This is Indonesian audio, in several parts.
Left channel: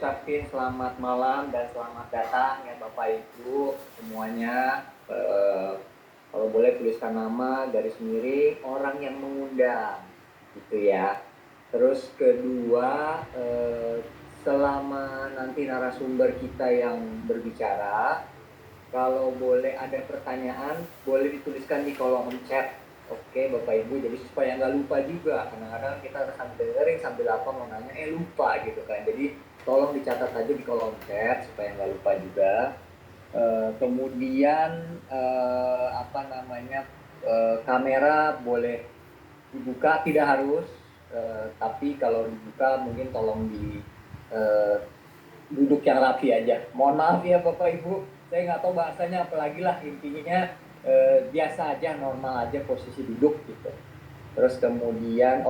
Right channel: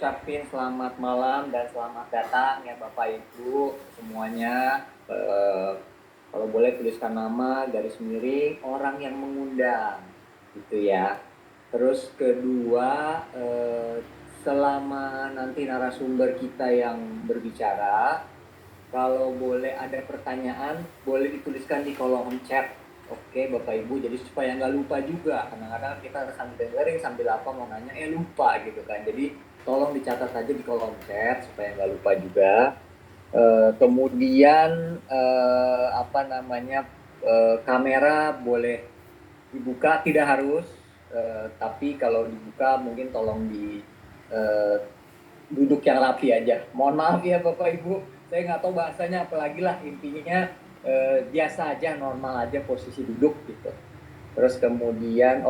ucapin selamat malam dan selamat datang ya Bapak Ibu semuanya. Kalau boleh tuliskan nama, garis miring, orang yang mengundang, gitu ya. Terus kedua, selama nanti narasumber kita yang berbicara, kalau boleh ada pertanyaan, boleh dituliskan di kolom chat. Oke Bapak Ibu, jadi supaya nggak lupa juga. Kadang-kadang kita sambil dengerin, sambil apa mau nanya, lupa gitu kan. Jadi tolong dicatat aja di kolom chat supaya nggak lupa juga. Kemudian apa namanya, kamera boleh dibuka, tidak harus, tapi kalau dibuka mungkin tolong di duduk yang rapi aja. Mohon maaf ya Bapak Ibu, saya nggak tahu bahasanya apalagi lah, intinya biasa aja, normal aja posisi duduk gitu. Terus kemudian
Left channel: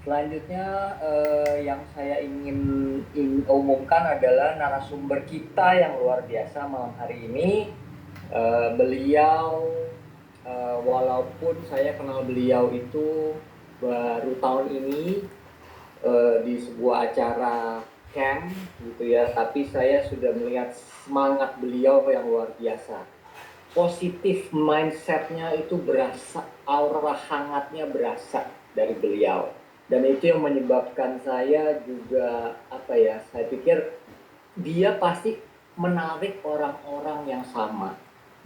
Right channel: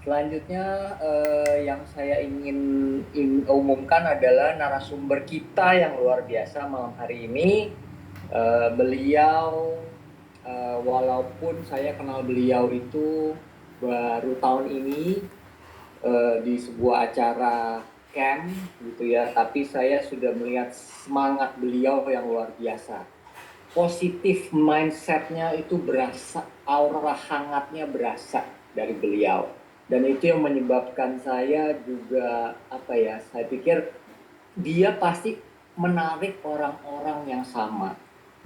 selanjutnya yang saya ingin umumkan adalah narasumber kita yang luar biasa malam hari ini. Beliau walaupun saya kenal beliau itu baru tahun ini di sebuah acara camp gitu ya, tapi saya sudah melihat semangat beliau yang luar biasa. Positif mindsetnya itu berasa, aura hangatnya berasa dari beliau. Dan itu yang menyebabkan saya juga saya pikir dia pasti menarik orang-orang yang sama.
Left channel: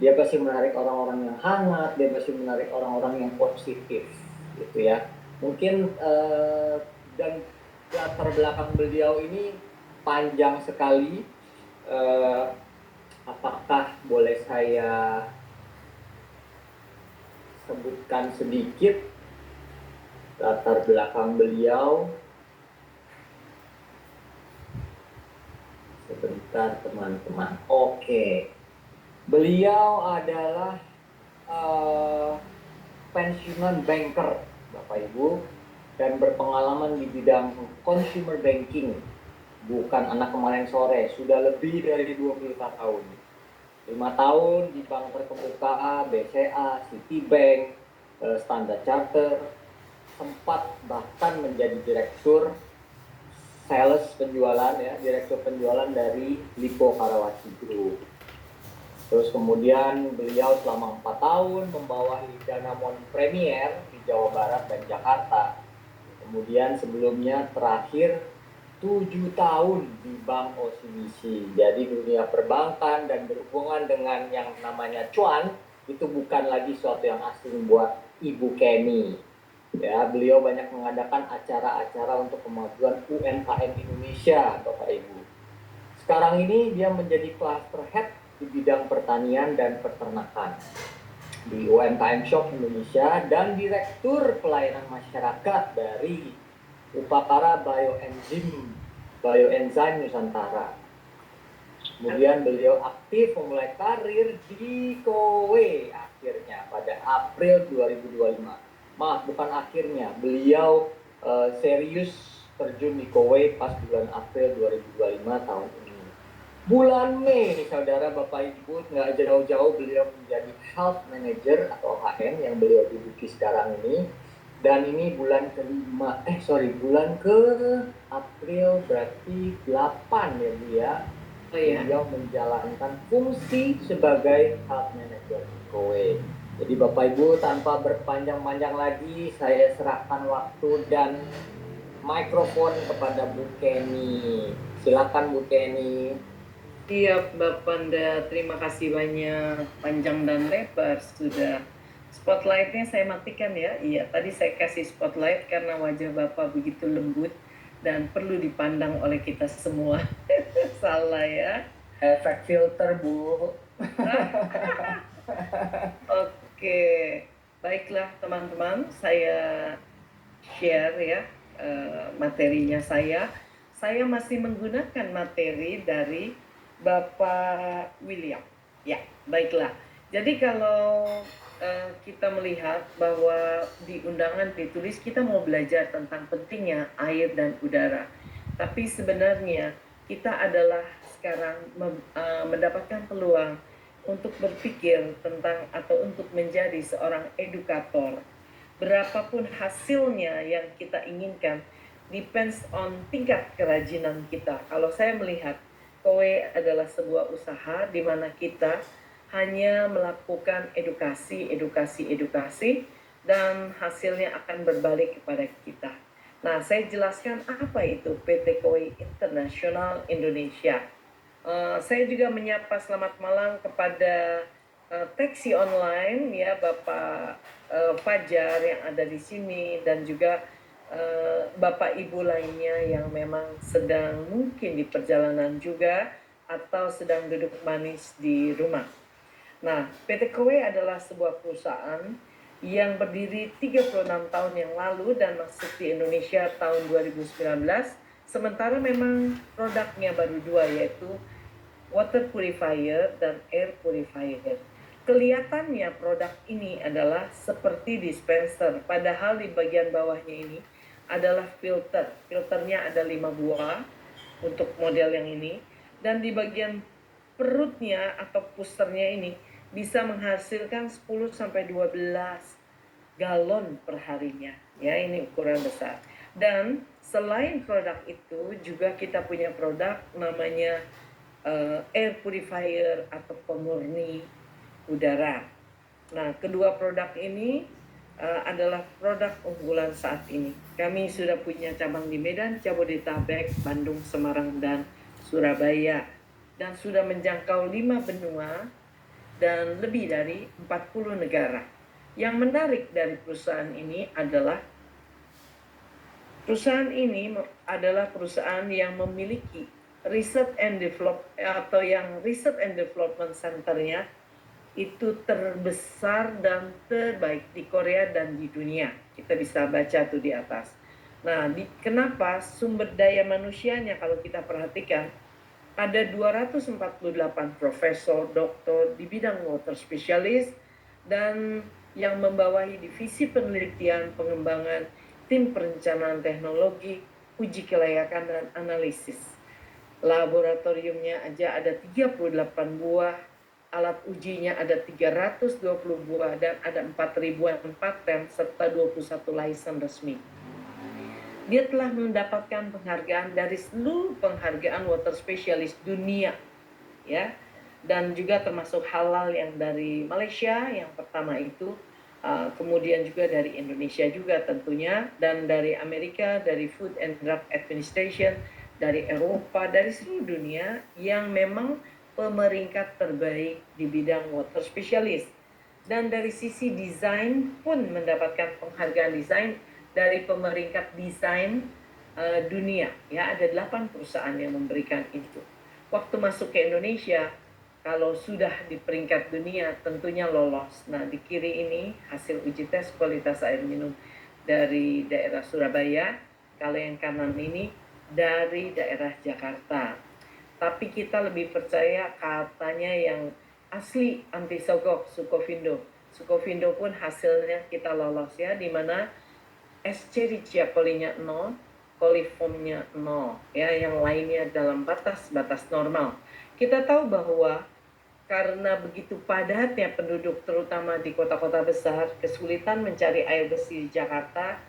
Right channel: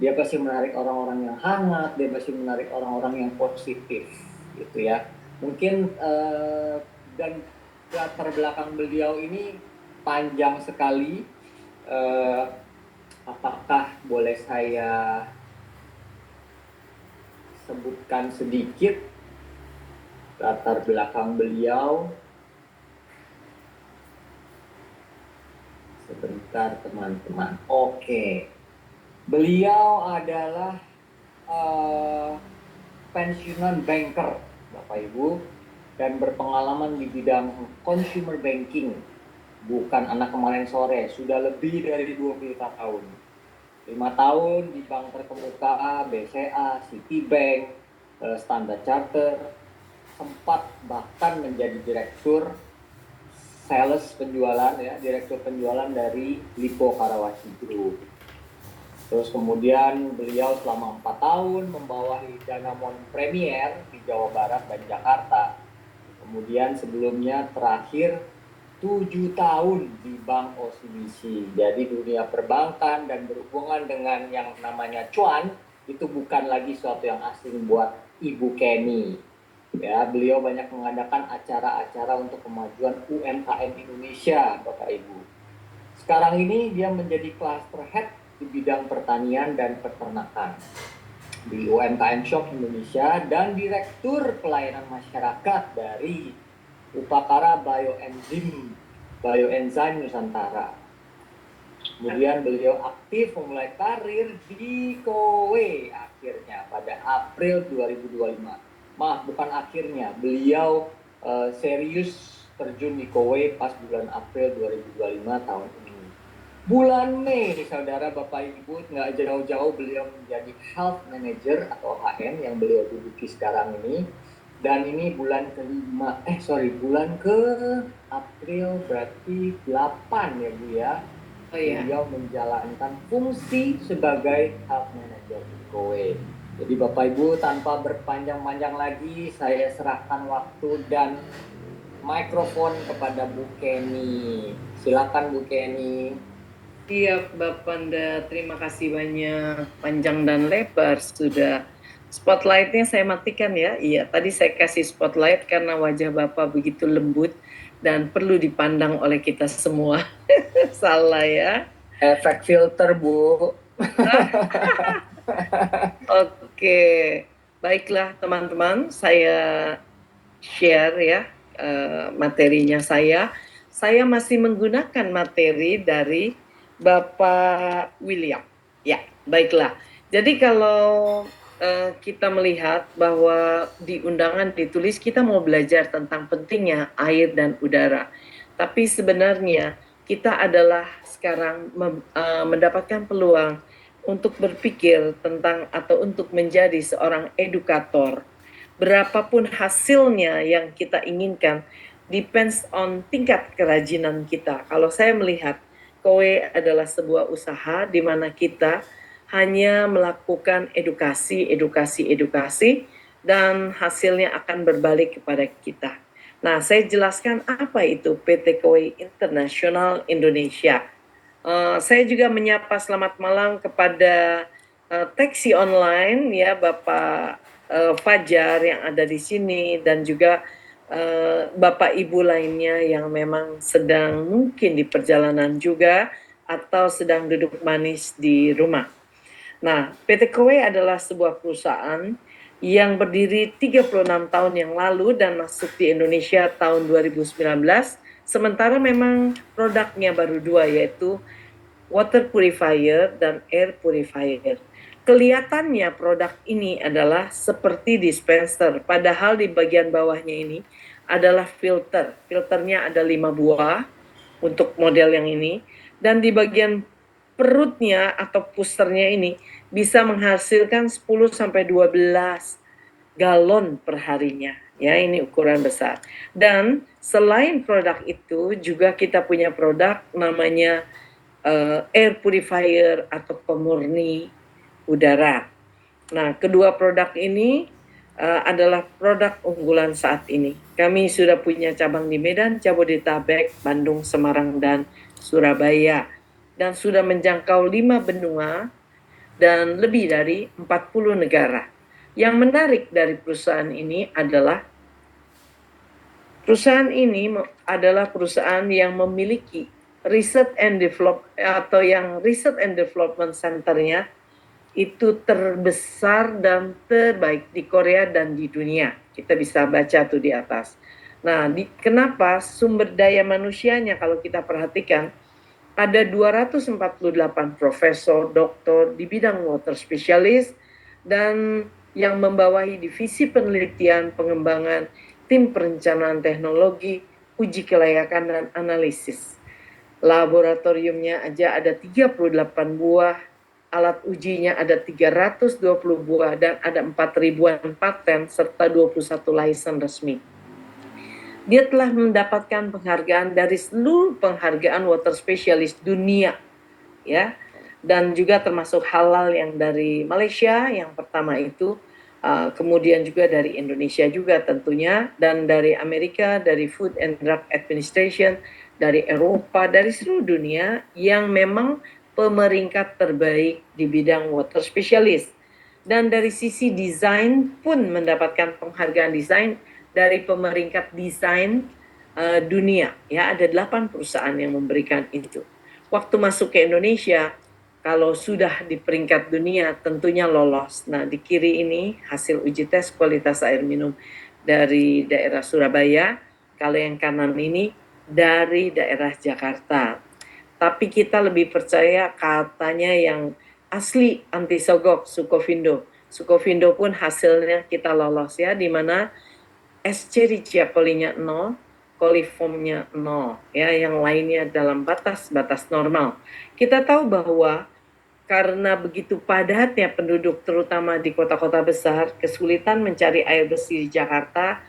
Dia pasti menarik orang-orang yang hangat, dia pasti menarik orang-orang yang positif gitu ya. Mungkin dan latar belakang beliau ini panjang sekali. Apakah boleh saya sebutkan sedikit latar belakang beliau? Sebentar teman-teman. Beliau adalah pensiunan banker Bapak Ibu dan berpengalaman di bidang consumer banking. Bukan anak kemarin sore, sudah lebih dari 20 tahun. 5 tahun di bank terkemuka, BCA, Citibank, Standard Chartered, sempat bahkan menjadi direktur sales penjualan ya, direktur penjualan dari Lipo Karawaci Group. Terus kemudian beliau selama 4 tahun membawahi Danamon Premier di Jawa Barat dan Jakarta. Kemudian sebelumnya terakhir 7 tahun di Bank OCBC. Jadi dunia perbankan dan berhubungan dengan yang namanya cuan itu bukan lagi suatu yang asing buat Ibu Kenny. Ya, beliau banyak mengadakan acara-acara untuk kemajuan UMKM Indonesia, Bapak Ibu. Sekarang ini dia menjadi cluster head di bidang pertanian dan peternakan di UMKM Shop Indonesia dan direktur pelayanan masyarakat dari Upakara Bioenzyme Nusantara. Kemudian beliau aktif memulai karir di Kowe akhirnya pada April 2025. Maaf, bukan akhirnya, beliau serius terjun di Kowe pas bulan April 2025 tahun ini. Bulan Mei, saudara Bapak Ibu, nggak jauh-jauh beliau menjadi Health Manager atau HM yang beliau duduki sekarang ini. Dan ini bulan bulan ke April berarti 8 ya Bu ya. Beliau menjalankan fungsi sebagai Health Manager di Kowe. Jadi Bapak Ibu, tanpa berpanjang-panjang lagi, saya serahkan waktu dan mikrofon kepada Bu Kenny. Silakan Bu Kenny. Siap Bapak Panda, terima kasih banyak, panjang dan lebar sudah. Spotlightnya saya matikan ya. Iya, tadi saya kasih spotlight karena wajah Bapak begitu lembut dan perlu dipandang oleh kita semua. Salah ya. Efek filter Bu. Oke, baiklah teman-teman, saya share ya materinya saya. Saya masih menggunakan materi dari Bapak William. Ya, baiklah. Jadi kalau kita melihat bahwa di undangan ditulis kita mau belajar tentang pentingnya air dan udara. Tapi sebenarnya kita adalah sekarang mendapatkan peluang untuk berpikir tentang atau untuk menjadi seorang edukator. Berapapun hasilnya yang kita inginkan, depends on tingkat kerajinan kita. Kalau saya melihat KOE adalah sebuah usaha di mana kita hanya melakukan edukasi, dan hasilnya akan berbalik kepada kita. Nah, saya jelaskan apa itu PT KOE International Indonesia. Saya juga menyapa selamat malam kepada taksi online ya Bapak Fajar yang ada di sini, dan juga Bapak Ibu lainnya yang memang sedang mungkin di perjalanan juga atau sedang duduk manis di rumah. Nah, PT KOE adalah sebuah perusahaan yang berdiri 36 tahun yang lalu dan masuk di Indonesia tahun 2019. Sementara memang produknya baru dua, yaitu water purifier dan air purifier. Kelihatannya produk ini adalah seperti dispenser, padahal di bagian bawahnya ini adalah filter. Filternya ada 5 buah untuk model yang ini, dan di bagian perutnya atau pusternya ini bisa menghasilkan 10 sampai 12 galon per harinya. Ya, ini ukuran besar. Dan selain produk itu juga kita punya produk namanya air purifier atau pemurni udara. Nah, kedua produk ini adalah produk unggulan saat ini. Kami sudah punya cabang di Medan, Jabodetabek, Bandung, Semarang, dan Surabaya. Dan sudah menjangkau 5 benua dan lebih dari 40 negara. Yang menarik dari perusahaan ini adalah perusahaan yang memiliki research and development centernya itu terbesar dan terbaik di Korea dan di dunia. Kita bisa baca tuh di atas. Nah, kenapa sumber daya manusianya kalau kita perhatikan ada 248 profesor, doktor di bidang water specialist, dan yang membawahi divisi penelitian, pengembangan, tim perencanaan teknologi, uji kelayakan dan analisis. Laboratoriumnya aja ada 38 buah, alat ujinya ada 320 buah, dan ada 4.000-an paten serta 21 license resmi. Dia telah mendapatkan penghargaan dari seluruh penghargaan water specialist dunia, ya, dan juga termasuk halal yang dari Malaysia yang pertama itu, kemudian juga dari Indonesia juga tentunya, dan dari Amerika, dari Food and Drug Administration, dari Eropa, dari seluruh dunia yang memang pemeringkat terbaik di bidang water specialist. Dan dari sisi desain pun mendapatkan penghargaan desain dari pemeringkat desain dunia. Ya, ada 8 perusahaan yang memberikan itu. Waktu masuk ke Indonesia, kalau sudah di peringkat dunia tentunya lolos. Nah, di kiri ini hasil uji tes kualitas air minum dari daerah Surabaya. Kalau yang kanan ini dari daerah Jakarta. Tapi kita lebih percaya katanya yang asli anti sogok, Sukovindo. Sukovindo pun hasilnya kita lolos ya, di mana Escherichia coli-nya 0, coliformnya 0, ya, yang lainnya dalam batas-batas normal. Kita tahu bahwa karena begitu padatnya penduduk terutama di kota-kota besar, kesulitan mencari air bersih di Jakarta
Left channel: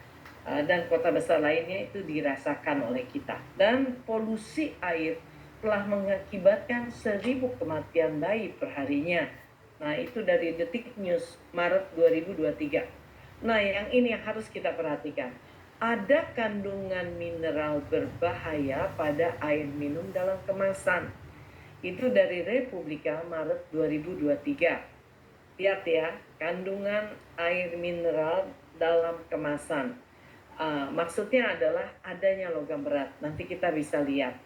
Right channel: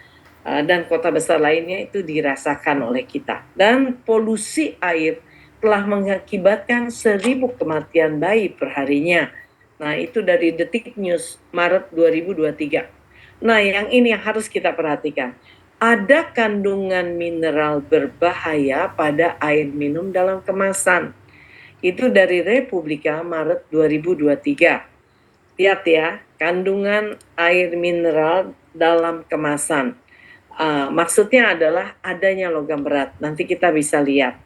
dan kota besar lainnya itu dirasakan oleh kita. Dan polusi air telah mengakibatkan 1.000 kematian bayi perharinya. Nah, itu dari Detik News Maret 2023. Nah, yang ini yang harus kita perhatikan. Ada kandungan mineral berbahaya pada air minum dalam kemasan. Itu dari Republika Maret 2023. Lihat ya, kandungan air mineral dalam kemasan. Maksudnya adalah adanya logam berat. Nanti kita bisa lihat.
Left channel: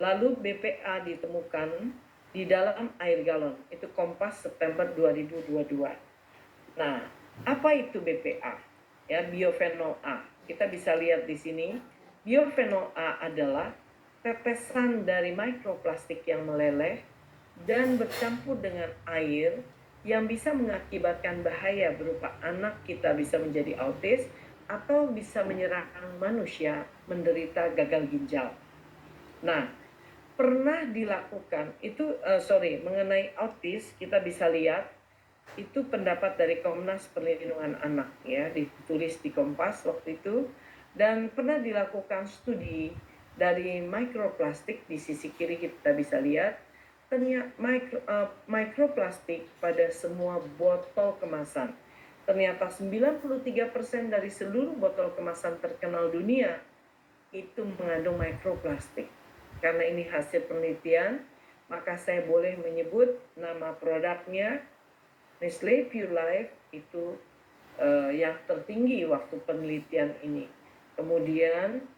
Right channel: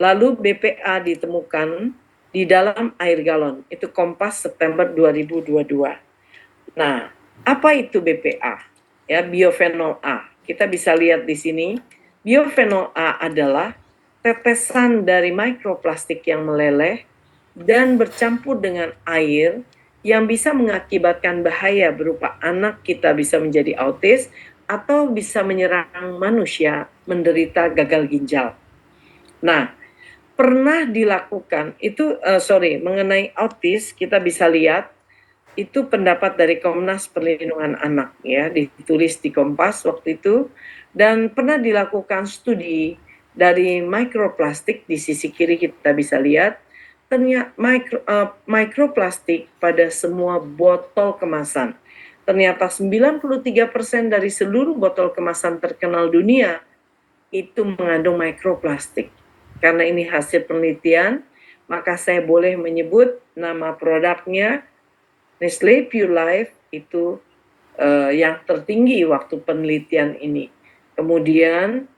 Lalu BPA ditemukan di dalam air galon. Itu Kompas September 2022. Nah, apa itu BPA? Ya, biofenol A. Kita bisa lihat di sini. Biofenol A adalah tetesan dari mikroplastik yang meleleh dan bercampur dengan air yang bisa mengakibatkan bahaya berupa anak kita bisa menjadi autis atau bisa menyerang manusia menderita gagal ginjal. Nah, pernah dilakukan itu mengenai autis, kita bisa lihat itu pendapat dari Komnas Perlindungan Anak ya, ditulis di Kompas waktu itu, Dan pernah dilakukan studi dari mikroplastik, di sisi kiri kita bisa lihat, ternyata mikroplastik pada semua botol kemasan. Ternyata 93% dari seluruh botol kemasan terkenal dunia itu mengandung mikroplastik. Karena ini hasil penelitian, maka saya boleh menyebut nama produknya Nestle Pure Life itu yang tertinggi waktu penelitian ini. Kemudian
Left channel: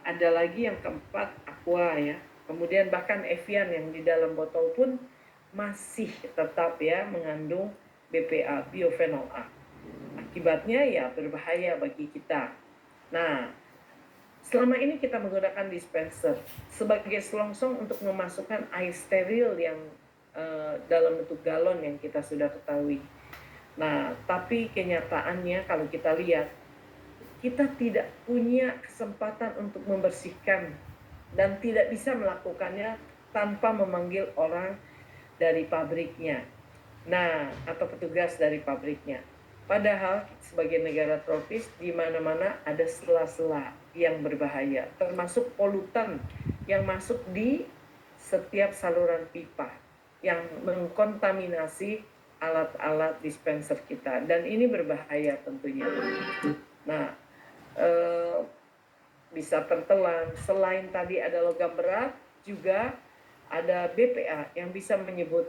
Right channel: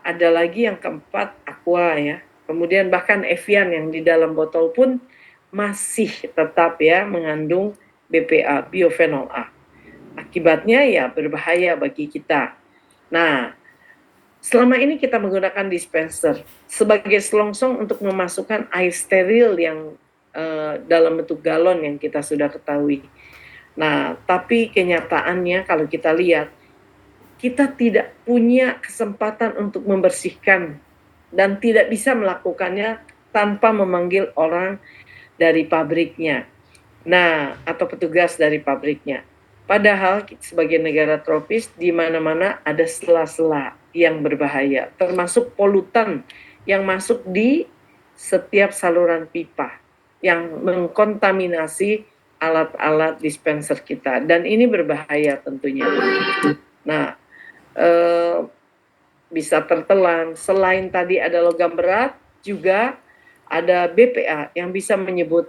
ada lagi yang keempat, Aqua ya. Kemudian bahkan Evian yang di dalam botol pun masih tetap ya mengandung BPA, biofenol A. Akibatnya ya berbahaya bagi kita. Nah, selama ini kita menggunakan dispenser sebagai selongsong untuk memasukkan air steril yang dalam bentuk galon yang kita sudah ketahui. Nah, tapi kenyataannya kalau kita lihat, kita tidak punya kesempatan untuk membersihkan dan tidak bisa melakukannya tanpa memanggil orang dari pabriknya. Nah, atau petugas dari pabriknya. Padahal sebagai negara tropis di mana-mana ada sela-sela yang berbahaya, termasuk polutan yang masuk di setiap saluran pipa yang mengkontaminasi alat-alat dispenser kita, dan ini berbahaya tentunya. Nah, bisa tertelan. Selain tadi ada logam berat, juga ada BPA yang bisa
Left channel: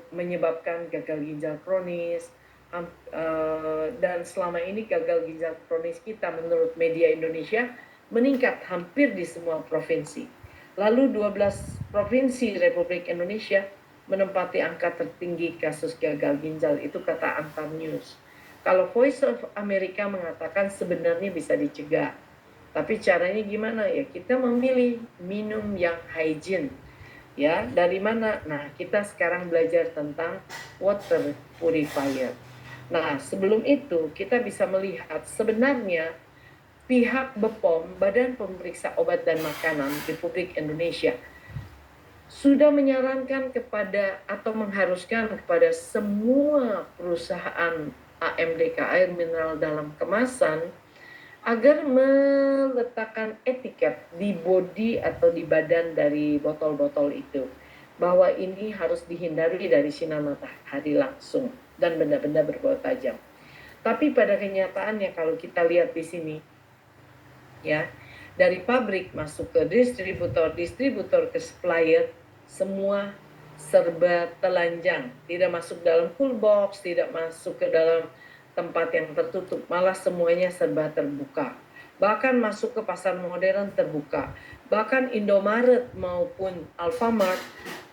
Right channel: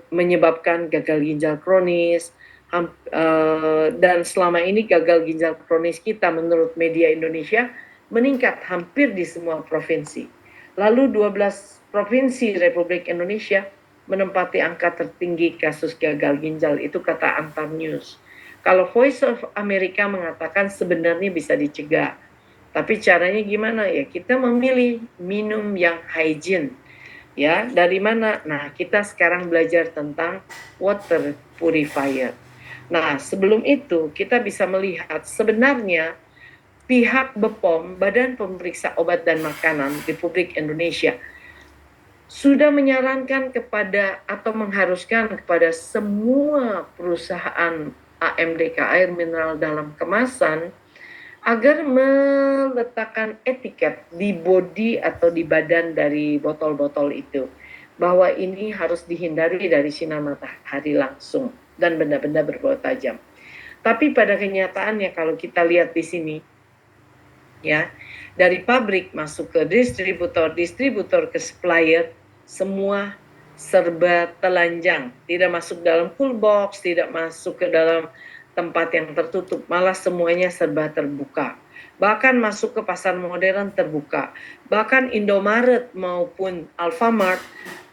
menyebabkan gagal ginjal kronis. Dan selama ini gagal ginjal kronis kita menurut media Indonesia meningkat hampir di semua provinsi. Lalu 12 provinsi Republik Indonesia menempati angka tertinggi kasus gagal ginjal, itu kata Antam News. Kalau Voice of America mengatakan sebenarnya bisa dicegah. Tapi caranya gimana ya? Kita memilih minum yang hygiene. Ya, dari mana? Nah, kita sekarang belajar tentang water purifier. Nah, sebelum itu kita bisa melihat sebenarnya pihak BPOM, Badan Pemeriksa Obat dan Makanan Republik Indonesia, sudah menyarankan kepada atau mengharuskan kepada semua perusahaan AMDK air mineral dalam kemasan agar meletakkan etiket di bodi atau di badan dari botol-botol itu, bahwa ini harus dihindari dari sinar matahari langsung dan benda-benda berbau tajam. Tapi pada kenyataannya kalau kita lihat di sini, ya, dari pabrik masuk ke distributor ke supplier, semua serba telanjang, tidak masuk dalam cool box, tidak masuk ke dalam tempat yang tertutup, malah semuanya serba terbuka. Bahkan masuk ke pasar modern terbuka. Bahkan Indomaret maupun Alfamart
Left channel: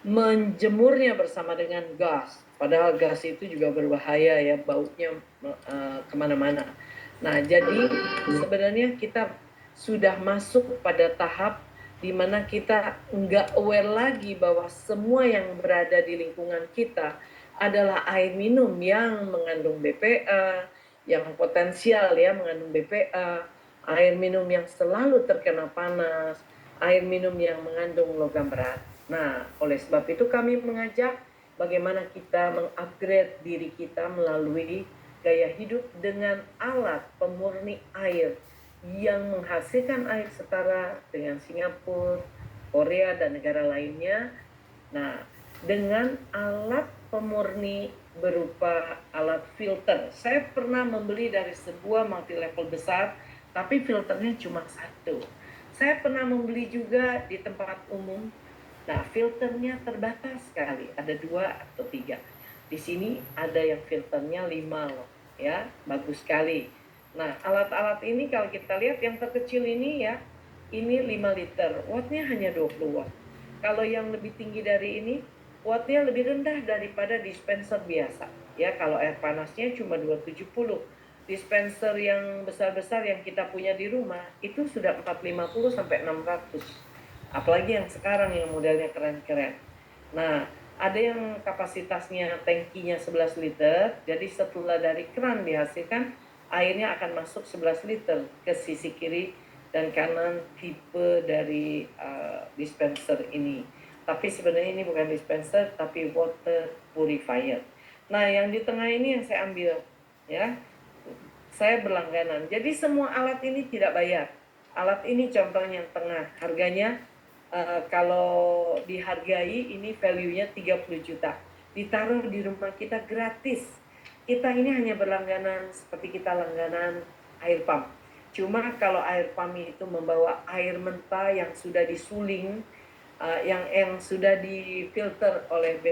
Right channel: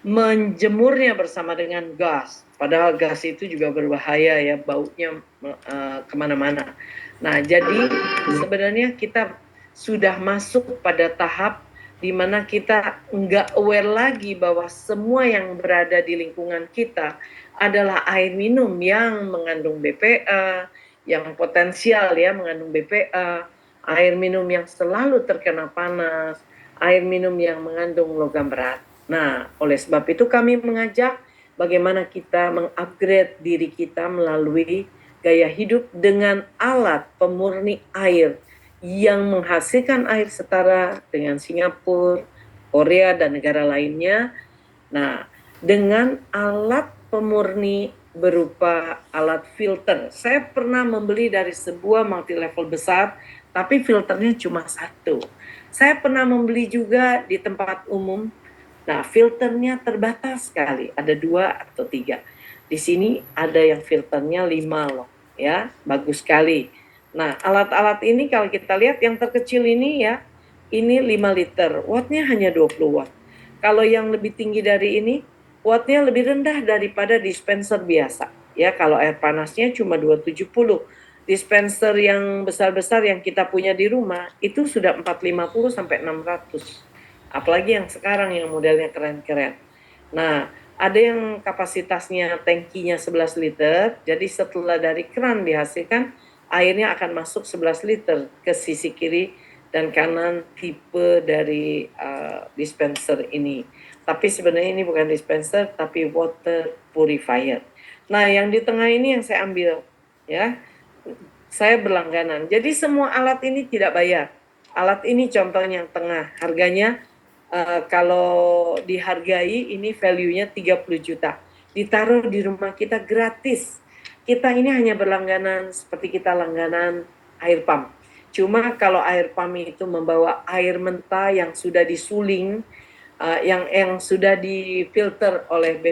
menjemurnya bersama dengan gas. Padahal gas itu juga berbahaya ya, baunya kemana-mana. Nah, jadi sebenarnya kita sudah masuk pada tahap di mana kita nggak aware lagi bahwa semua yang berada di lingkungan kita adalah air minum yang mengandung BPA, yang potensial ya mengandung BPA, air minum yang selalu terkena panas, air minum yang mengandung logam berat. Nah, oleh sebab itu kami mengajak bagaimana kita mengupgrade diri kita melalui gaya hidup dengan alat pemurni air yang menghasilkan air setara dengan Singapura, Korea, dan negara lainnya. Nah, dengan alat pemurni berupa alat filter. Saya pernah membeli dari sebuah multi level besar, tapi filternya cuma satu. Saya pernah membeli juga di tempat umum. Nah, filternya terbatas sekali, ada 2 atau 3. Di sini ada yang filternya 5 loh, ya, bagus sekali. Nah, alat-alat ini kalau kita lihat yang terkecil ini ya, ini 5 liter, wattnya hanya 20 watt. Kalau yang lebih tinggi dari ini, wattnya lebih rendah daripada dispenser biasa. Ya, kalau air panasnya cuma 270. Dispenser yang besar-besar yang kita punya di rumah itu sudah 450 sampai 600. Apalagi yang sekarang yang modelnya keren-keren. Nah, ada yang kapasitasnya tankinya 11 liter, jadi setelah dari keran dihasilkan, airnya akan masuk 11 liter ke sisi kiri dan kanan tipe dari dispenser ini. Tapi sebenarnya ini bukan dispenser, tapi water purifier. Nah, yang di tengah ini yang saya ambil, ya, saya berlangganan. Jadi semua alat ini tidak bayar. Alat ini contohnya yang tengah, harganya kalau dihargai ini value-nya 30 juta. Ditaruh di rumah kita gratis. Kita ini hanya berlangganan seperti kita langganan air pump. Cuma kalau air pump itu membawa air mentah yang sudah disuling, yang sudah difilter oleh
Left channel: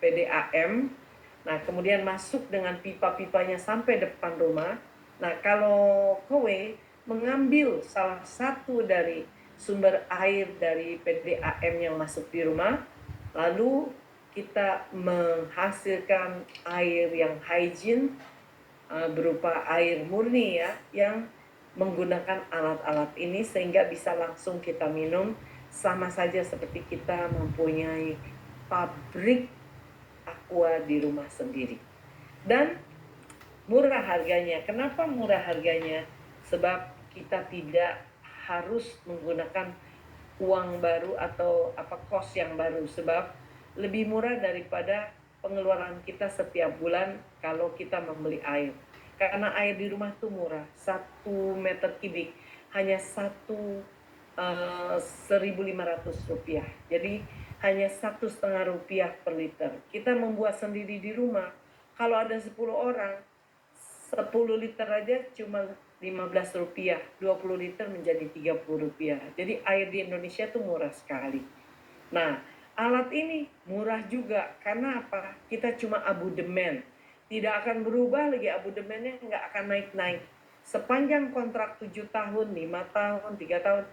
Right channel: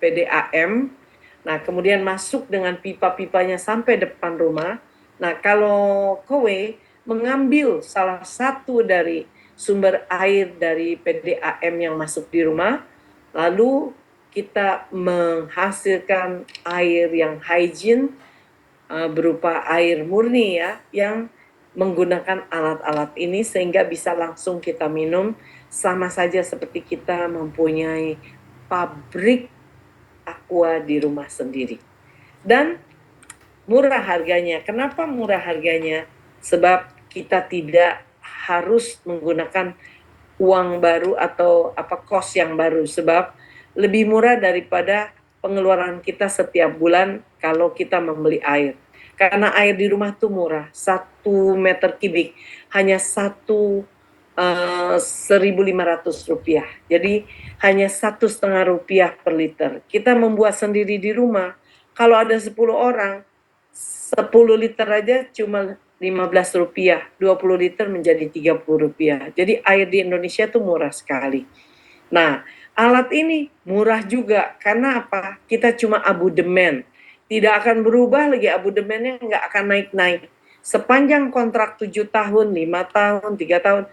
PDAM. Nah, kemudian masuk dengan pipa-pipanya sampai depan rumah. Nah, kalau kowe mengambil salah satu dari sumber air dari PDAM yang masuk di rumah, lalu kita menghasilkan air yang hygiene berupa air murni ya, yang menggunakan alat-alat ini sehingga bisa langsung kita minum, sama saja seperti kita mempunyai pabrik aqua di rumah sendiri. Dan murah harganya. Kenapa murah harganya? Sebab kita tidak harus menggunakan uang baru atau kos yang baru, sebab lebih murah daripada pengeluaran kita setiap bulan kalau kita membeli air. Karena air di rumah tuh murah, 1 meter kubik hanya 1.500 rupiah. Jadi hanya 1,5 rupiah per liter. Kita membuat sendiri di rumah. Kalau ada 10 orang, 10 liter aja cuma 15 rupiah, 20 liter menjadi 30 rupiah. Jadi air di Indonesia tuh murah sekali. Nah, alat ini murah juga karena apa? Kita cuma abodemen. Tidak akan berubah lagi, abodemennya nggak akan naik-naik. Sepanjang kontrak 7 tahun, 5 tahun, 3 tahun,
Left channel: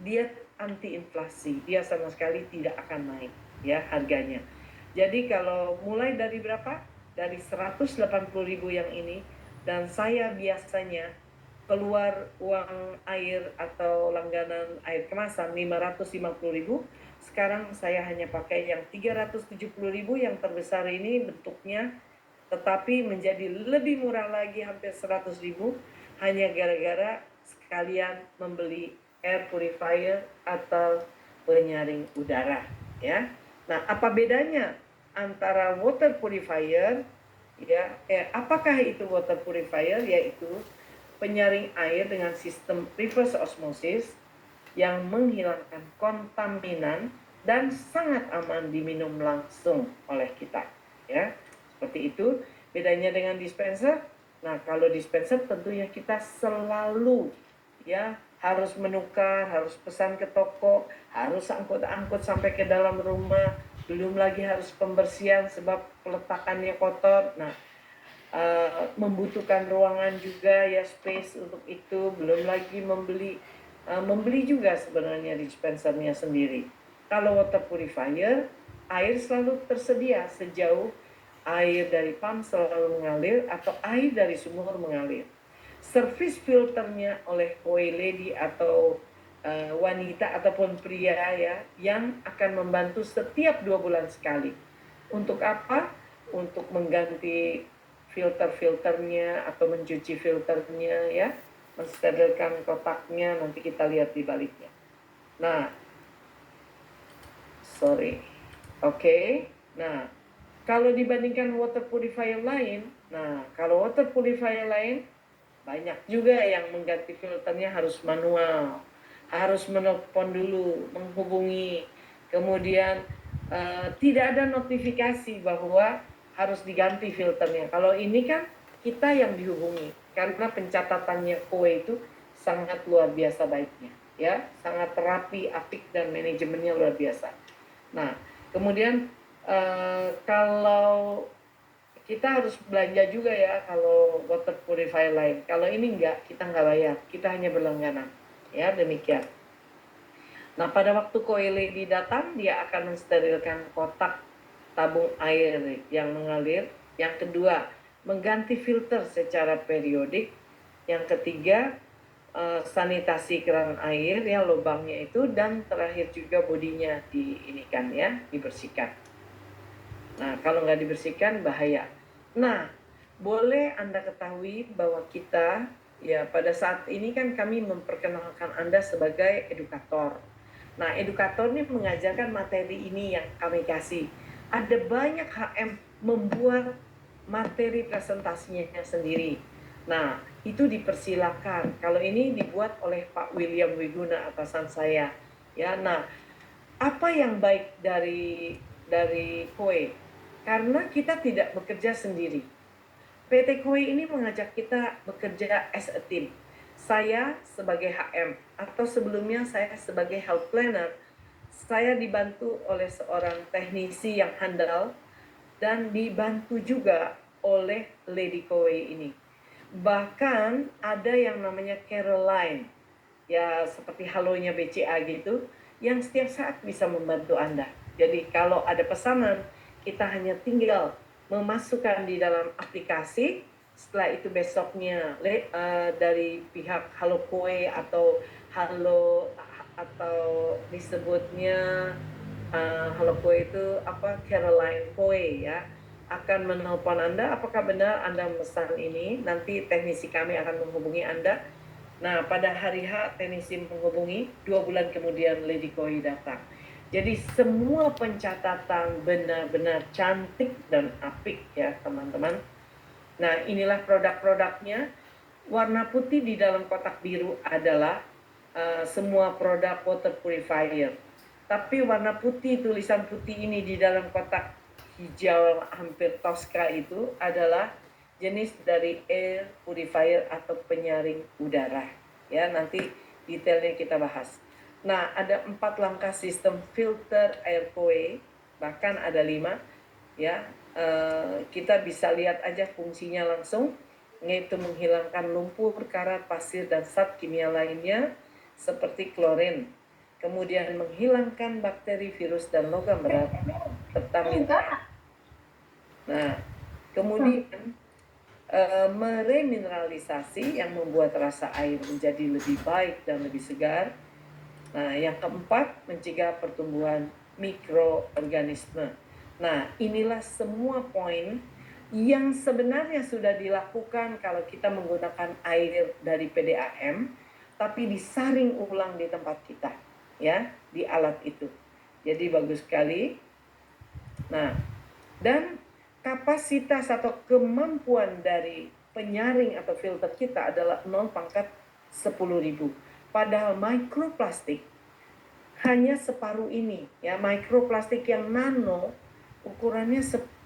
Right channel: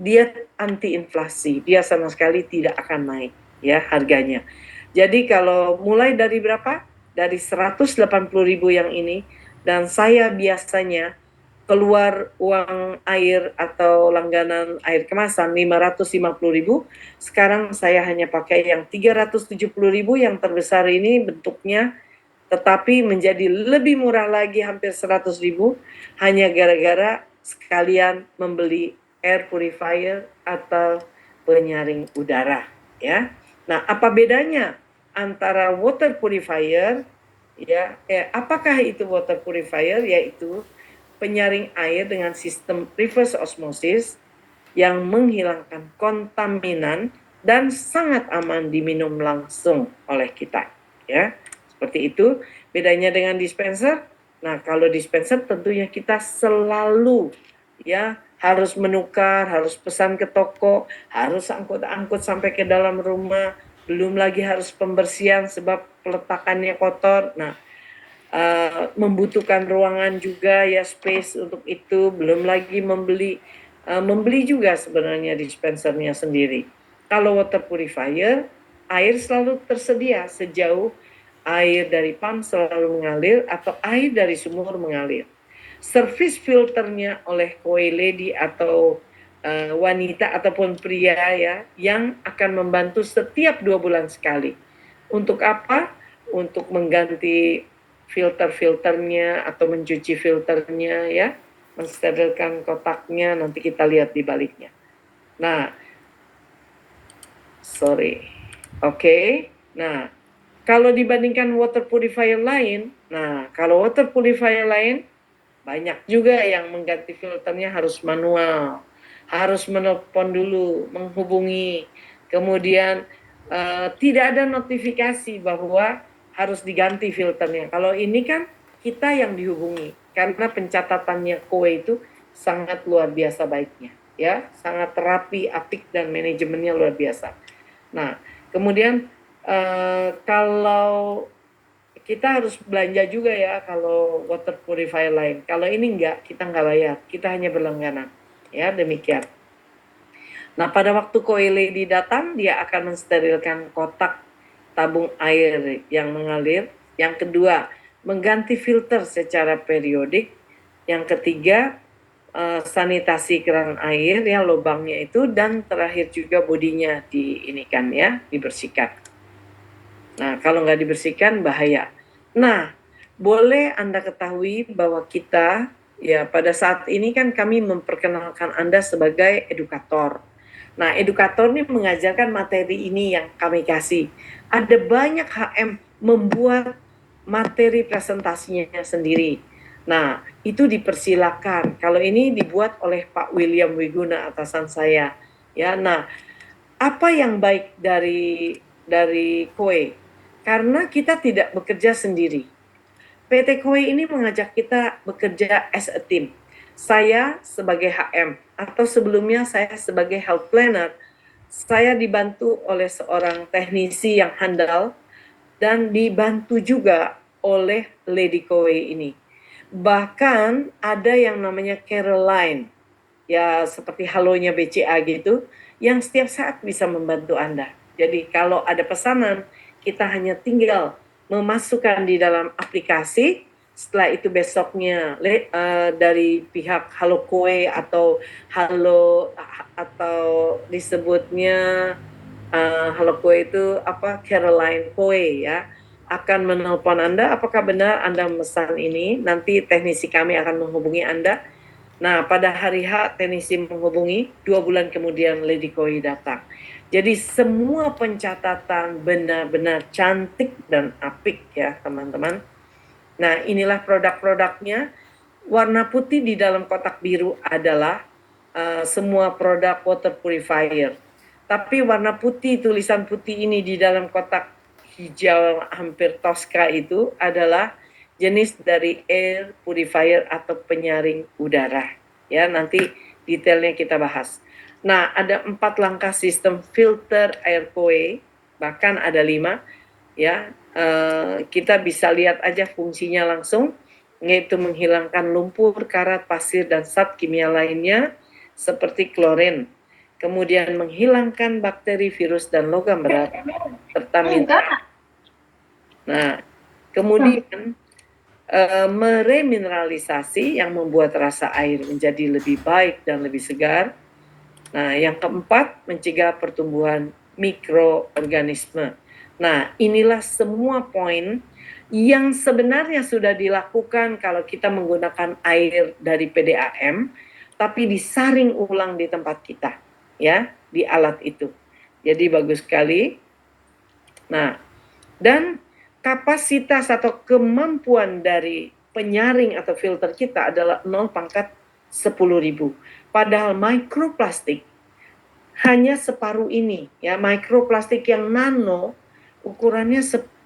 dia anti inflasi. Dia sama sekali tidak akan naik ya harganya. Jadi kalau mulai dari berapa? Dari 180.000 yang ini, dan saya biasanya keluar uang air atau langganan air kemasan 550.000, sekarang saya hanya pakai yang 370.000 yang terbesar ini bentuknya, tetapi menjadi lebih murah lagi hampir 100.000 hanya gara-gara sekalian membeli air purifier atau penyaring udara ya. Nah, apa bedanya antara water purifier ya? Apakah itu water purifier? Yaitu penyaring air dengan sistem reverse osmosis yang menghilangkan kontaminan dan sangat aman diminum langsung oleh kita ya. Seperti itu bedanya dengan dispenser. Nah, kalau dispenser tentunya kita selalu ya harus menukar, harus pesan ke toko, harus angkut-angkut sampai ke dalam rumah, belum lagi harus pembersihan sebab peletakannya kotor. Nah, membutuhkan ruangan juga ya, space untuk itu, belum lagi membeli juga sebenarnya dispensernya sendiri. Kalau water purifier, air selalu tersedia sejauh air dari pump selalu mengalir atau air dari sumur mengalir. Service filternya oleh koi lady atau wanita ataupun pria ya, yang akan membantu setiap 2 bulan sekali. Untuk apa? Untuk mengganti filter-filternya atau mencuci filternya ya, mensterilkan kotaknya, nanti kita lihat di baliknya. Nah, Nah, kalau dibandingkan water purifier lain, kalau water purifier lain banyak juga yang mengganti filternya harus manual, harus menelpon dulu, menghubungi, kemudian tidak ada notifikasi bahwa harus diganti filternya. Kalau ini kan kita yang dihubungi, karena pencatatannya kowe itu sangat luar biasa baiknya, ya, sangat rapi, apik, dan manajemennya luar biasa. Nah, kemudian kalau kita harus belanja juga ya kalau water purifier lain. Kalau ini enggak, kita enggak bayar, kita hanya berlangganan. Ya, demikian. Nah, pada waktu koi lady datang, dia akan mensterilkan kotak tabung air yang mengalir. Yang kedua, mengganti filter secara periodik. Yang ketiga, sanitasi keran air ya, lubangnya itu, dan terakhir juga bodinya diinikan ya, dibersihkan. Nah, kalau nggak dibersihkan bahaya. Nah, boleh Anda ketahui bahwa kita ya pada saat ini kan kami memperkenalkan Anda sebagai edukator. Nah, edukator ini mengajarkan materi ini yang kami kasih. Ada banyak HM membuat materi presentasinya sendiri. Nah, itu dipersilakan. Kalau ini dibuat oleh Pak William Wiguna, atasan saya. Ya, nah, apa yang baik dari Kue? Karena kita tidak bekerja sendiri. PT Kue ini mengajak kita bekerja as a team. Saya sebagai HM atau sebelumnya saya sebagai health planner, saya dibantu oleh seorang teknisi yang handal dan dibantu juga oleh Lady Kowe ini. Bahkan ada yang namanya Caroline, ya seperti halonya BCA gitu, yang setiap saat bisa membantu Anda. Jadi kalau ada pesanan, kita hanya tinggal memasukkan di dalam aplikasi, setelah itu besoknya dari pihak Halo Kowe Halo atau disebutnya Halo Kue itu apa, Caroline Kue ya, akan menelpon Anda apakah benar Anda memesan ini. Nanti teknisi kami akan menghubungi Anda. Nah, pada hari H teknisi menghubungi, 2 bulan kemudian Lady Koi datang. Jadi semua pencatatan benar-benar cantik dan apik ya teman-teman. Nah, inilah produk-produknya. Warna putih di dalam kotak biru adalah semua produk water purifier. Tapi warna putih, tulisan putih ini di dalam kotak hijau hampir toska itu adalah jenis dari air purifier atau penyaring udara. Ya, nanti detailnya kita bahas. Nah, ada 4 langkah sistem filter air Koe, bahkan ada 5. Ya, kita bisa lihat aja fungsinya langsung, yaitu menghilangkan lumpur, karat, pasir, dan zat kimia lainnya seperti klorin. Kemudian menghilangkan bakteri, virus, dan logam berat serta mineral. Nah, kemudian meremineralisasi yang membuat rasa air menjadi lebih baik dan lebih segar. Nah, yang keempat, mencegah pertumbuhan mikroorganisme. Nah, inilah semua poin yang sebenarnya sudah dilakukan kalau kita menggunakan air dari PDAM, tapi disaring ulang di tempat kita, ya, di alat itu. Jadi bagus sekali. Nah, dan kapasitas atau kemampuan dari penyaring atau filter kita adalah 0/10.000. Padahal mikroplastik hanya separuh ini, ya, mikroplastik yang nano ukurannya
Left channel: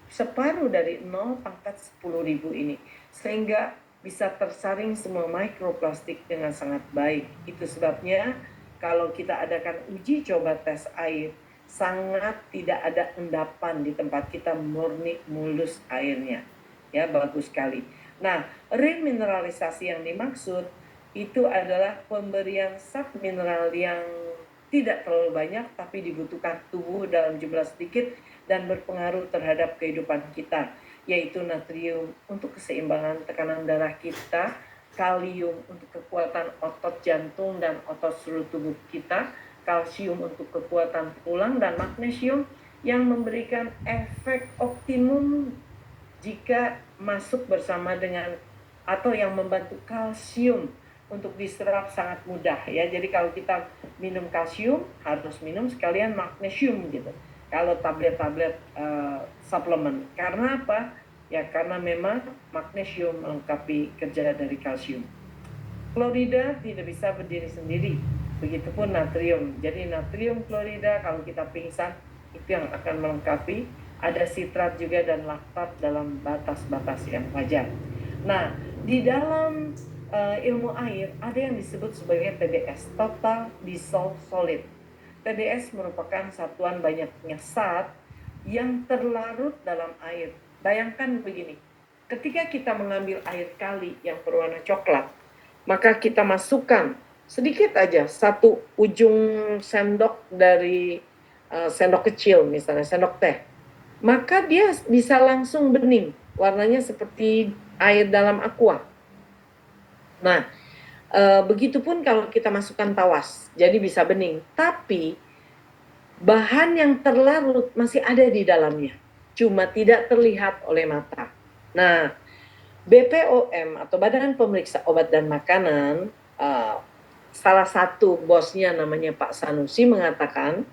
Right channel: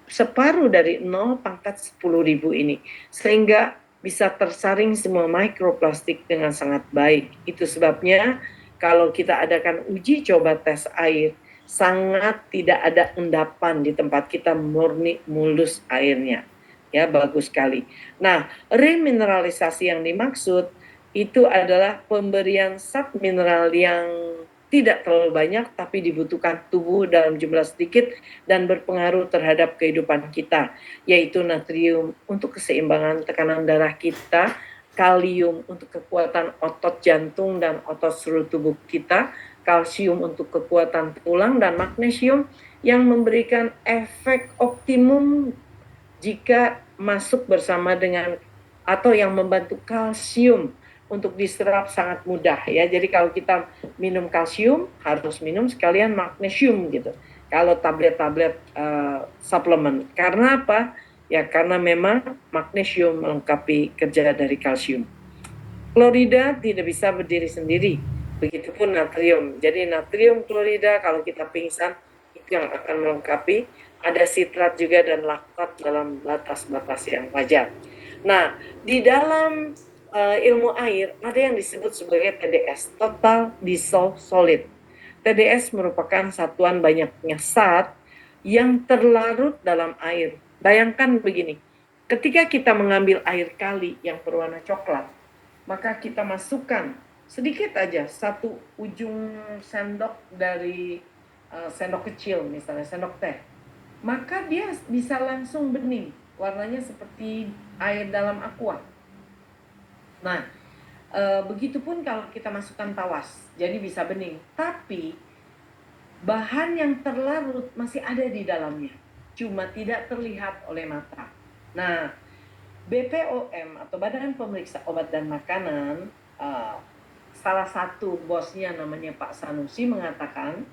separuh dari 0/10.000 ini, sehingga bisa tersaring semua mikroplastik dengan sangat baik. Itu sebabnya kalau kita adakan uji coba tes air, sangat tidak ada endapan di tempat kita, murni mulus airnya. Ya, bagus sekali. Nah, remineralisasi yang dimaksud itu adalah pemberian zat mineral yang tidak terlalu banyak tapi dibutuhkan tubuh dalam jumlah sedikit dan berpengaruh terhadap kehidupan kita, yaitu natrium untuk keseimbangan tekanan darah kita, kalium untuk kekuatan otot jantung dan otot seluruh tubuh kita, kalsium untuk kekuatan tulang, dan magnesium yang memberikan efek optimum jika masuk bersama dengan atau yang membantu kalsium untuk diserap sangat mudah ya. Jadi kalau kita minum kalsium harus minum sekalian magnesium gitu. Kalau tablet-tablet suplemen. Karena apa? Ya karena memang magnesium melengkapi kerja dari kalsium. Klorida tidak bisa berdiri sendiri. Begitupun natrium. Jadi natrium klorida kalau kita pingsan itu yang akan melengkapi. Ada sitrat juga dan laktat dalam batas-batas yang wajar. Nah, di dalam ilmu air ada yang disebut sebagai TDS, Total Dissolved Solid. TDS merupakan satuan banyaknya zat yang terlarut dalam air. Bayangkan begini, ketika kita mengambil air kali yang berwarna coklat, maka kita masukkan sedikit aja, satu ujung sendok dari sendok kecil, misalnya sendok teh, maka dia bisa langsung bening, warnanya seperti air dalam aqua. Nah, begitupun kalau kita masukkan tawas, jadi bisa bening, tapi bahan yang terlarut masih ada di dalamnya, cuma tidak terlihat oleh mata. Nah, BPOM atau Badan Pemeriksa Obat dan Makanan, salah satu bosnya namanya Pak Sanusi mengatakan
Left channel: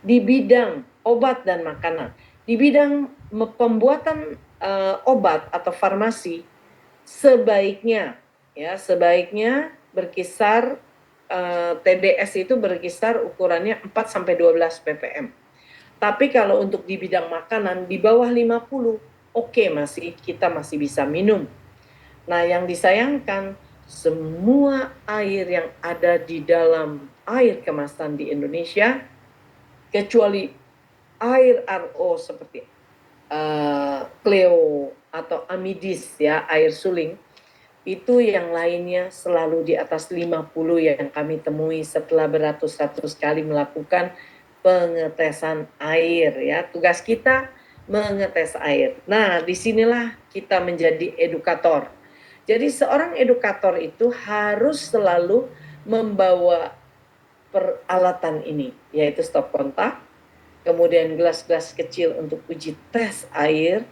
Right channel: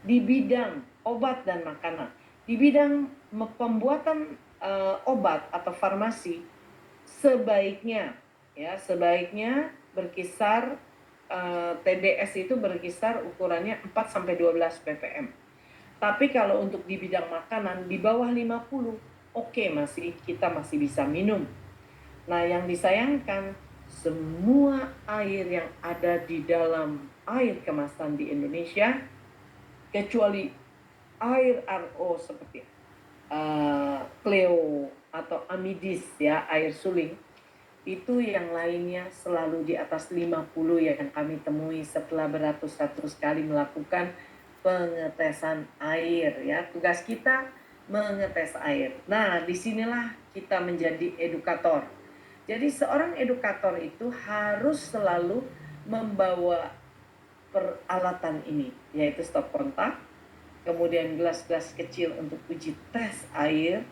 di bidang obat dan makanan, di bidang pembuatan obat atau farmasi, sebaiknya berkisar TDS itu berkisar ukurannya 4 sampai 12 ppm. Tapi kalau untuk di bidang makanan di bawah 50, oke, kita masih bisa minum. Nah, yang disayangkan semua air yang ada di dalam air kemasan di Indonesia, kecuali air RO seperti Cleo atau Amidis ya, air suling, itu yang lainnya selalu di atas 50 yang kami temui setelah beratus-ratus kali melakukan pengetesan air ya. Tugas kita mengetes air. Nah, disinilah kita menjadi edukator. Jadi seorang edukator itu harus selalu membawa peralatan ini, yaitu stop kontak, kemudian gelas-gelas kecil untuk uji tes air,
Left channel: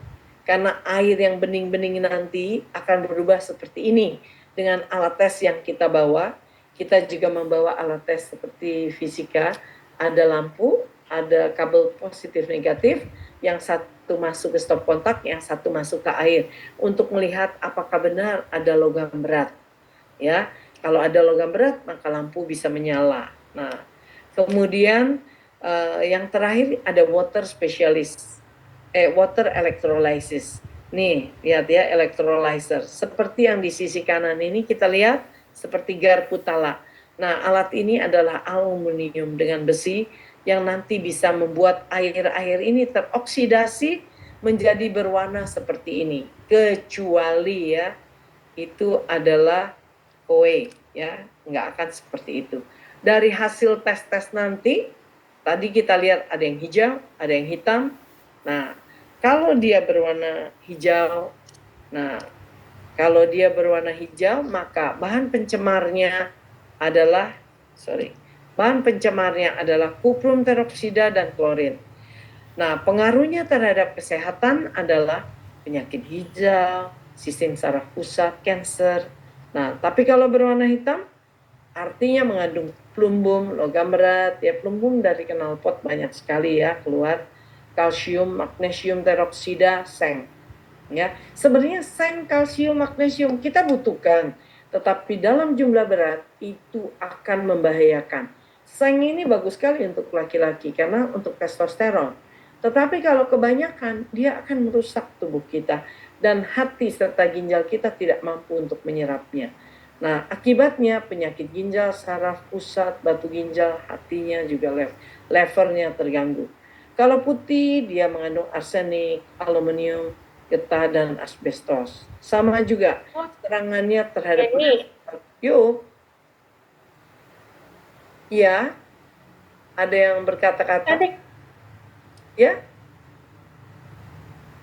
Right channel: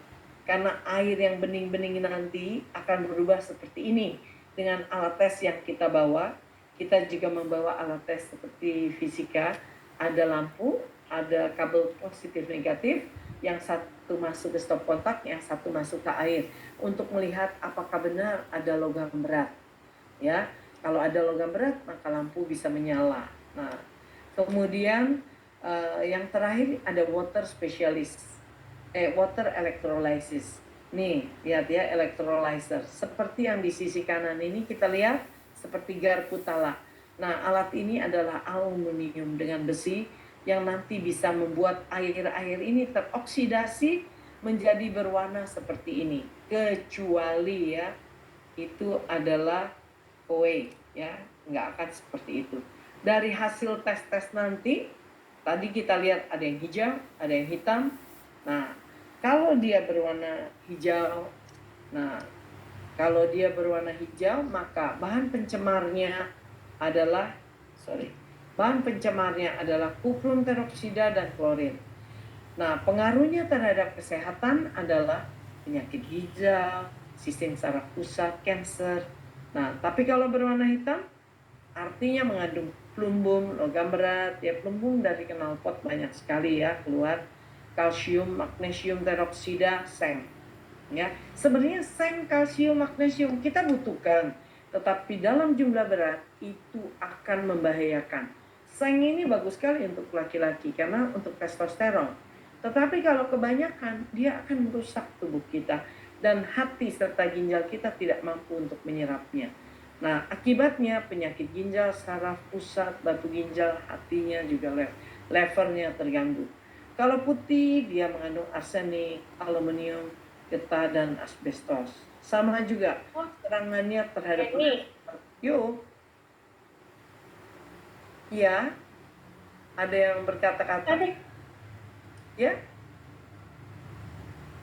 karena air yang bening-bening nanti akan berubah seperti ini. Dengan alat tes yang kita bawa, kita juga membawa alat tes seperti fisika, ada lampu, ada kabel positif negatif, yang satu masuk ke stop kontak, yang satu masuk ke air, untuk melihat apakah benar ada logam berat. Ya, kalau ada logam berat, maka lampu bisa menyala. Nah, kemudian yang terakhir ada water electrolysis. Nih, lihat ya, electrolyzer. Seperti yang di sisi kanan ini kita lihat seperti garpu tala. Nah, alat ini adalah aluminium dengan besi yang nanti bisa membuat air-air ini teroksidasi menjadi berwarna seperti ini. Kecuali ya, itu adalah kowe ya, nggak akan seperti itu. Dari hasil tes-tes nanti, tadi kita lihat ada yang hijau, ada yang hitam. Nah, kalau dia berwarna hijau, maka bahan pencemarnya adalah kuprum teroksida dan klorin. Nah, pengaruhnya terhadap kesehatan adalah penyakit hijau, sistem saraf pusat, kanker. Nah, tapi kalau berwarna hitam, artinya mengandung plumbum, logam berat, ya plumbum dari knalpot banyak sekali ya keluar, kalsium, magnesium teroksida, seng. Ya, sebenarnya seng, kalsium, magnesium kita butuhkan, tetapi dalam jumlah berat itu akan membahayakan. Seng ini bagus sekali untuk laki-laki karena untuk testosteron. Tetapi kalau kebanyakan, dia akan merusak tubuh kita dan hati serta ginjal kita tidak mampu untuk menyerapnya. Nah, akibatnya penyakit ginjal, saraf pusat, batu ginjal, hatinya juga levernya terganggu. Kalau putih, dia mengandung arsenik, aluminium, getah, dan asbestos. Sama juga serangannya terhadap yuk. Ya, ada yang berkata-kata. Ya,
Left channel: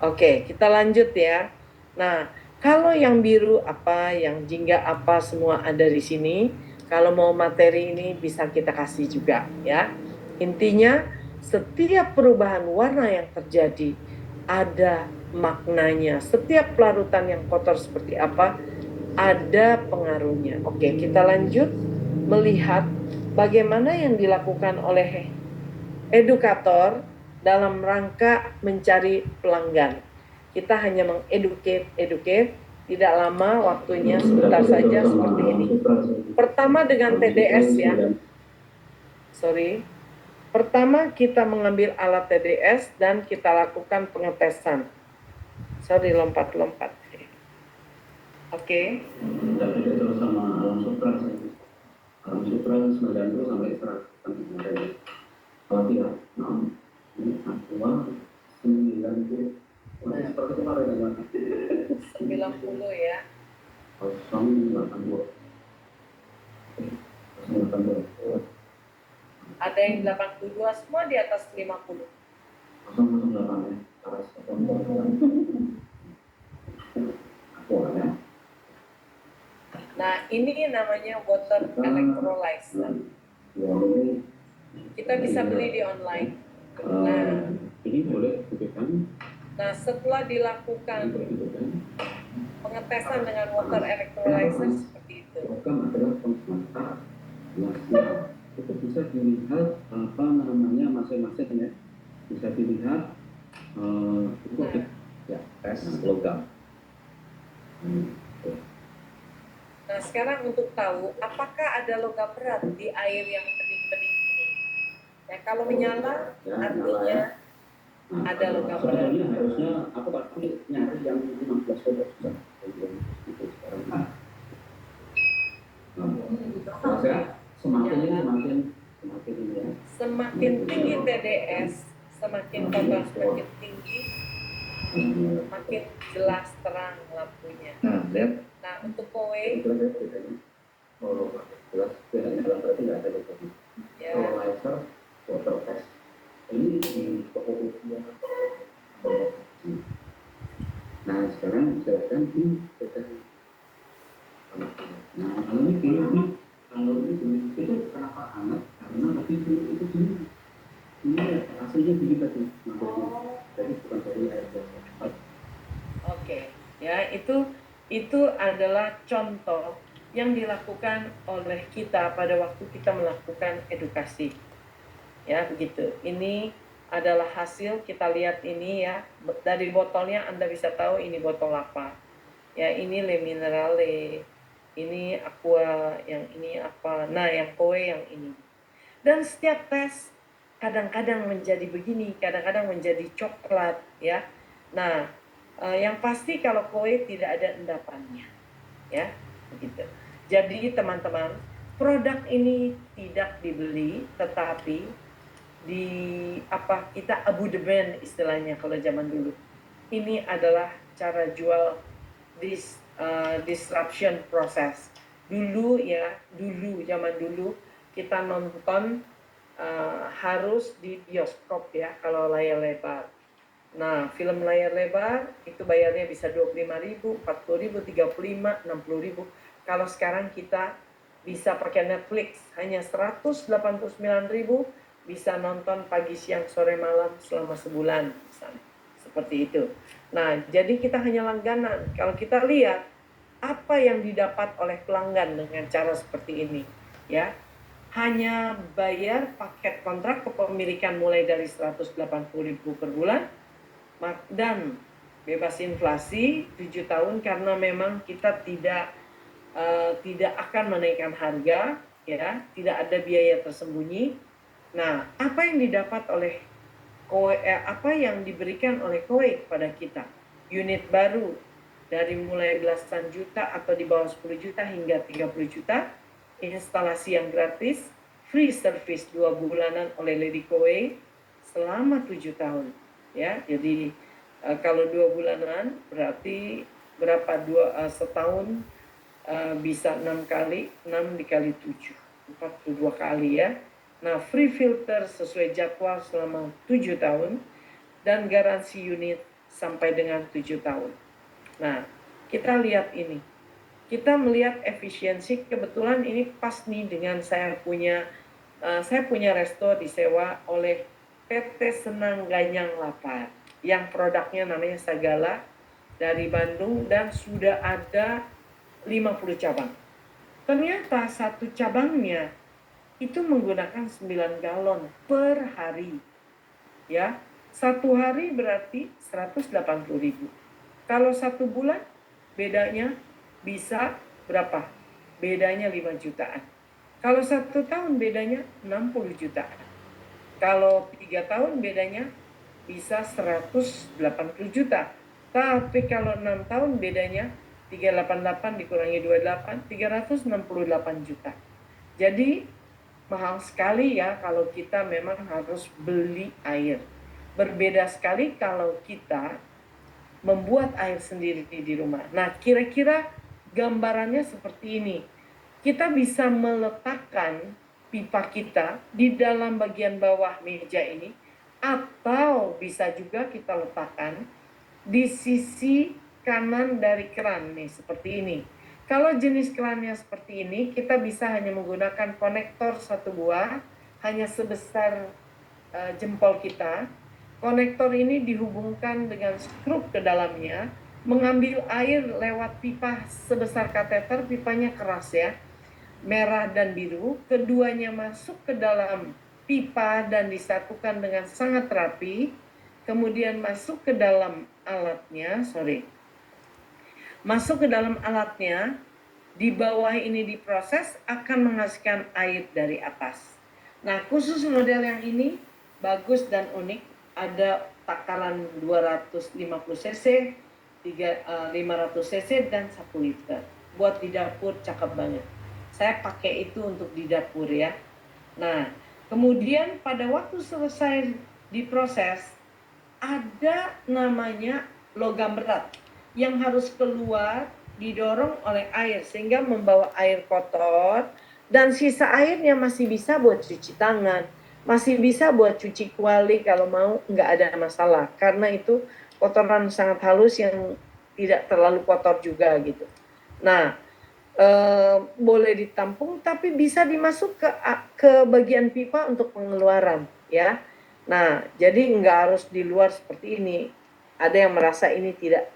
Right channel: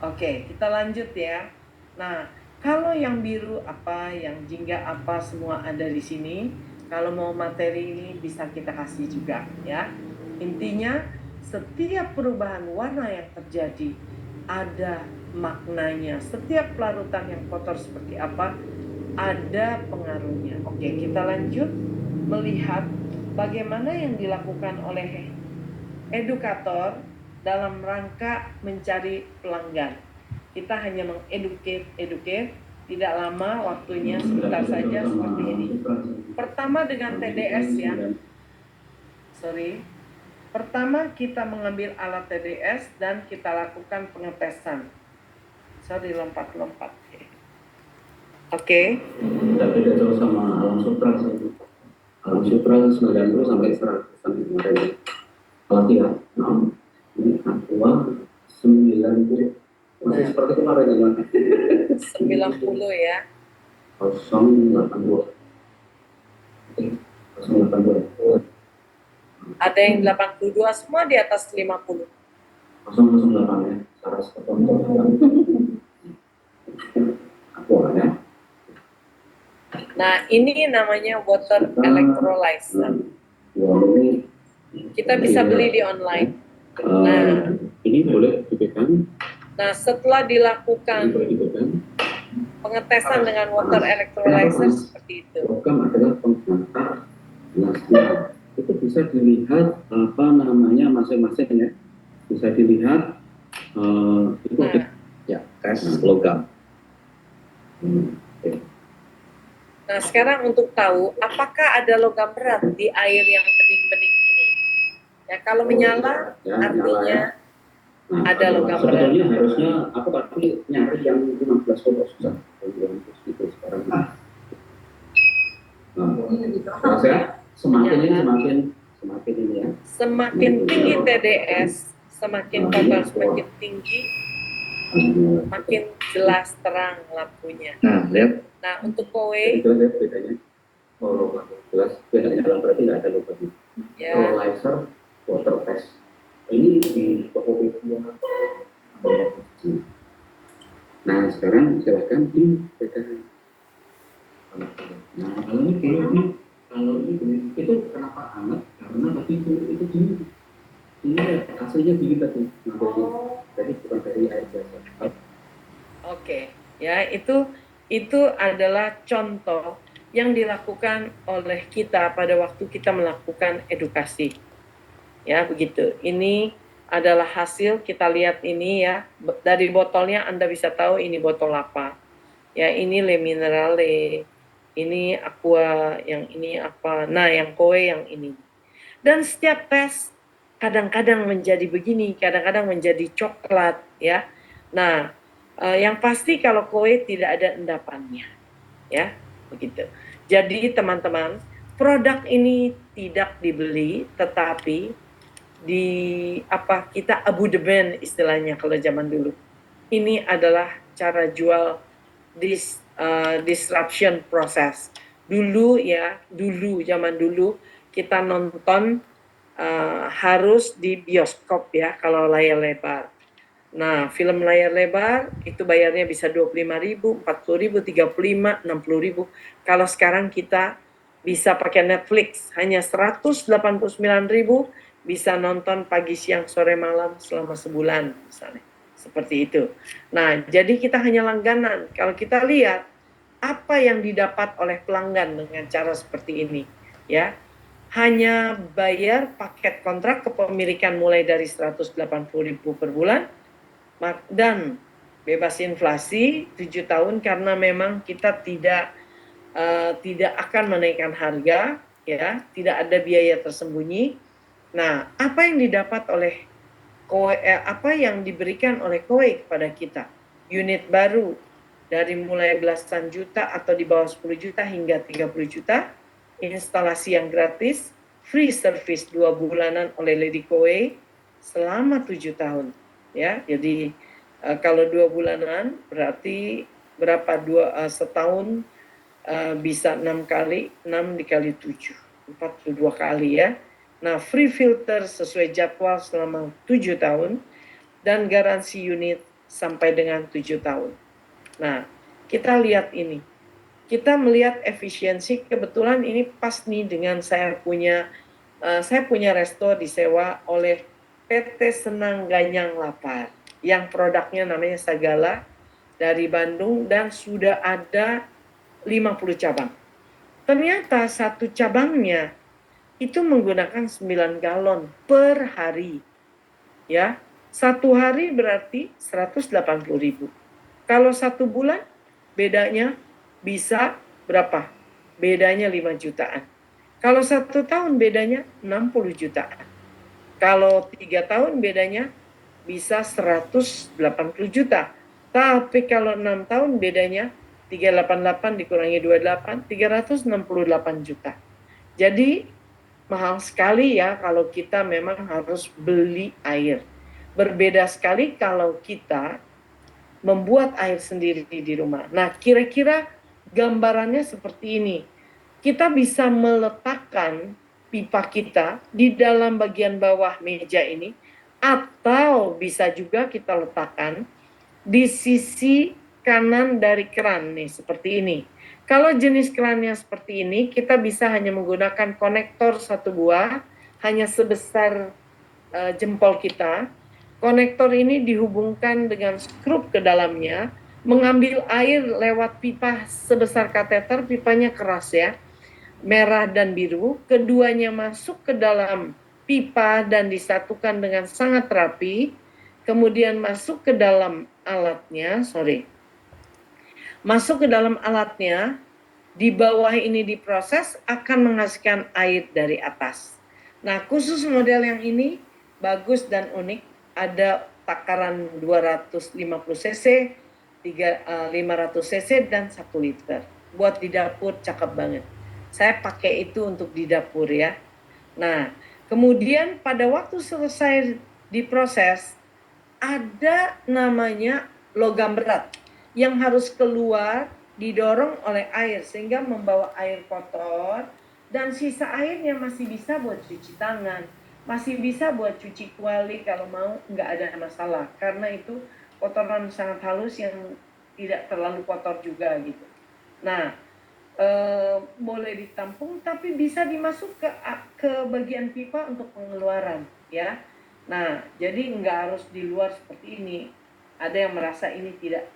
oke, kita lanjut ya. Nah, kalau yang biru apa, yang jingga apa, semua ada di sini. Kalau mau materi ini bisa kita kasih juga ya. Intinya setiap perubahan warna yang terjadi ada maknanya. Setiap pelarutan yang kotor seperti apa ada pengaruhnya. Oke, kita lanjut melihat bagaimana yang dilakukan oleh edukator dalam rangka mencari pelanggan. Kita hanya educate, tidak lama waktunya, sebentar saja seperti ini. Pertama dengan TDS ya. Pertama kita mengambil alat TDS dan kita lakukan pengetesan. Lompat-lompat. Oke. Tidak beda jauh sama alam supra saja. Alam supra 90 sampai 100 kemarin. Kalau tidak, ini aqua 90. Masih seperti kemarin ya, 90 ya. 082. 082. Ada yang 82, semua di atas 50. 008 ya, saras ketonton. Aqua ya. Nah, ini namanya water electrolyzer. Kita bisa beli di online. Nah, ini boleh dipegang. Nah, setelah dilakukan pengetesan dengan water electrolyzer seperti itu. Program adalah pengantar plastik. Itu bisa dilihat apa namanya masing-masing ya. Bisa dilihat itu ya tes logam. Nah, sekarang untuk tahu apakah ada logam berat di air yang bening-bening ini. Ya, kalau menyala ya, artinya nyala ya. Nah, ada logam berat. sebetulnya harusnya aku tapi nyari yang 15 volt susah. Itu sekarang. Nah, saya semakin ini semakin ini ya. Semakin tinggi TDS, semakin total semakin tinggi, makin jelas terang lampunya. Nah, lihat. Nah, untuk kowe, Jelas ya bedanya. Oh, jelas bedanya dalam berarti nggak ada lubangnya. ya, Kalau laser water test ini di toko media. Nah sekarang silakan dibedakan. Nah kalau ini kayaknya kalau ini itu kenapa hangat? Karena tadi itu gini. Ini hasilnya gini tadi. Jadi bukan dari air biasa. oke, ya itu adalah contoh yang dilakukan oleh kita pada waktu kita melakukan edukasi. Ya, begitu. Ini adalah hasil, kita lihat ini ya. Dari botolnya Anda bisa tahu ini botol apa. Ya, ini Le Minerale, ini Aqua, yang ini apa. Nah, yang Koe yang ini. Dan setiap tes kadang-kadang menjadi begini, kadang-kadang menjadi coklat ya. Nah, yang pasti kalau Koe tidak ada endapannya. Ya, begitu. Jadi teman-teman, produk ini tidak dibeli tetapi kita abudemen istilahnya kalau zaman dulu. Ini adalah cara jual disruption process. Dulu zaman dulu kita nonton harus di bioskop ya kalau layar lebar. Nah, film layar lebar itu bayarnya bisa 25.000, 40.000, 35, 60.000. Kalau sekarang kita bisa pakai Netflix hanya 189.000 bisa nonton pagi, siang, sore, malam selama sebulan misalnya. Seperti itu. Nah, jadi kita hanya langganan. Kalau kita lihat apa yang didapat oleh pelanggan dengan cara seperti ini, ya. Hanya bayar paket kontrak kepemilikan mulai dari 180.000 per bulan dan bebas inflasi 7 tahun karena memang kita tidak akan menaikkan harga, ya, tidak ada biaya tersembunyi. Nah, apa yang didapat oleh apa yang diberikan oleh KOE kepada kita? Unit baru dari mulai belasan juta atau di bawah 10 juta hingga 30 juta, instalasi yang gratis, free service 2 bulanan oleh Lady KOE selama 7 tahun. Ya, jadi kalau 2 bulanan berarti berapa? Setahun bisa 6 kali, 6 dikali 7, 42 kali ya. Nah, free filter sesuai jadwal selama 7 tahun dan garansi unit sampai dengan 7 tahun. Nah, kita lihat ini. Kita melihat efisiensi, kebetulan ini pas nih dengan saya punya resto disewa oleh PT Senang Ganyang Lapar yang produknya namanya Sagala dari Bandung dan sudah ada 50 cabang. Ternyata satu cabangnya itu menggunakan 9 galon per hari. Ya, satu hari berarti 180.000. Kalau satu bulan bedanya bisa berapa? Bedanya 5 jutaan. Kalau 1 tahun bedanya 60 jutaan. Kalau 3 tahun bedanya bisa 180 juta. Tapi kalau 6 tahun bedanya 388 dikurangi 28, 368 juta. Jadi mahal sekali ya kalau kita memang harus beli air. Berbeda sekali kalau kita membuat air sendiri di rumah. Nah, kira-kira gambarannya seperti ini. Kita bisa meletakkan pipa kita di dalam bagian bawah meja ini, atau bisa juga kita letakkan di sisi kanan dari keran nih, seperti ini. Kalau jenis kerannya seperti ini, kita bisa hanya menggunakan konektor satu buah, hanya sebesar jempol kita. Konektor ini dihubungkan dengan skrup ke dalamnya, mengambil air lewat pipa sebesar kateter, pipanya keras ya, merah dan biru, keduanya masuk ke dalam pipa dan disatukan dengan sangat rapi, kemudian masuk ke dalam alatnya, masuk ke dalam alatnya, Di bawah ini diproses akan menghasilkan air dari atas. Nah, khusus model yang ini bagus dan unik. Ada takaran 250 cc, 500 cc, dan 1 liter. Buat di dapur cakep banget. Saya pakai itu untuk di dapur ya. Nah, kemudian pada waktu selesai diproses, ada namanya logam berat yang harus keluar didorong oleh air sehingga membawa air kotor, dan sisa airnya masih bisa buat cuci tangan, masih bisa buat cuci kuali kalau mau, nggak ada masalah karena itu kotoran sangat halus yang tidak terlalu kotor juga gitu. Nah, boleh ditampung tapi bisa dimasuk ke bagian pipa untuk pengeluaran ya. Nah, jadi nggak harus di luar seperti ini. Ada yang merasa ini tidak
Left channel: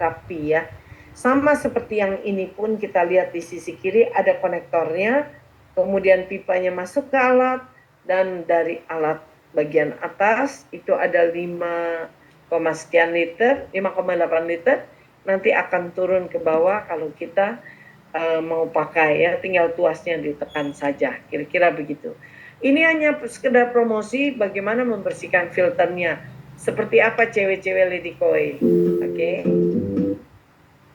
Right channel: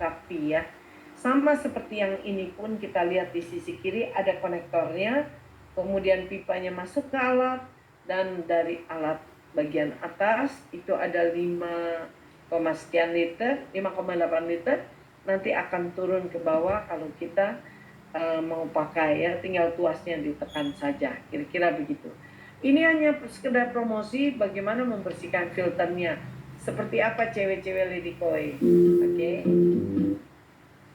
rapi ya. Sama seperti yang ini pun kita lihat di sisi kiri ada konektornya, kemudian pipanya masuk ke alat, dan dari alat bagian atas itu ada 5, sekian liter, 5,8 liter, nanti akan turun ke bawah kalau kita mau pakai ya, tinggal tuasnya ditekan saja, kira-kira begitu. Ini hanya sekedar promosi bagaimana membersihkan filternya. Seperti apa cewek-cewek Lady Koi. Oke.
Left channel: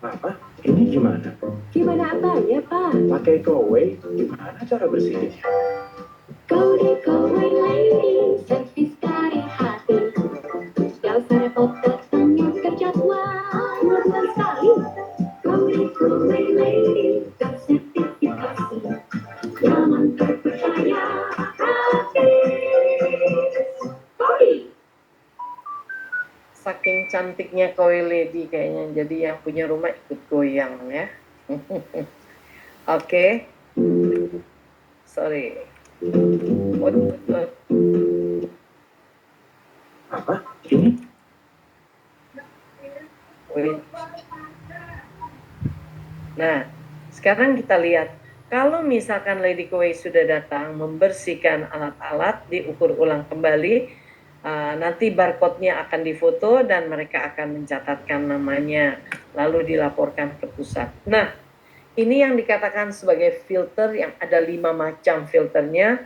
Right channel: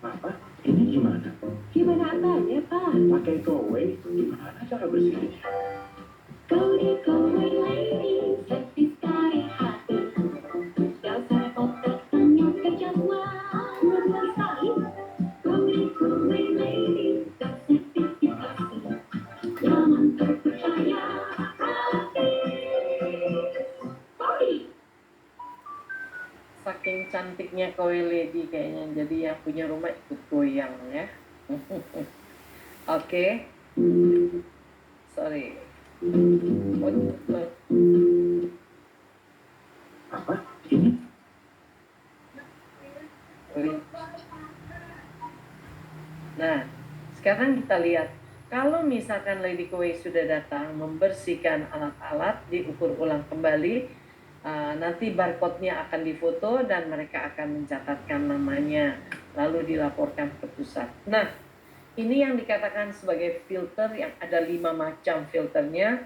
Papa, ini gimana? Gimana apanya, Pak? Pakai Kowei, gimana cara bersihinnya? Kode lady, servis dari hati. Gak usah repot datangnya ke jadwal. 12 kali. Kode lady, gak sertifikasi. Nyaman terpercaya, gratis. Kode. Saking cantiknya Koi Lady kayaknya, jadi yang punya rumah ikut goyang ya. Oke. Sorry. Apa? Ini? Nah, sekarang kita lihat. Kalau misalkan Lady Koi sudah datang membersihkan alat-alat, diukur ulang kembali, nanti barcode-nya akan difoto dan mereka akan mencatatkan namanya, lalu dilaporkan ke pusat. Nah, ini yang dikatakan sebagai filter, yang ada 5 macam filternya.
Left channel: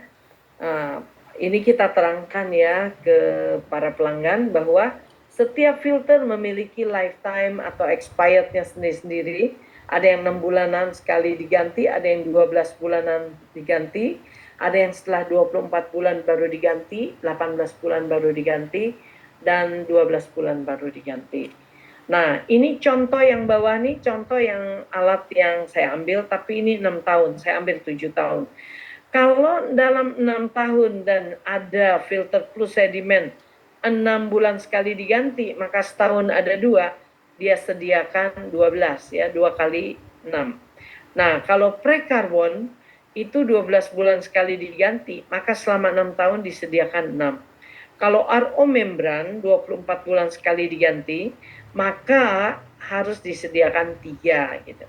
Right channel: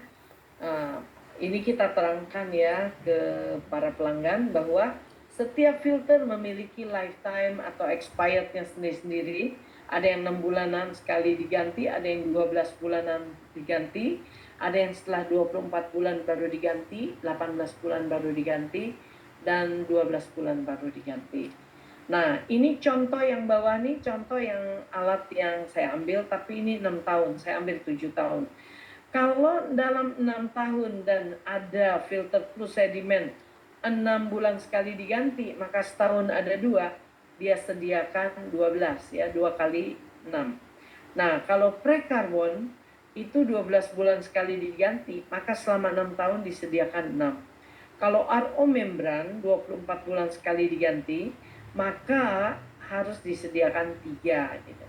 Ini kita terangkan ya ke para pelanggan bahwa setiap filter memiliki lifetime atau expirednya sendiri-sendiri. Ada yang 6 bulanan sekali diganti, ada yang 12 bulanan diganti, ada yang setelah 24 bulan baru diganti, 18 bulan baru diganti, dan 12 bulan baru diganti. Nah, ini contoh yang bawah nih, contoh yang alat yang saya ambil, tapi ini 6 tahun, saya ambil 7 tahun. Kalau dalam 6 tahun dan ada filter plus sedimen 6 bulan sekali diganti, maka setahun ada 2, dia sediakan 12 ya, 2 kali 6. Nah, kalau prekarbon itu 12 bulan sekali diganti, maka selama 6 tahun disediakan 6. Kalau RO membran 24 bulan sekali diganti, maka harus disediakan 3 gitu.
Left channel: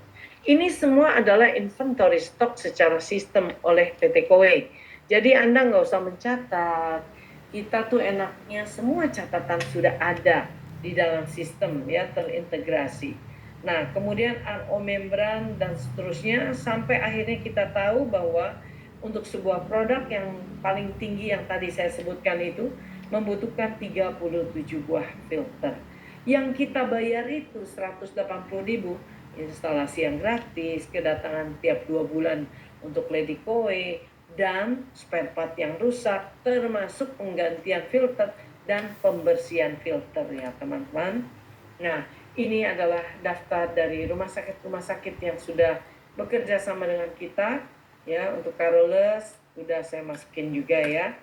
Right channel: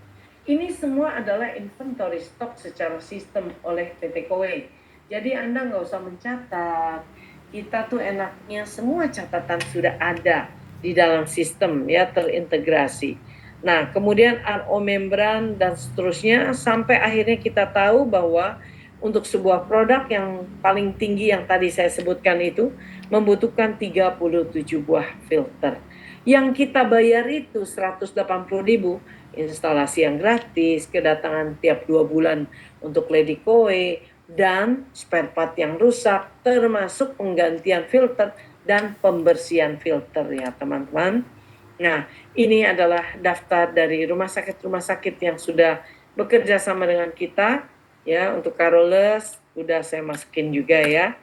Ini semua adalah inventory stok secara sistem oleh PT Koi. Jadi Anda nggak usah mencatat. Kita tuh enaknya semua catatan sudah ada di dalam sistem ya, terintegrasi. Nah, kemudian RO membran dan seterusnya sampai akhirnya kita tahu bahwa untuk sebuah produk yang paling tinggi yang tadi saya sebutkan itu membutuhkan 37 buah filter. Yang kita bayar itu 180.000, instalasi yang gratis, kedatangan tiap 2 bulan untuk Lady Koi, dan spare part yang rusak, termasuk penggantian filter dan pembersihan filter ya teman-teman. Nah, ini adalah daftar dari rumah sakit yang sudah bekerja sama dengan kita ya. Untuk Carolus udah saya masukin juga ya.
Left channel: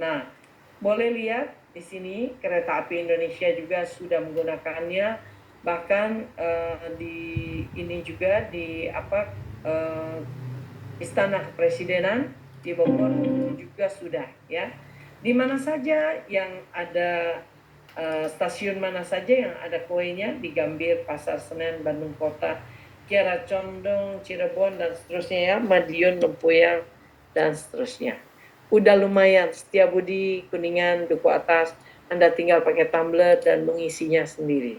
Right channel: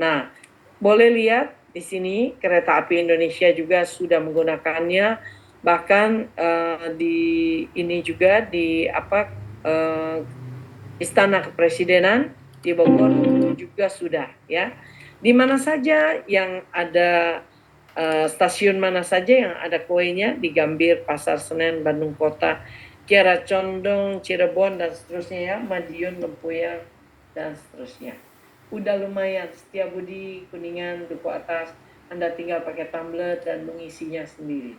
Nah, boleh lihat di sini kereta api Indonesia juga sudah menggunakannya, bahkan di ini juga di Istana Kepresidenan di Bogor juga sudah ya. Di mana saja yang ada stasiun mana saja yang ada kuenya, di Gambir, Pasar Senen, Bandung Kota, Kiara Condong, Cirebon, dan seterusnya ya, Madiun, Lempuyang, dan seterusnya. Udah lumayan, Setiabudi, Kuningan, Duku Atas, Anda tinggal pakai tumbler dan mengisinya sendiri.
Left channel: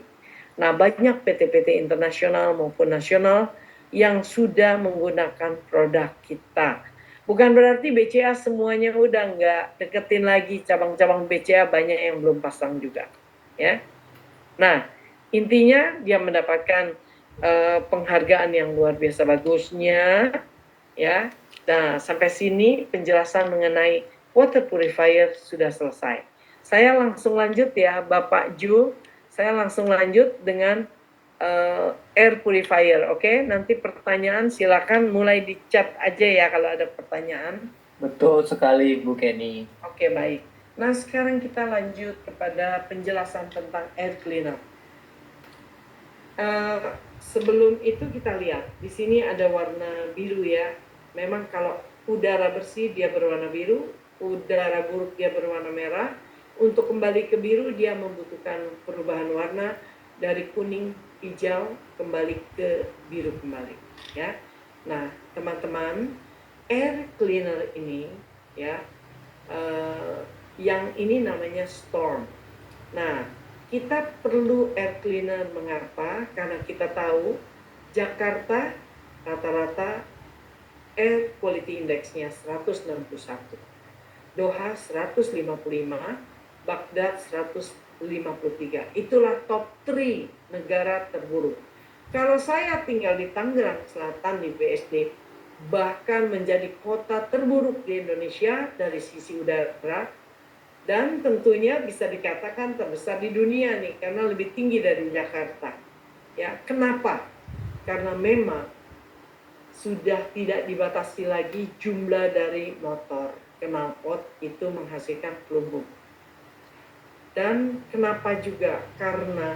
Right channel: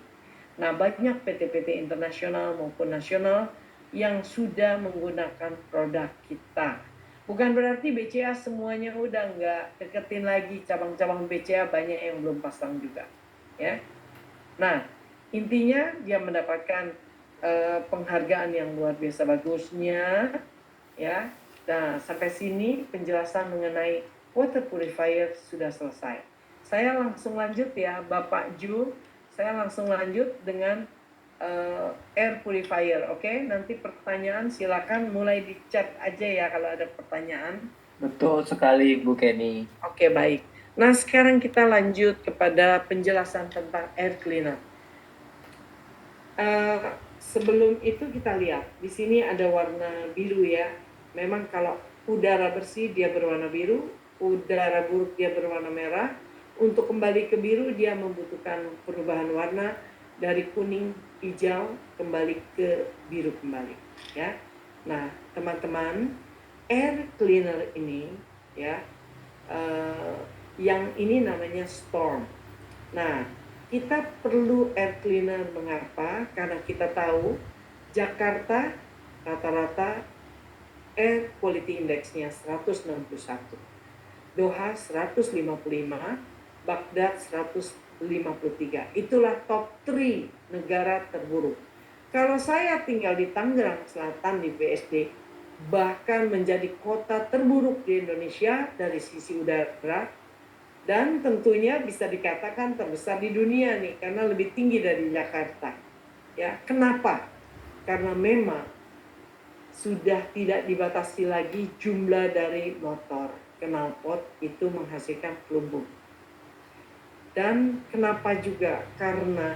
Nah, banyak PT-PT internasional maupun nasional yang sudah menggunakan produk kita. Bukan berarti BCA semuanya udah nggak deketin lagi, cabang-cabang BCA banyak yang belum pasang juga, ya. Nah, intinya dia mendapatkan penghargaan yang luar biasa bagusnya, ya. Nah, sampai sini penjelasan mengenai water purifier sudah selesai. Saya langsung lanjut ya, Bapak Ju. Saya langsung lanjut dengan air purifier, oke? Nanti pertanyaan silakan mulai di chat aja ya kalau ada pertanyaan. Betul sekali Bu Kenny. Oke, baik. Nah, sekarang kita lanjut kepada penjelasan tentang air cleaner. Sebelum itu kita lihat, di sini ada warna biru ya. Memang kalau udara bersih dia berwarna biru, udara buruk dia berwarna merah. Untuk kembali ke biru dia membutuhkan perubahan warna dari kuning, hijau, kembali ke biru kembali. Ya. Nah, teman-teman, air cleaner ini ya, yang ini namanya storm. Nah, kita perlu air cleaner mengapa? Karena kita tahu Jakarta rata-rata air quality index-nya 161, Doha 155, Baghdad 153. Itulah top 3 negara terburuk. Kalau saya tinggal di Tangerang Selatan di BSD, bahkan menjadi kota terburuk di Indonesia dari sisi udara, dan tentunya bisa dikatakan terbesar di dunia nih karena lebih tinggi dari Jakarta. Ya, kenapa? Karena memang sudah tidak dibatasi lagi jumlah dari motor knalpot itu menghasilkan pelumpur. Dan kenapa juga? Karena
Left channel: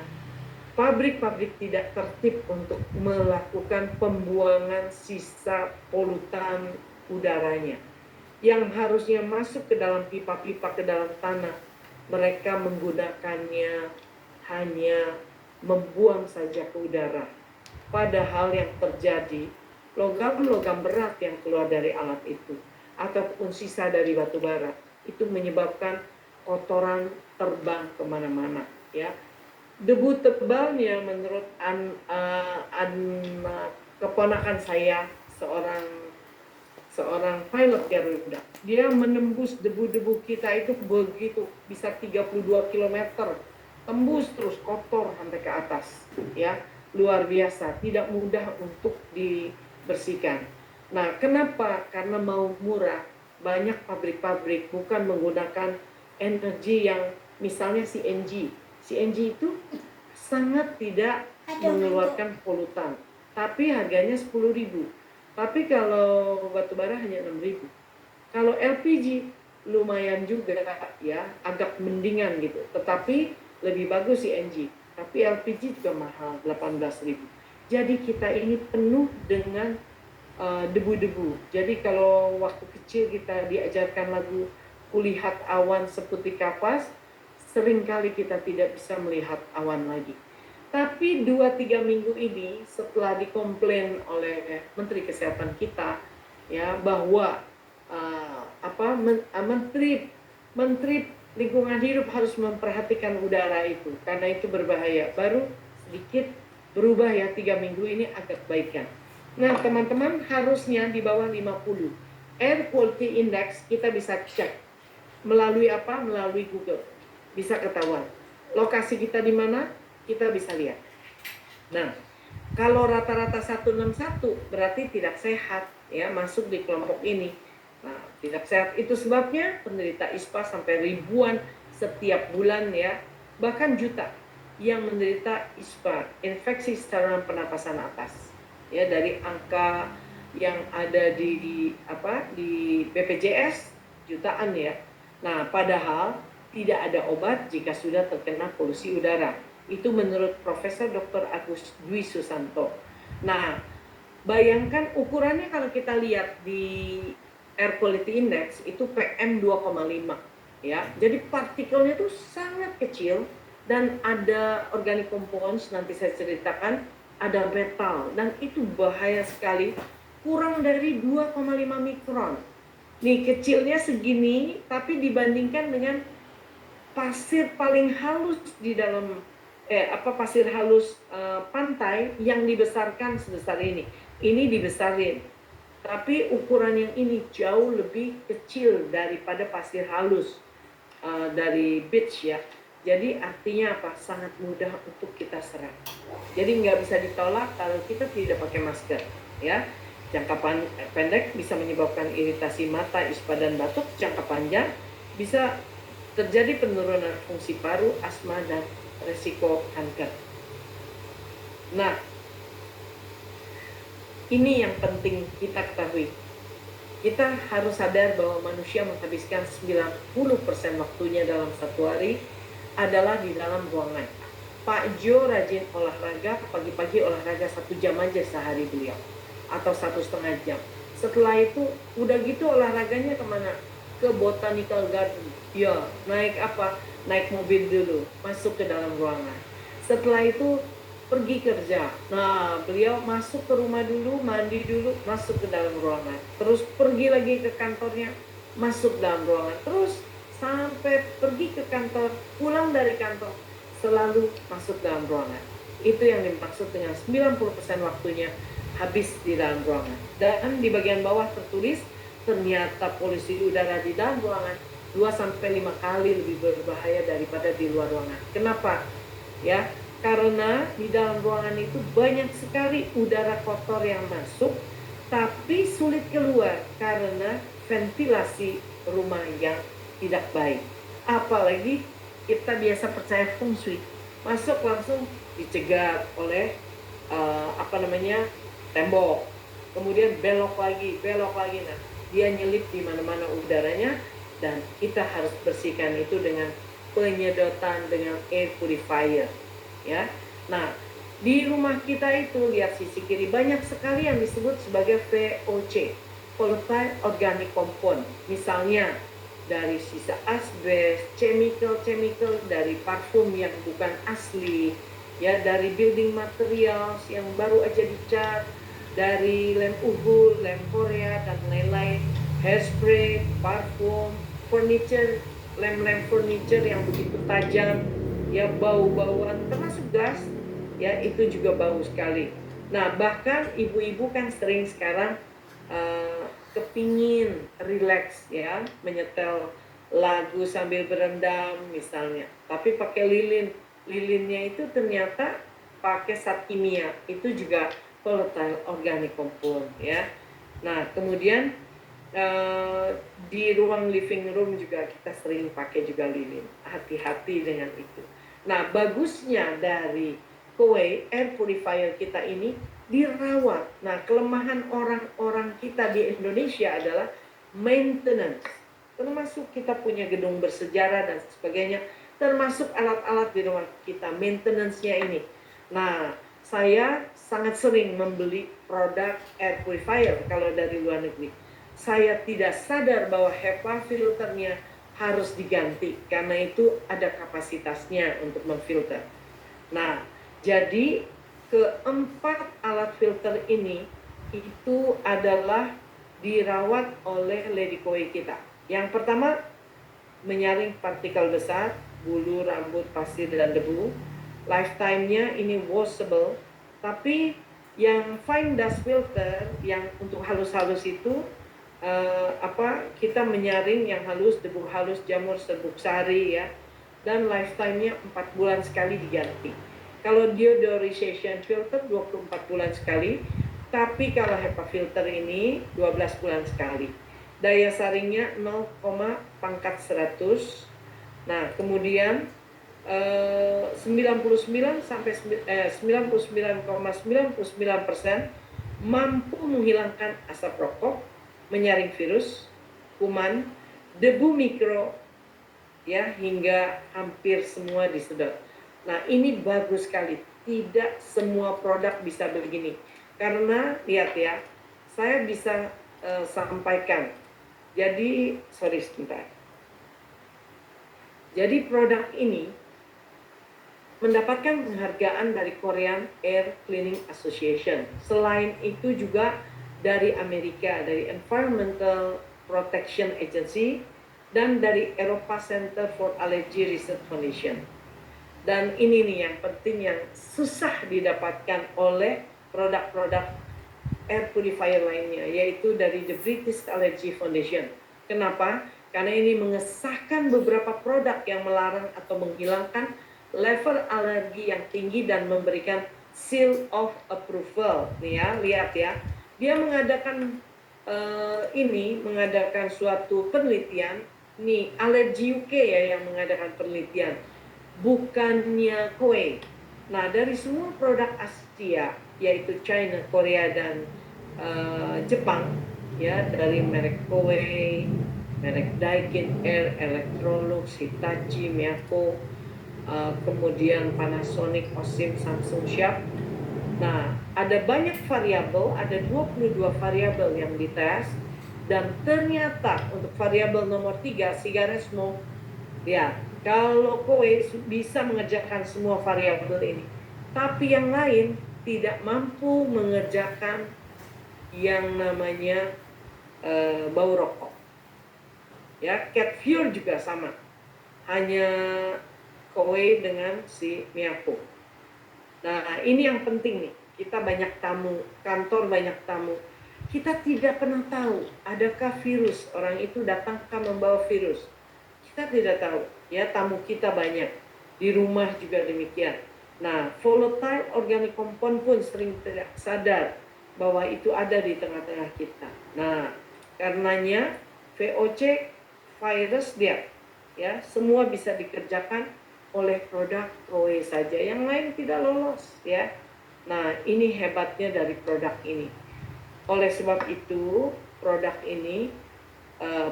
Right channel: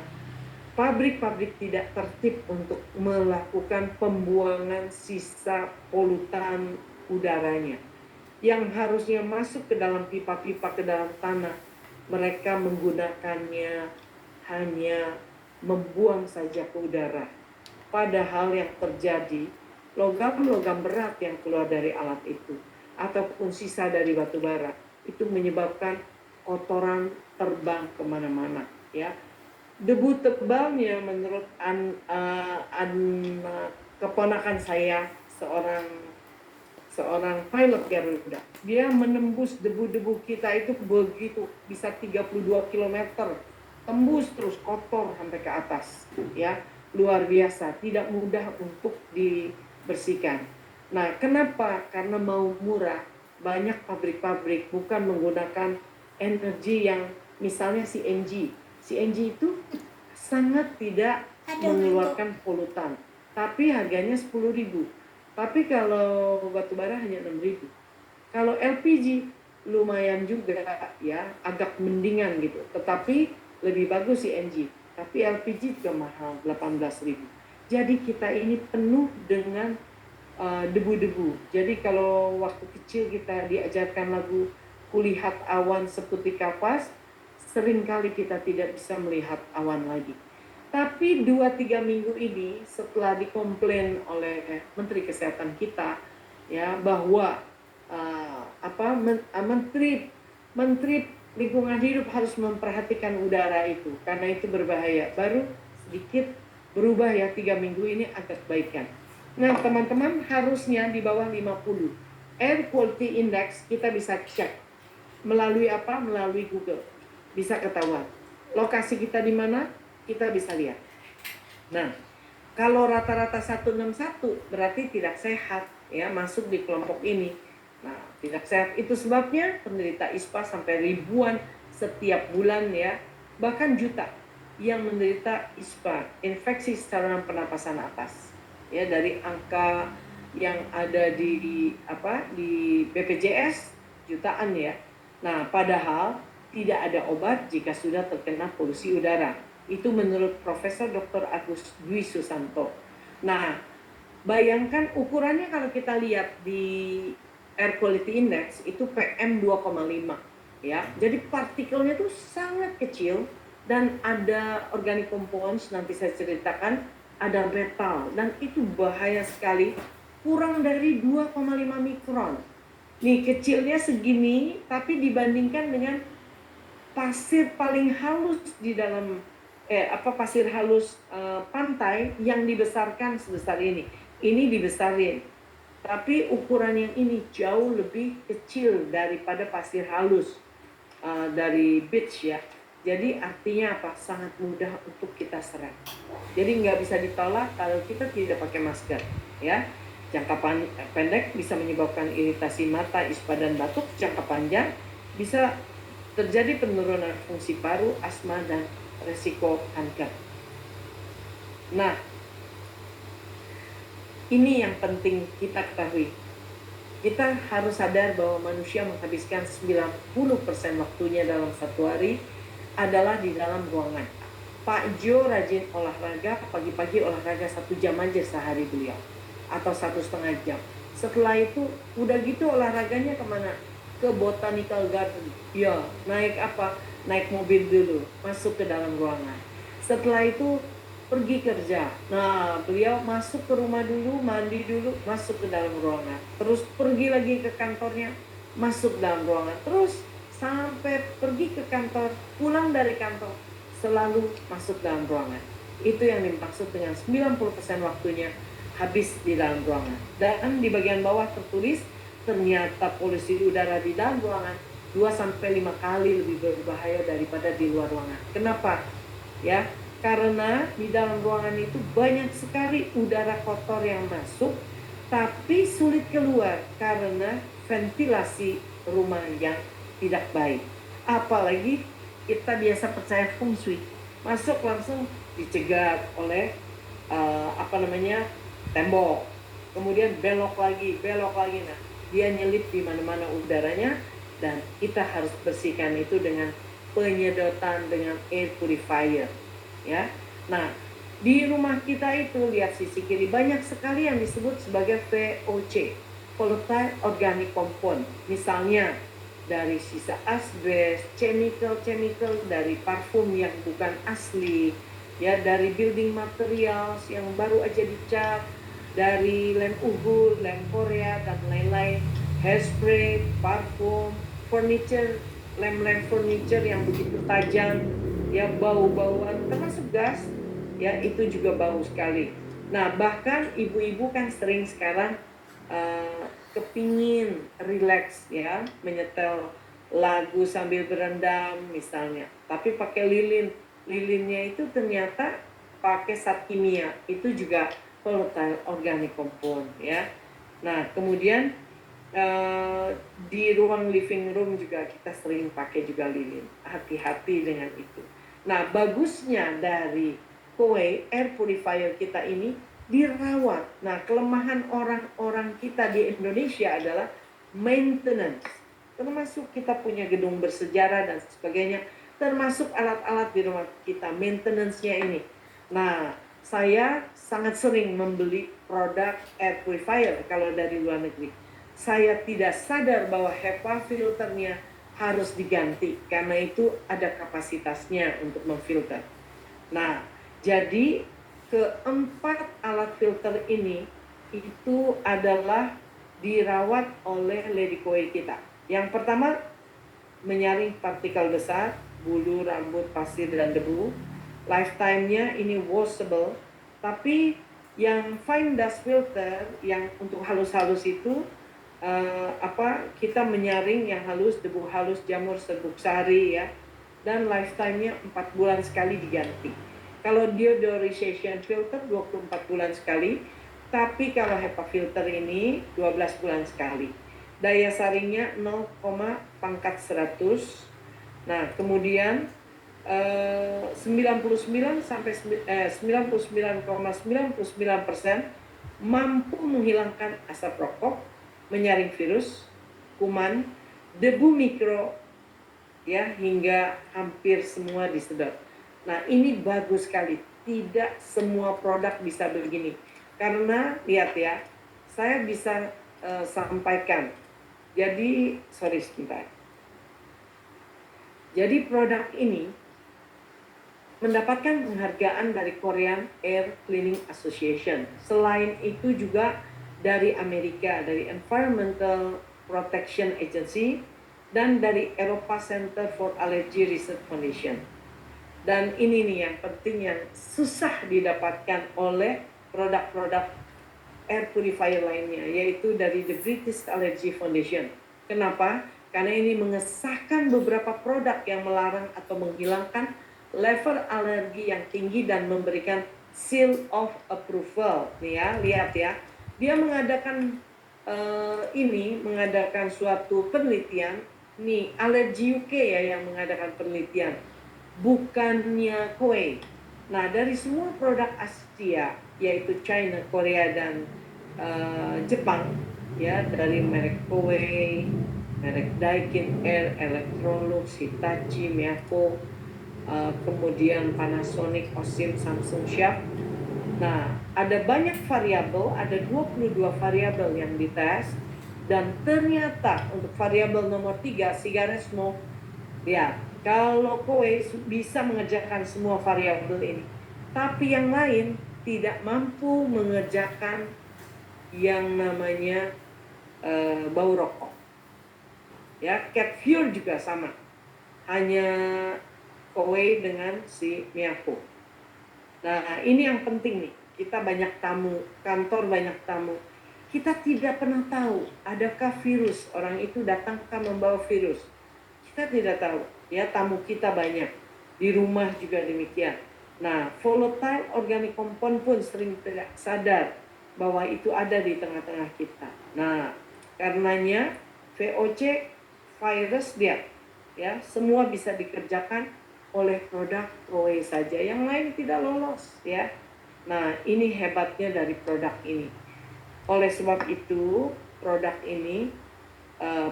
pabrik-pabrik tidak tertib untuk melakukan pembuangan sisa polutan udaranya yang harusnya masuk ke dalam pipa-pipa ke dalam tanah. Mereka menggunakannya hanya membuang saja ke udara. Padahal yang terjadi, logam-logam berat yang keluar dari alat itu ataupun sisa dari batu bara itu menyebabkan kotoran terbang kemana-mana, ya. Debu tebalnya menurut keponakan saya, seorang pilot Garuda, dia menembus debu-debu kita itu begitu bisa 32 km, tembus terus kotor sampai ke atas, ya. Luar biasa, tidak mudah untuk dibersihkan. Nah, kenapa? Karena mau murah, banyak pabrik-pabrik bukan menggunakan energi yang misalnya CNG. CNG itu sangat tidak mengeluarkan polutan, tapi harganya 10.000. Tapi kalau batu bara hanya 6.000. Kalau LPG lumayan juga ya, agak mendingan gitu. Tetapi lebih bagus CNG. Tapi LPG juga mahal, 18.000. Jadi kita ini penuh dengan debu-debu. Jadi kalau waktu kecil kita diajarkan lagu Kulihat Awan Seputih Kapas, seringkali kita tidak bisa melihat awan lagi. Tapi 2-3 minggu ini setelah dikomplain oleh Menteri Kesehatan kita ya bahwa Menteri Lingkungan Hidup harus memperhatikan udara itu karena itu berbahaya. Baru sedikit berubah ya, 3 minggu ini agak baikan. Nah, teman-teman harusnya di bawah 50. Air Quality Index kita bisa cek melalui apa? Melalui Google. Bisa ketahuan. Lokasi kita di mana? Kita bisa lihat. Nah, kalau rata-rata 161 berarti tidak sehat ya, masuk di kelompok ini. Nah, tidak sehat itu sebabnya penderita ISPA sampai ribuan setiap bulan ya, bahkan juta yang menderita ISPA, infeksi saluran pernapasan atas. Ya, dari angka yang ada di BPJS jutaan ya. Nah, padahal tidak ada obat jika sudah terkena polusi udara. Itu menurut Profesor Dr. Agus Dwi Susanto. Nah, bayangkan ukurannya kalau kita lihat di Air Quality Index itu PM 2,5 ya. Jadi partikelnya itu sangat kecil dan ada organic compounds, nanti saya ceritakan, ada metal dan itu bahaya sekali, kurang dari 2,5 mikron. Nih kecilnya segini tapi dibandingkan dengan pasir paling halus di dalam pasir halus pantai yang dibesarkan sebesar ini. ini dibesarin. Tapi ukuran yang ini jauh lebih kecil daripada pasir halus dari beach ya. Jadi artinya apa? Sangat mudah untuk kita serap. Jadi nggak bisa ditolak kalau kita tidak pakai masker ya. Jangka pendek bisa menyebabkan iritasi mata, ispa dan batuk. Jangka panjang bisa terjadi penurunan fungsi paru, asma dan resiko kanker. Nah, ini yang penting kita ketahui. Kita harus sadar bahwa manusia menghabiskan 90% waktunya dalam satu hari adalah di dalam ruangan. Pak Jo rajin olahraga, pagi-pagi olahraga 1 jam aja sehari beliau. Atau 1,5 jam. Setelah itu, udah gitu olahraganya kemana? Ke Botanical Garden. Ya, naik apa? Naik mobil dulu, masuk ke dalam ruangan. Setelah itu, pergi kerja. Nah, beliau masuk ke rumah dulu, mandi dulu, masuk ke dalam ruangan. Terus pergi lagi ke kantornya, masuk dalam ruangan. Terus sampai pergi ke kantor, pulang dari kantor, selalu masuk dalam ruangan. Itu yang dimaksud dengan 90% waktunya habis di dalam ruangan. Dan di bagian bawah tertulis, ternyata polusi udara di dalam ruangan 2-5 kali lebih berbahaya daripada di luar ruangan. Kenapa? Ya, karena di dalam ruangan itu banyak sekali udara kotor yang masuk, tapi sulit keluar karena ventilasi rumah yang tidak baik. Apalagi kita biasa percaya feng shui, masuk langsung dicegat oleh tembok, kemudian belok lagi. Nah, dia nyelip di mana-mana udaranya, dan kita harus bersihkan itu dengan penyedotan dengan air purifier. Ya, nah di rumah kita itu lihat sisi kiri banyak sekali yang disebut sebagai VOC, volatile organic compound. Misalnya dari sisa asbes, chemical dari parfum yang bukan asli, ya dari building materials yang baru aja dicat, dari lem Uhud, lem Korea dan lain-lain, hairspray, parfum, furniture, lem furniture yang begitu tajam, ya bau-bauan, termasuk gas, ya itu juga bau sekali. Nah, bahkan ibu-ibu kan sering sekarang kepingin relax ya, menyetel lagu sambil berendam misalnya, tapi pakai lilinnya itu ternyata pakai zat kimia, itu juga volatile organic compound ya. Nah, kemudian di ruang living room juga kita sering pakai juga lilin, hati-hati dengan itu. Nah, bagusnya dari Kowei air purifier kita ini dirawat. Nah, kelemahan orang-orang kita di Indonesia adalah maintenance. Termasuk kita punya gedung bersejarah dan sebagainya, termasuk alat-alat di rumah kita, maintenance-nya ini. Nah, saya sangat sering membeli produk air purifier kalau dari luar negeri. Saya tidak sadar bahwa HEPA filternya harus diganti karena itu ada kapasitasnya untuk memfilter. Nah, jadi keempat alat filter ini itu adalah dirawat oleh Lady Koi kita. Yang pertama, menyaring partikel besar, bulu, rambut, pasir, dan debu. Lifetime-nya ini washable, tapi yang fine dust filter yang untuk halus-halus itu kita menyaring yang halus, debu halus, jamur, serbuk sari ya, dan lifetime-nya 4 bulan sekali diganti. Kalau deodorization filter 24 bulan sekali, tapi kalau HEPA filter ini 12 bulan sekali. Daya saringnya 0,100. Nah, kemudian 99 sampai 99,99% mampu menghilangkan asap rokok, menyaring virus, kuman, debu mikro, ya hingga hampir semua disedot. Nah, ini bagus sekali. Tidak semua produk bisa begini. Karena lihat ya, saya bisa sampaikan. Jadi, sebentar. Jadi produk ini mendapatkan penghargaan dari Korean Air Cleaning Association. Selain itu juga dari Amerika, dari Environmental Protection Agency, dan dari Eropa Center for Allergy Research Foundation. Dan ini nih yang penting, yang susah didapatkan oleh produk-produk air purifier lainnya, yaitu dari The British Allergy Foundation. Kenapa? Karena ini mengesahkan beberapa produk yang melarang atau menghilangkan level alergi yang tinggi dan memberikan seal of approval. Nih ya, lihat ya. Dia mengadakan mengadakan suatu penelitian. Nih, Allergy UK ya yang mengadakan penelitian, bukannya Koei. Nah, dari semua produk Asia, yaitu China, Korea, dan Jepang, ya, dari merek Koei, merek Daikin Air, Electrolux, Hitachi, Miyako, kemudian Panasonic, Osim, Samsung, Sharp. Nah, ada banyak variabel, ada 22 variabel yang dites, dan ternyata untuk variabel nomor 3, cigarette smoke, ya, kalau Koei bisa mengerjakan semua variabel ini, tapi yang lain tidak mampu mengerjakan yang namanya bau rokok. Ya, cat fuel juga sama, hanya Koei dengan si Miyako. Nah, ini yang penting nih. Kita banyak tamu, kantor banyak tamu. Kita tidak pernah tahu adakah virus, orang itu datangkah membawa virus. Kita tidak tahu, ya, tamu kita banyak. Di rumah juga demikian. Nah, volatile organic compound pun sering tidak sadar bahwa itu ada di tengah-tengah kita. Nah, karenanya VOC virus dia, ya, semua bisa dikerjakan oleh produk Koei saja, yang lain tidak lolos, ya. Nah, ini hebatnya dari produk ini. Oleh sebab itu, produk ini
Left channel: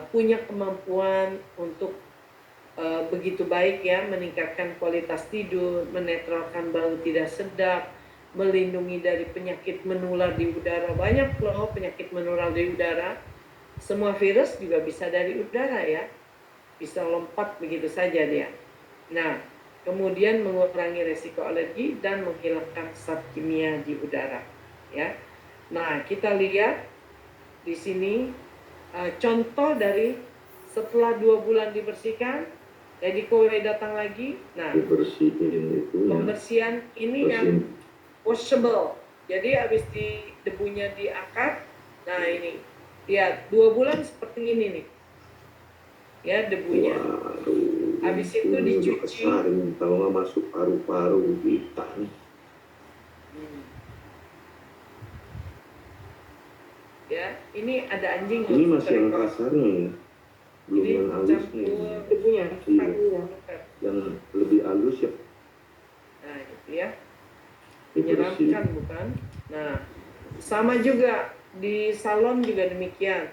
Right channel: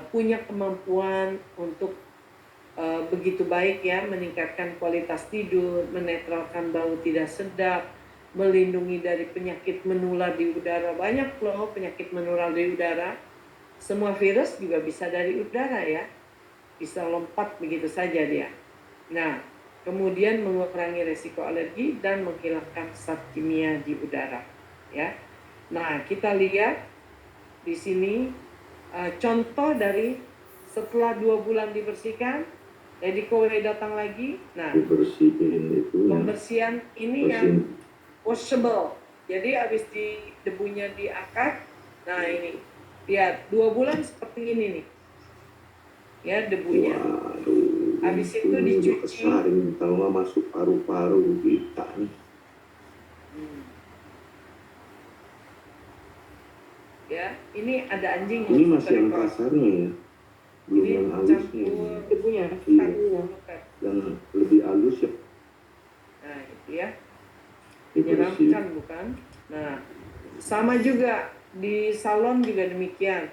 punya kemampuan untuk begitu baik, ya, meningkatkan kualitas tidur, menetralkan bau tidak sedap, melindungi dari penyakit menular di udara. Banyak loh penyakit menular di udara. Semua virus juga bisa dari udara, ya. Bisa lompat begitu saja dia. Nah, kemudian mengurangi resiko alergi dan menghilangkan zat kimia di udara, ya. Nah, kita lihat di sini contoh dari setelah 2 bulan dibersihkan, Lady Koei datang lagi. Nah, Dibersihin itu ya. pembersihan ini yang washable. Jadi habis debunya diangkat. Nah, ini lihat 2 bulan seperti ini nih, ya, debunya. Waduh, Habis itu dicuci. kesaring, kalau nggak masuk paru-paru kita nih. Ya, ini ada anjing. Ini masih yang kasarnya ya, belum Ini yang halusnya. campur debunya, Iya. Yang lebih halus ya. Nah, itu ya, Dibersihin. menyeramkan bukan? Nah, sama juga di salon juga demikian,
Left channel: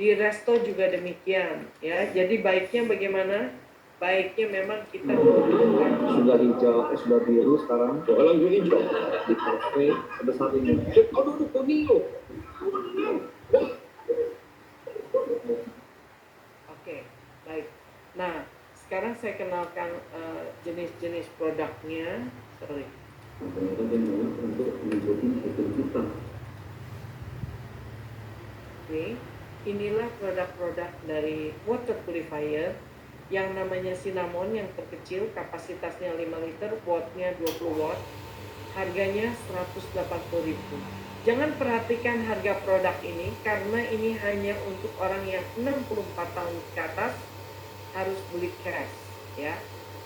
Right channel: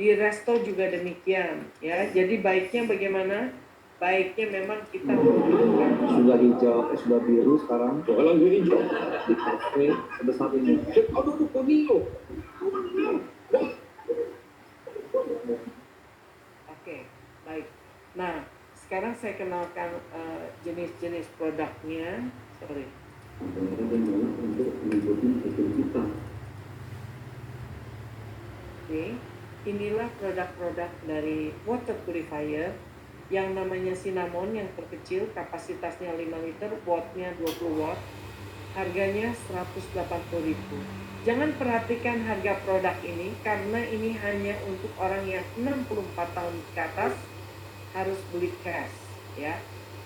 di resto juga demikian, ya. Jadi baiknya bagaimana? Baiknya memang kita menggunakan Sudah hijau, sudah biru sekarang. Jualan gue hijau di kafe sebesar ini. Aduh, pemilu. Oke, baik. Nah, sekarang saya kenalkan jenis-jenis produknya. Sorry. Untuk mengikuti sistem kita. Oke, inilah produk-produk dari water purifier yang namanya Cinnamon, yang terkecil, kapasitasnya 5 liter, wattnya 20 watt, harganya 180.000. Jangan perhatikan harga produk ini, karena ini hanya untuk orang yang 64 tahun ke atas, harus beli cash, ya.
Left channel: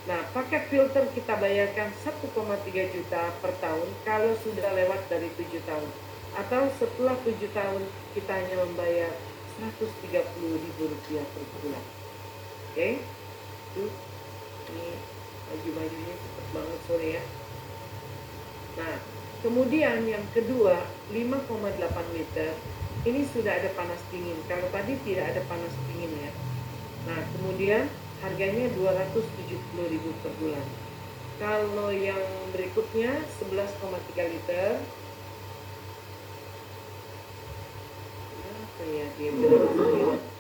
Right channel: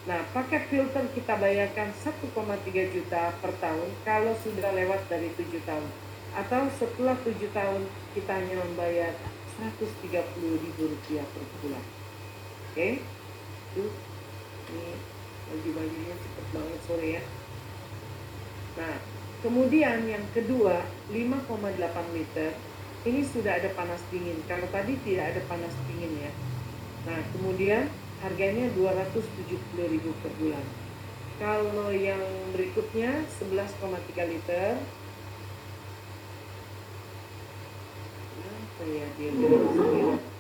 Nah, paket filter kita bayarkan 1,3 juta per tahun kalau sudah lewat dari 7 tahun. Atau setelah 7 tahun kita hanya membayar 130.000 rupiah per bulan. Oke, itu ini baju-bajunya cepet banget sore ya. Nah, kemudian yang kedua 5,8 liter ini sudah ada panas dingin. Kalau tadi tidak ada panas dingin ya. Nah, kemudian harganya 270.000 per bulan. Kalau yang berikutnya 11,3 liter. Apa ya dia?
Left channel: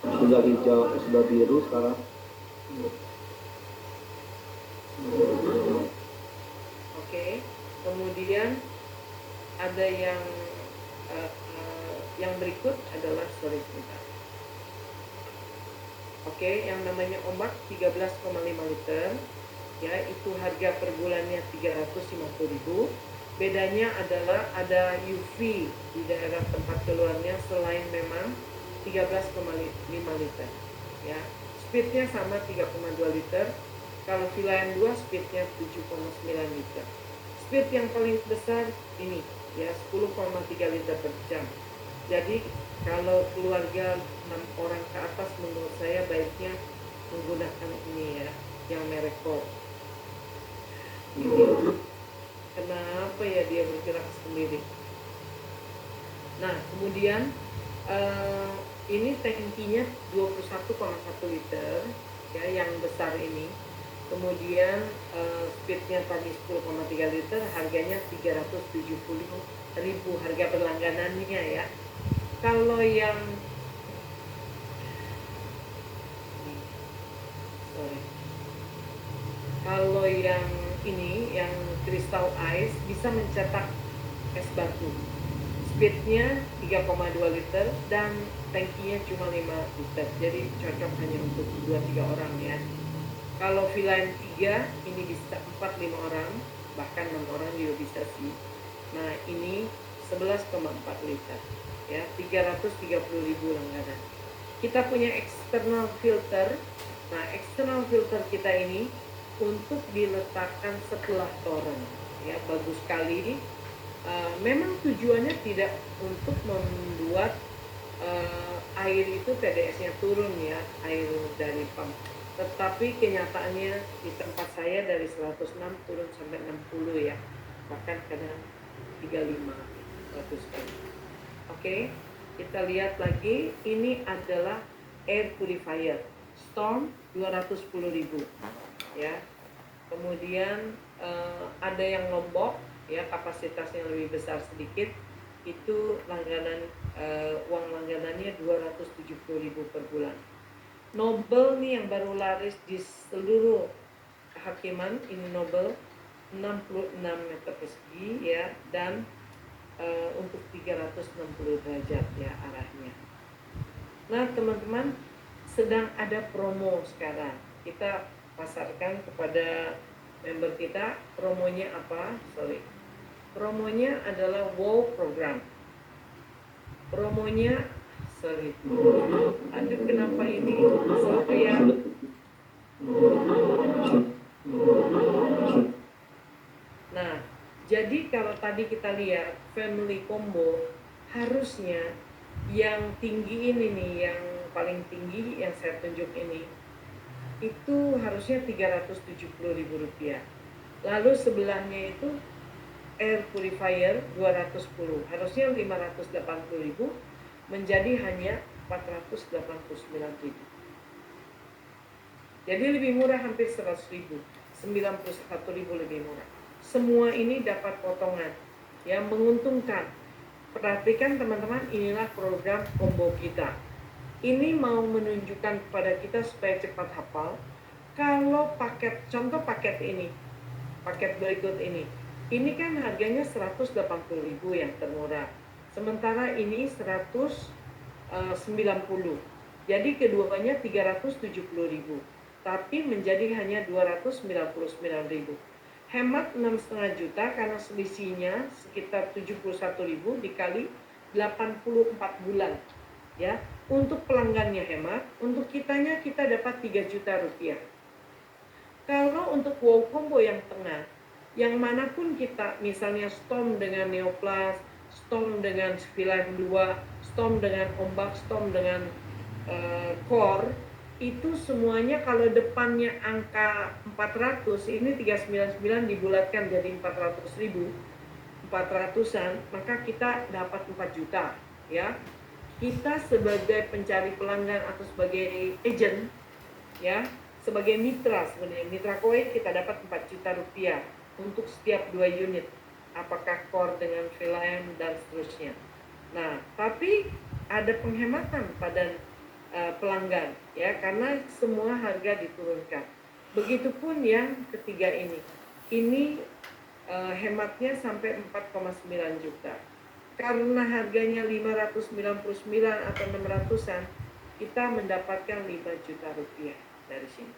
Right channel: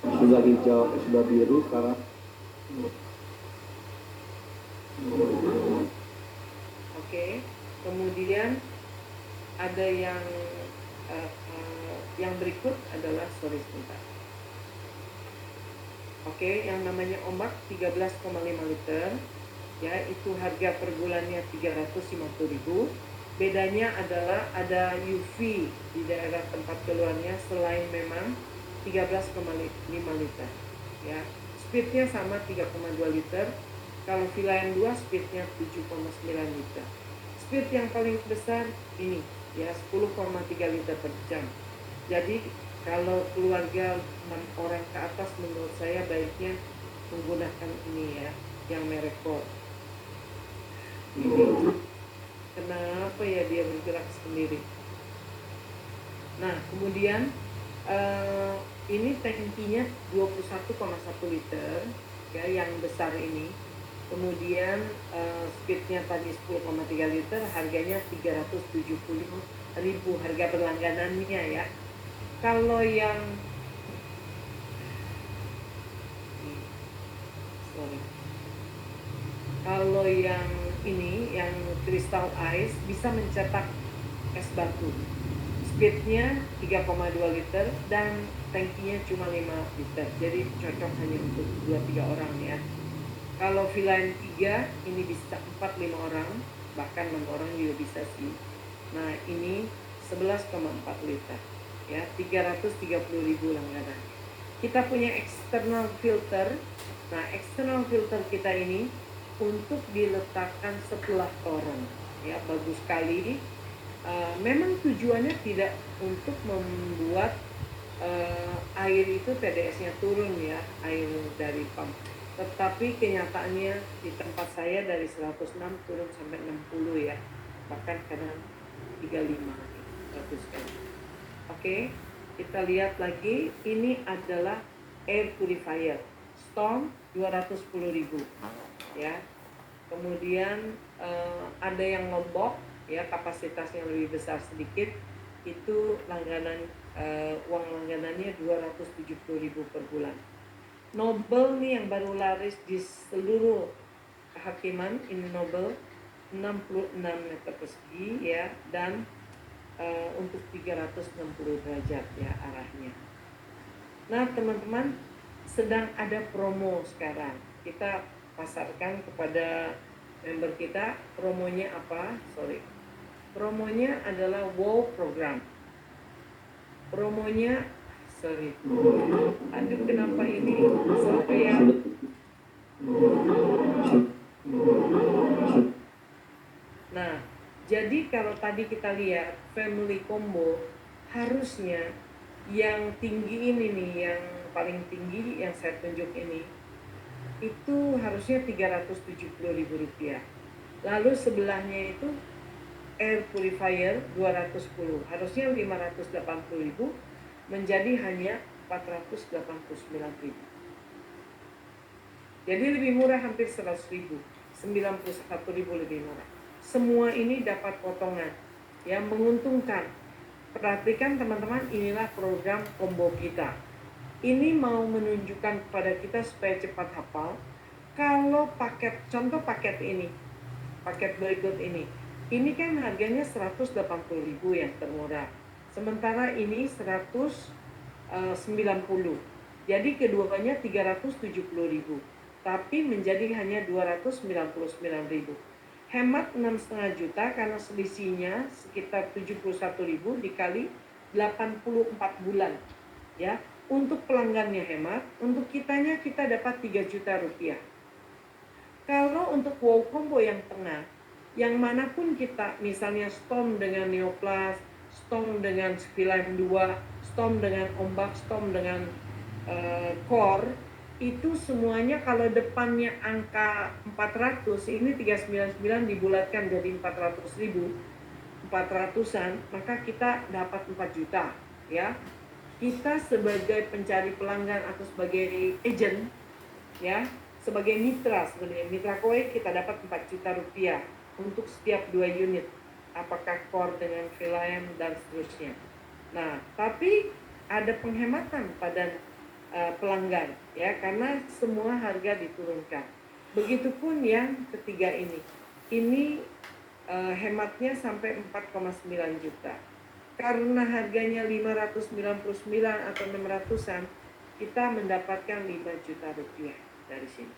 Sudah hijau, sudah biru sekarang. Oke, kemudian ada yang berikut adalah, sorry sebentar. Oke, yang namanya ombak 13,5 liter, ya, itu harga per bulannya 350.000. Bedanya adalah ada UV di daerah tempat keluarnya selain memang 13,5 liter ya. Speednya sama 3,2 liter. Kalau Vilayan 2 speednya 7,9 liter. Speed yang paling besar ini ya 10,3 liter per jam. Jadi kalau keluarga 6 orang ke atas menurut saya baiknya menggunakan ini ya, yang merek Ford. Kenapa ya dia bergerak sendiri? Nah, kemudian ini tangkinya 21,1 liter ya, yang besar ini. Kemudian speednya tadi 10,3 liter, harganya 370.000 harga berlangganannya ya. Kalau yang kalau yang ini, yang Crystal Ice bisa mencetak es batu. Speednya 3,2 liter dan tangkinya cuma 5 liter. Jadi cocok hanya untuk 2-3 orang ya. Kalau Vilayan 3 ini bisa 4-5 orang, bahkan 6 orang juga bisa sih. Nah, ini 11,4 liter ya, 330.000 langganan. Kita punya external filter. Nah, external filter kita ini untuk diletakkan setelah toren ya, bagus sekali. Memang tujuannya tidak untuk membuat air itu TDS-nya turun ya, air dari pump. Tetapi kenyataannya di tempat saya dari 106 turun sampai 60 ya, bahkan kadang 35 100 kali. Oke, kita lihat lagi, ini adalah air purifier Storm 210.000 ya. Kemudian ada yang Lombok ya, kapasitasnya lebih besar sedikit, itu langganan uang langganannya 270.000 per bulan. Nobel nih yang baru laris di seluruh kehakiman, ini Nobel 66 meter persegi ya, dan untuk 360 derajat ya arahnya. Nah teman-teman, sedang ada promo sekarang. Kita pasarkan kepada member kita. Promonya apa? Promonya adalah WOW program. Promonya, aduh kenapa ini saya. Nah, jadi kalau tadi kita lihat family combo, harusnya yang tinggi ini nih, yang paling tinggi yang saya tunjuk ini, itu harusnya 370.000 rupiah. Lalu sebelahnya itu air purifier 210, harusnya 580.000, menjadi hanya 489.000. Jadi lebih murah, hampir 100.000, 91.000 lebih murah. Semua ini dapat potongan yang menguntungkan. Perhatikan teman-teman, inilah program combo kita. Ini mau menunjukkan kepada kita supaya cepat hafal. Kalau paket, contoh paket ini, paket berikut ini kan harganya 180.000 yang termurah. Sementara ini 190. Jadi keduanya 370.000. Tapi menjadi hanya 299.000. Hemat 6,5 juta karena selisihnya sekitar 71.000 dikali 84 bulan. Ya, untuk pelanggannya hemat, untuk kitanya kita dapat 3 juta rupiah. Kalau untuk WOW combo yang tengah, yang manapun kita, misalnya Storm dengan Neoplas, Storm dengan Vilayan 2, Storm dengan Ombak, Storm dengan Core, itu semuanya kalau depannya angka 400, ini 399 dibulatkan jadi 400.000, 400-an, maka kita dapat 4 juta ya. Kita sebagai pencari pelanggan atau sebagai agent ya, sebagai mitra, sebenarnya mitra koin, kita dapat 4 juta rupiah untuk setiap 2 unit, apakah Core dengan Vilayan dan seterusnya. Nah, tapi ada penghematan pada pelanggan ya, karena semua harga diturunkan. Begitupun yang ketiga ini hematnya sampai 4,9 juta. Karena harganya 599 atau 600-an, kita mendapatkan 5 juta rupiah dari sini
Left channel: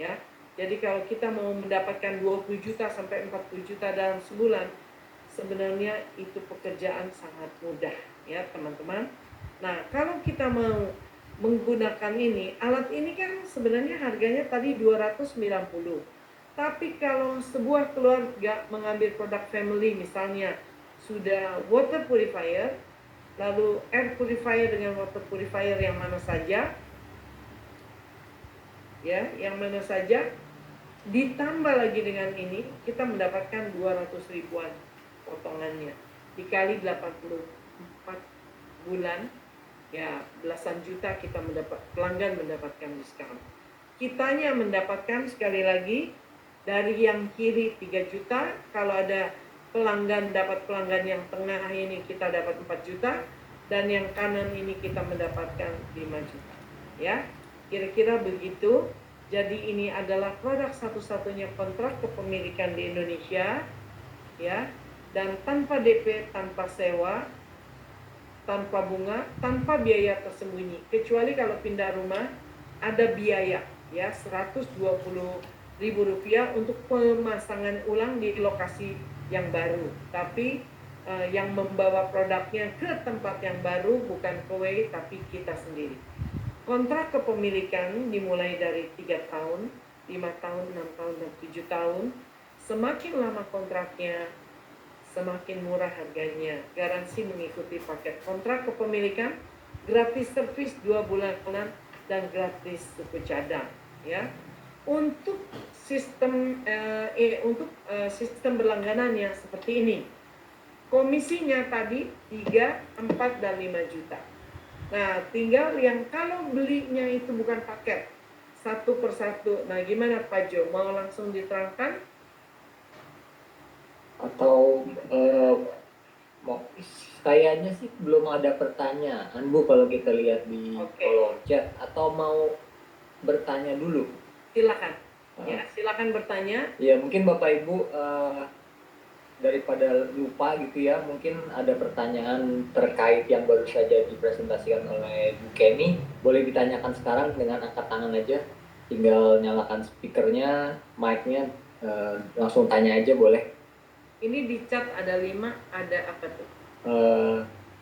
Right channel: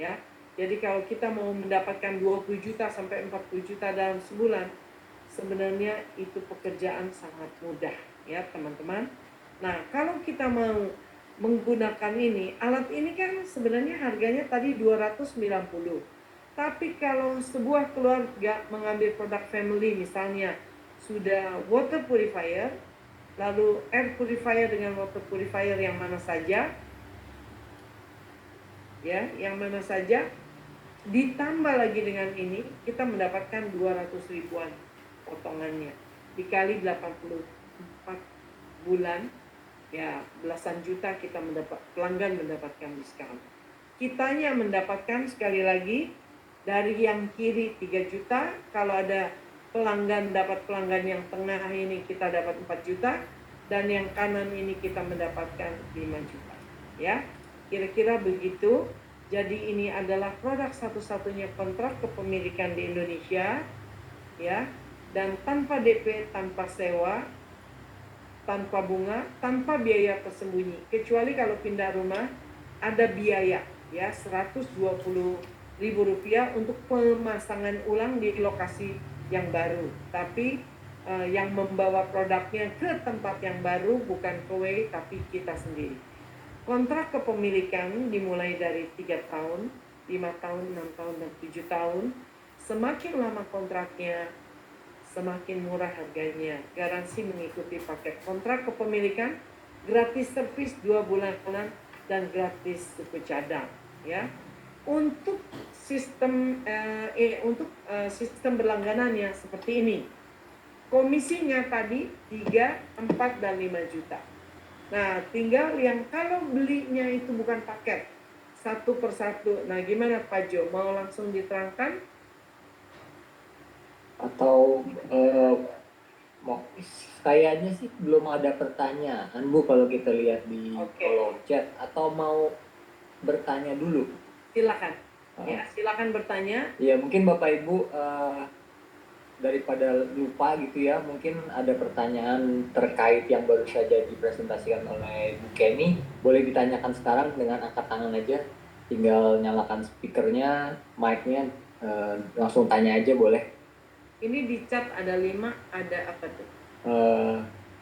ya. Jadi kalau kita mau mendapatkan 20 juta sampai 40 juta dalam sebulan, sebenarnya itu pekerjaan sangat mudah ya teman-teman. Nah kalau kita mau menggunakan ini, alat ini kan sebenarnya harganya tadi 290. Tapi kalau sebuah keluarga mengambil produk family misalnya sudah water purifier, lalu air purifier dengan water purifier yang mana saja, ya, yang mana saja, ditambah lagi dengan ini, kita mendapatkan 200 ribuan potongannya. Dikali 84 bulan, ya belasan juta kita pelanggan mendapatkan diskon. Kitanya mendapatkan sekali lagi dari yang kiri 3 juta, kalau ada pelanggan dapat pelanggan yang tengah ini kita dapat 4 juta, dan yang kanan ini kita mendapatkan 5 juta. Ya, kira-kira begitu. Jadi ini adalah produk satu-satunya kontrak kepemilikan di Indonesia, ya, dan tanpa DP, tanpa sewa, tanpa bunga, tanpa biaya tersembunyi. Kecuali kalau pindah rumah ada biaya, ya, Rp120.000 untuk pemasangan ulang di lokasi yang baru. Tapi yang membawa produknya ke tempat yang baru bukan Kowei, tapi kita sendiri. Kontrak kepemilikan dimulai dari 3 tahun, 5 tahun, 6 tahun, dan 7 tahun. Semakin lama kontraknya, semakin murah harganya. Garansi mengikuti paket kontrak kepemilikan, gratis servis 2 bulanan, dan gratis suku cadang. Ya, untuk sistem sistem berlangganannya seperti ini. Komisinya tadi 3, 4, dan 5 juta. Nah, tinggal yang kalau belinya itu bukan paket, satu persatu. Nah, gimana Pak Jo? Mau langsung diterangkan? Atau kayaknya sih belum ada pertanyaan Bu kalau kita lihat di kolom chat, atau mau bertanya dulu? Silakan. Ya, silakan bertanya. Ya, mungkin Bapak Ibu daripada lupa gitu ya, mungkin ada pertanyaan terkait yang baru saja dipresentasikan oleh Bu Kenny, boleh ditanyakan sekarang dengan angkat tangan aja, tinggal nyalakan speakernya, mic-nya, langsung tanya aja boleh. Ini di chat ada 5, ada apa tuh?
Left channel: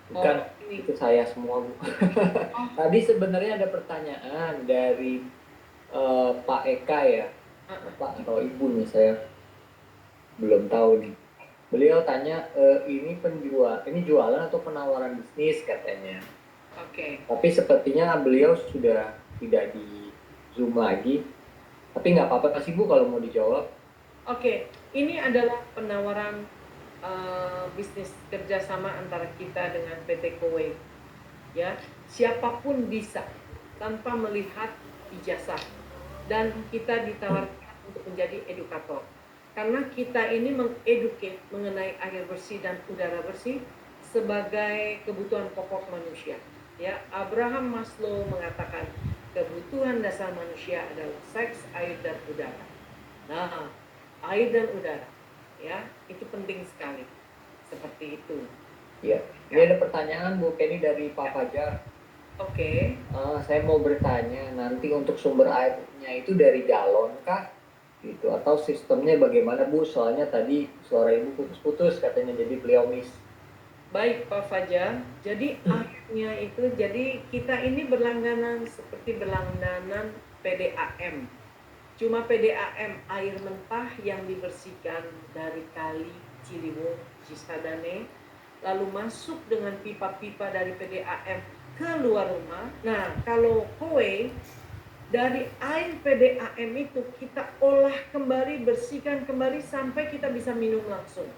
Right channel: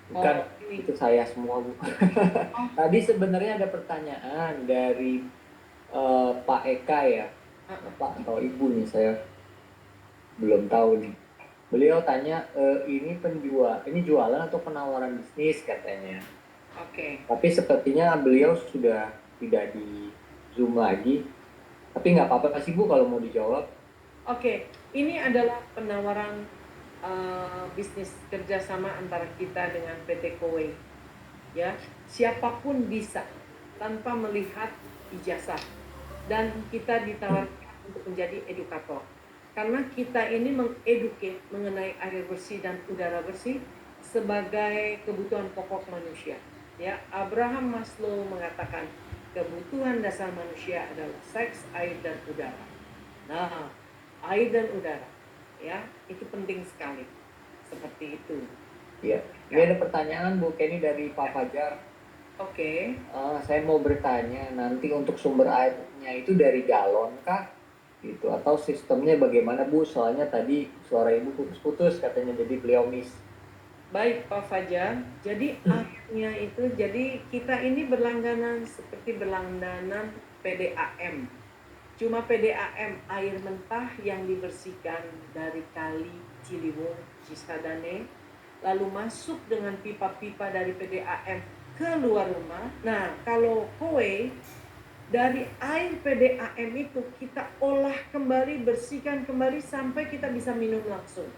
Bukan, itu saya semua Bu. Tadi sebenarnya ada pertanyaan dari Pak Eka ya, Pak atau Ibu nih, saya belum tahu nih. Beliau tanya, ini jualan atau penawaran bisnis katanya. Oke. Tapi sepertinya beliau sudah tidak di Zoom lagi. Tapi nggak apa-apa sih Bu kalau mau dijawab. Oke, ini adalah penawaran bisnis kerjasama antara kita dengan PT Kowei. Ya, siapapun bisa tanpa melihat ijazah, dan kita ditawarkan untuk menjadi edukator. Karena kita ini mengeduket mengenai air bersih dan udara bersih sebagai kebutuhan pokok manusia. Ya, Abraham Maslow mengatakan kebutuhan dasar manusia adalah seks, air, dan udara. Nah, air dan udara, ya, itu penting sekali. Seperti itu. Iya. Ini ada pertanyaan Bu Kenny dari Pak Fajar. Oke. Saya mau bertanya, nanti untuk sumber airnya itu dari galon kah? Gitu, atau sistemnya bagaimana Bu? Soalnya tadi suara Ibu putus-putus katanya, jadi beliau miss. Baik Pak Fajar, jadi airnya itu, jadi kita ini berlangganan seperti berlangganan PDAM. Cuma PDAM air mentah yang dibersihkan dari kali Ciliwung, Cisadane, lalu masuk dengan pipa-pipa dari PDAM ke luar rumah. Nah, kalau Kowei, dari air PDAM itu kita olah kembali, bersihkan kembali sampai kita bisa minum langsung.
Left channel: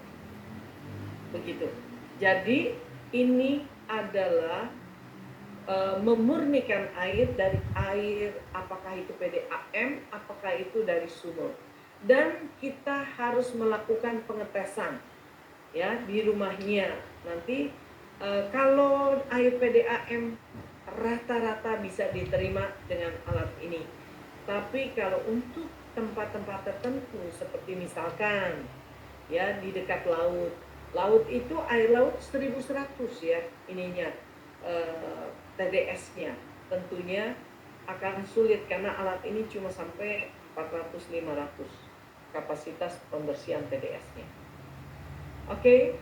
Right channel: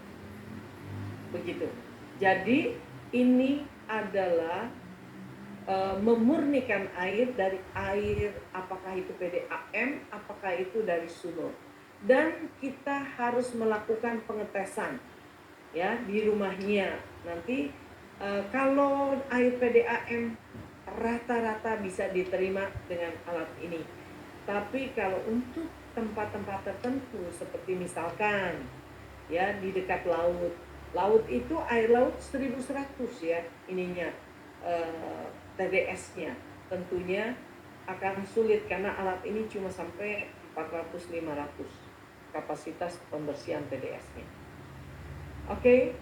Begitu. Jadi ini adalah memurnikan air dari air, apakah itu PDAM, apakah itu dari sumur. Dan kita harus melakukan pengetesan ya di rumahnya. Nanti kalau air PDAM rata-rata bisa diterima dengan alat ini. Tapi kalau untuk tempat-tempat tertentu seperti misalkan ya di dekat laut, laut itu air laut 1100 ya ininya TDS-nya, tentunya akan sulit karena alat ini cuma sampai 400-500 kapasitas pembersihan TDS-nya. Oke,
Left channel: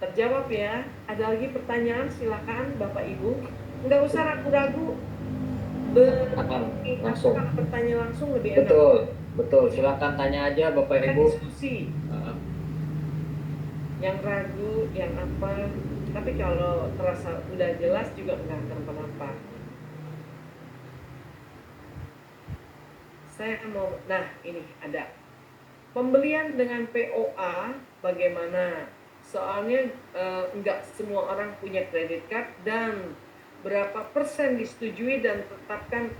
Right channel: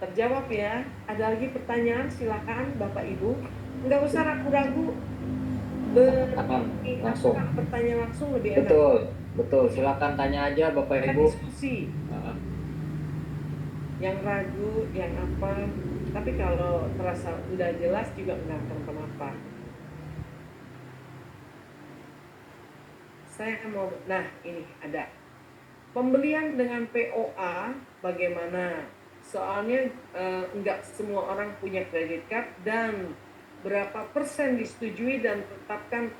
terjawab ya. Ada lagi pertanyaan, silakan Bapak Ibu. Nggak usah ragu-ragu. Langsung. Kalau bertanya langsung lebih enak. Betul, betul. Silakan tanya aja Bapak Kita Ibu. diskusi. Yang ragu, yang apa. Tapi kalau terasa udah jelas juga nggak akan kenapa. Saya mau, nah ini ada. Pembelian dengan POA bagaimana? Soalnya nggak semua orang punya kredit card dan berapa persen disetujui dan tetapkan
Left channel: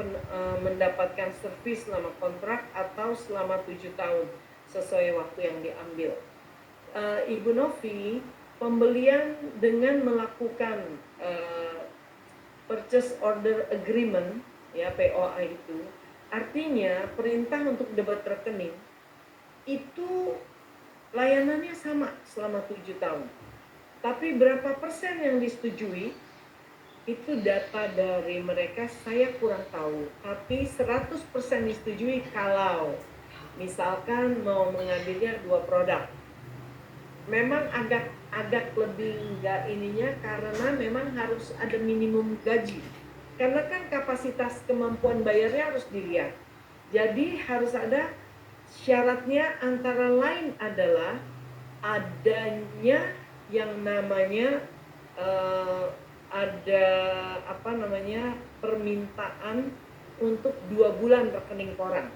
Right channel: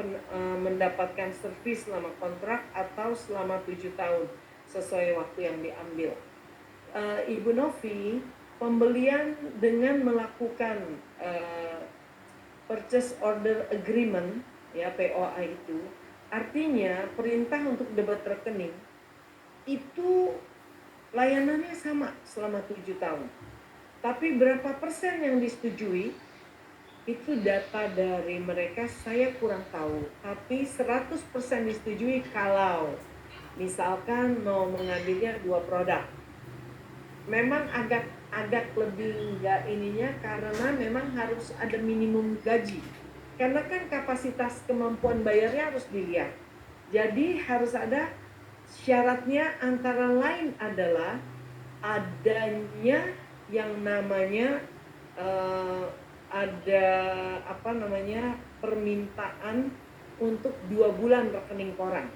mendapatkan servis selama kontrak atau selama 7 tahun sesuai waktu yang diambil. Ibu Novi, pembelian dengan melakukan purchase order agreement ya POA itu artinya perintah untuk debit rekening itu layanannya sama selama 7 tahun. Tapi berapa persen yang disetujui, itu data dari mereka saya kurang tahu. Tapi 100% disetujui kalau misalkan mau mengambilnya 2 produk. Memang agak lebih enggak ininya karena memang harus ada minimum gaji. Karena kan kapasitas kemampuan bayarnya harus dilihat. Jadi harus ada syaratnya antara lain adalah adanya yang namanya ada permintaan untuk 2 bulan rekening koran.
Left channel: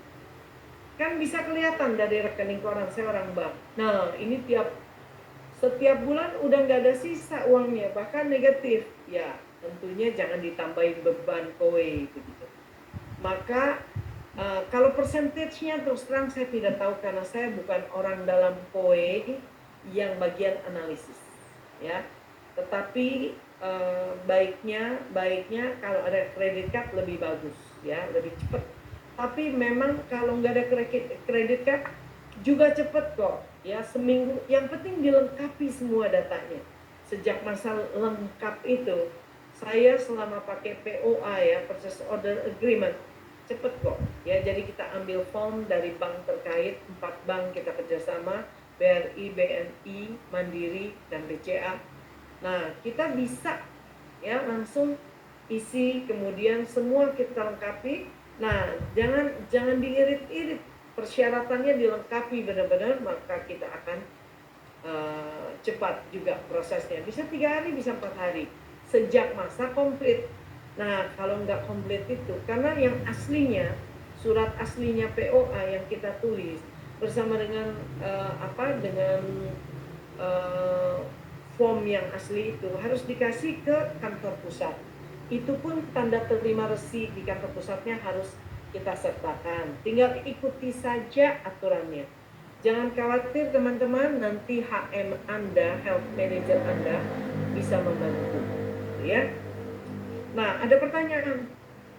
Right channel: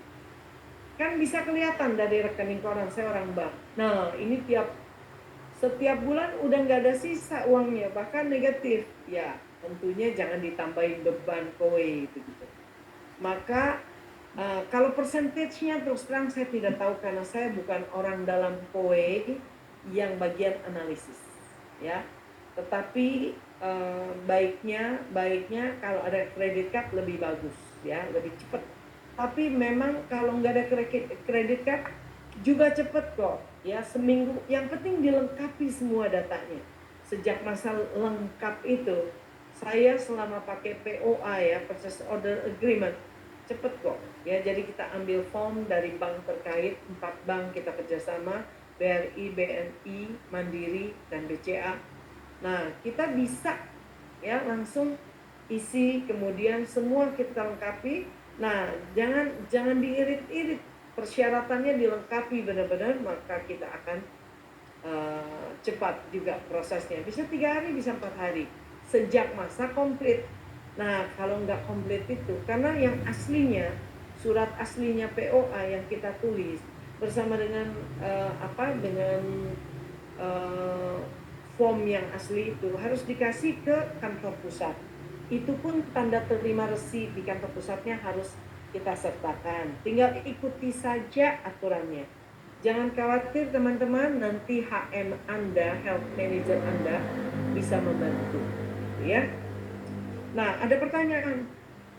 Kan bisa kelihatan dari rekening koran, saya orang bank. Nah ini setiap bulan udah nggak ada sisa uangnya, bahkan negatif. Ya tentunya jangan ditambahin beban kowe gitu. Maka kalau persentasenya terus terang saya tidak tahu karena saya bukan orang dalam KOE yang bagian analisis, ya. Tetapi baiknya kalau ada kredit card lebih bagus, ya, lebih cepat. Tapi memang kalau nggak ada kredit card juga cepat kok, ya, seminggu. Yang penting dilengkapi semua datanya. Sejak masa lengkap itu, saya selama pakai POA ya, Purchase Order Agreement, cepet kok ya. Jadi kita ambil form dari bank terkait, 4 bank kita kerjasama, BRI, BNI, Mandiri, dan BCA. Nah kita bisa ya langsung isi, kemudian semua kita lengkapi. Nah jangan diirit-irit, persyaratannya dilengkapi benar-benar, maka kita akan cepat juga prosesnya. Bisa 3 hari, bisa 4 hari sejak masa komplit. Nah, kalau nggak komplit itu, karena yang aslinya, surat aslinya POA yang kita tulis bersama dengan form yang asli itu harus dikasih ke kantor pusat. Itu pun tanda terima resi di kantor pusatnya harus kita sertakan. Tinggal ikuti saja aturannya. Jangan khawatir teman-teman, nanti HM Anda, Health Manager Anda bisa membantu. Ya. Nah, ada pertanyaan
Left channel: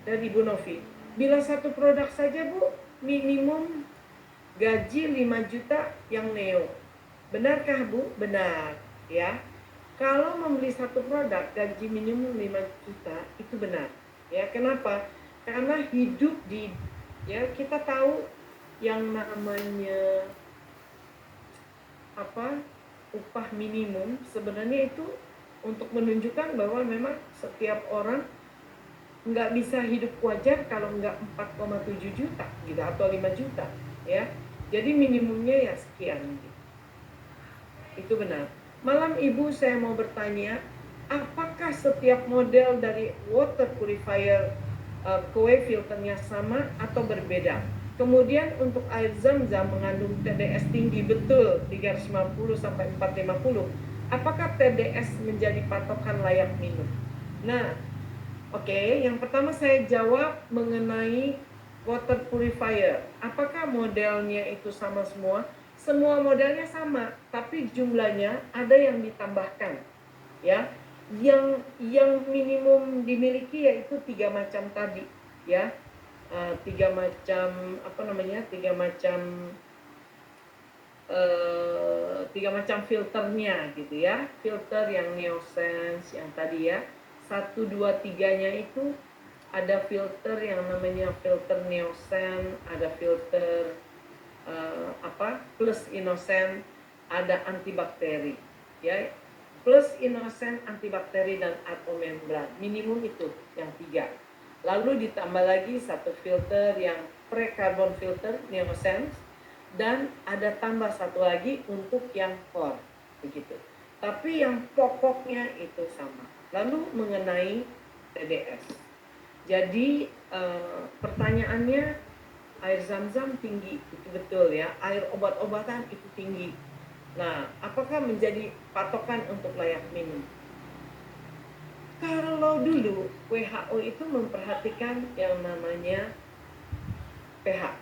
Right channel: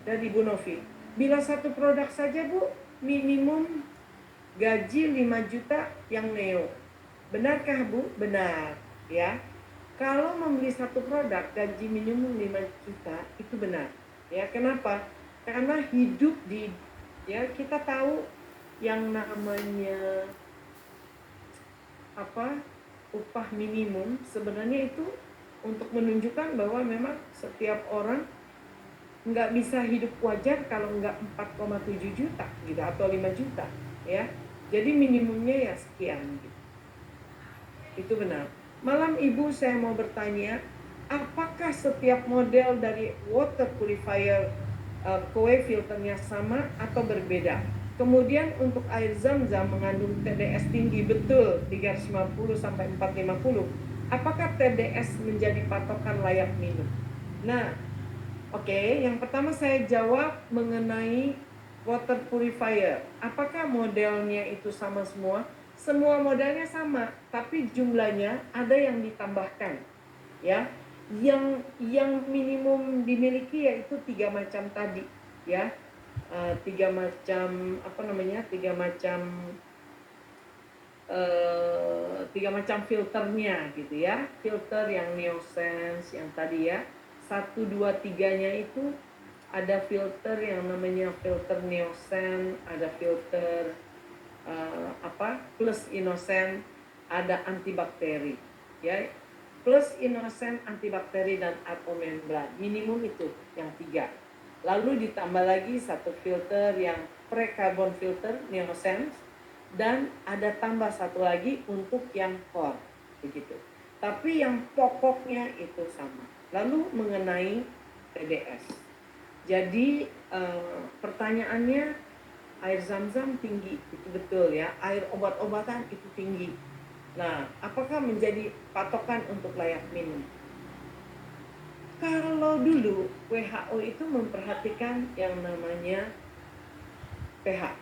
dari Bu Novi. Bila satu produk saja, Bu, minimum gaji 5 juta yang neo. Benarkah, Bu? Benar, ya. Kalau membeli satu produk gaji minimum 5 juta itu benar. Ya, kenapa? Karena hidup kita tahu yang namanya upah minimum sebenarnya itu untuk menunjukkan bahwa memang setiap orang nggak bisa hidup wajar kalau nggak 4,7 juta gitu atau 5 juta ya. Jadi minimumnya ya sekian gitu. Itu benar. Malam Ibu saya mau bertanya, apakah setiap model dari water purifier KOE filternya sama atau berbeda? Kemudian untuk air zam-zam mengandung TDS tinggi betul 350 sampai 450. Apakah TDS menjadi patokan layak minum? Nah, oke, yang pertama saya jawab mengenai water purifier. Apakah modelnya itu sama semua? Semua modelnya sama, tapi jumlahnya ada yang ditambahkan. Ya, yang minimum dimiliki yaitu 3 macam tadi, ya. 3 macam filternya gitu ya. Filter yang Neosense yang tadi ya. 1, 2, 3-nya itu ada filter yang namanya filter Neosen, ada filter plus Innocent, ada antibakteri. ya, plus inosen, antibakteri dan atmemembran. Minimum itu yang 3. Lalu ditambah lagi satu filter yang pre-carbon filter Neosense, dan ada tambah satu lagi untuk yang core begitu. Tapi yang pokoknya itu sama. Lalu mengenai TDS. Jadi pertanyaannya, air zam-zam tinggi, itu betul ya. Air obat-obatan itu tinggi. Nah, apakah menjadi patokan untuk layak minum? Kalau dulu WHO itu memperhatikan yang namanya pH.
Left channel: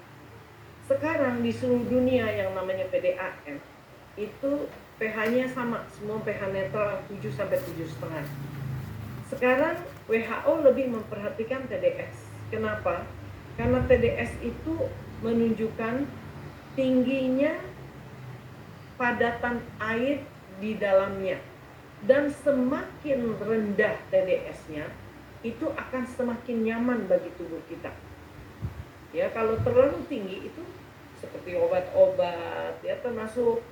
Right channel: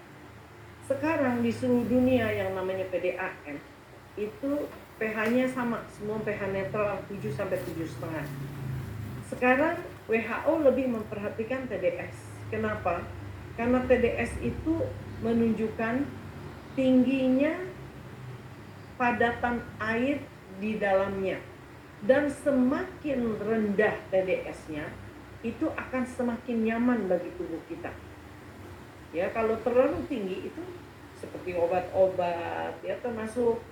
Sekarang di seluruh dunia yang namanya PDAM itu pH-nya sama, semua pH netral 7 sampai 7,5. Sekarang WHO lebih memperhatikan TDS. Kenapa? Karena TDS itu menunjukkan tingginya padatan air di dalamnya, dan semakin rendah TDS-nya itu akan semakin nyaman bagi tubuh kita. Ya, kalau terlalu tinggi itu seperti obat-obat ya, termasuk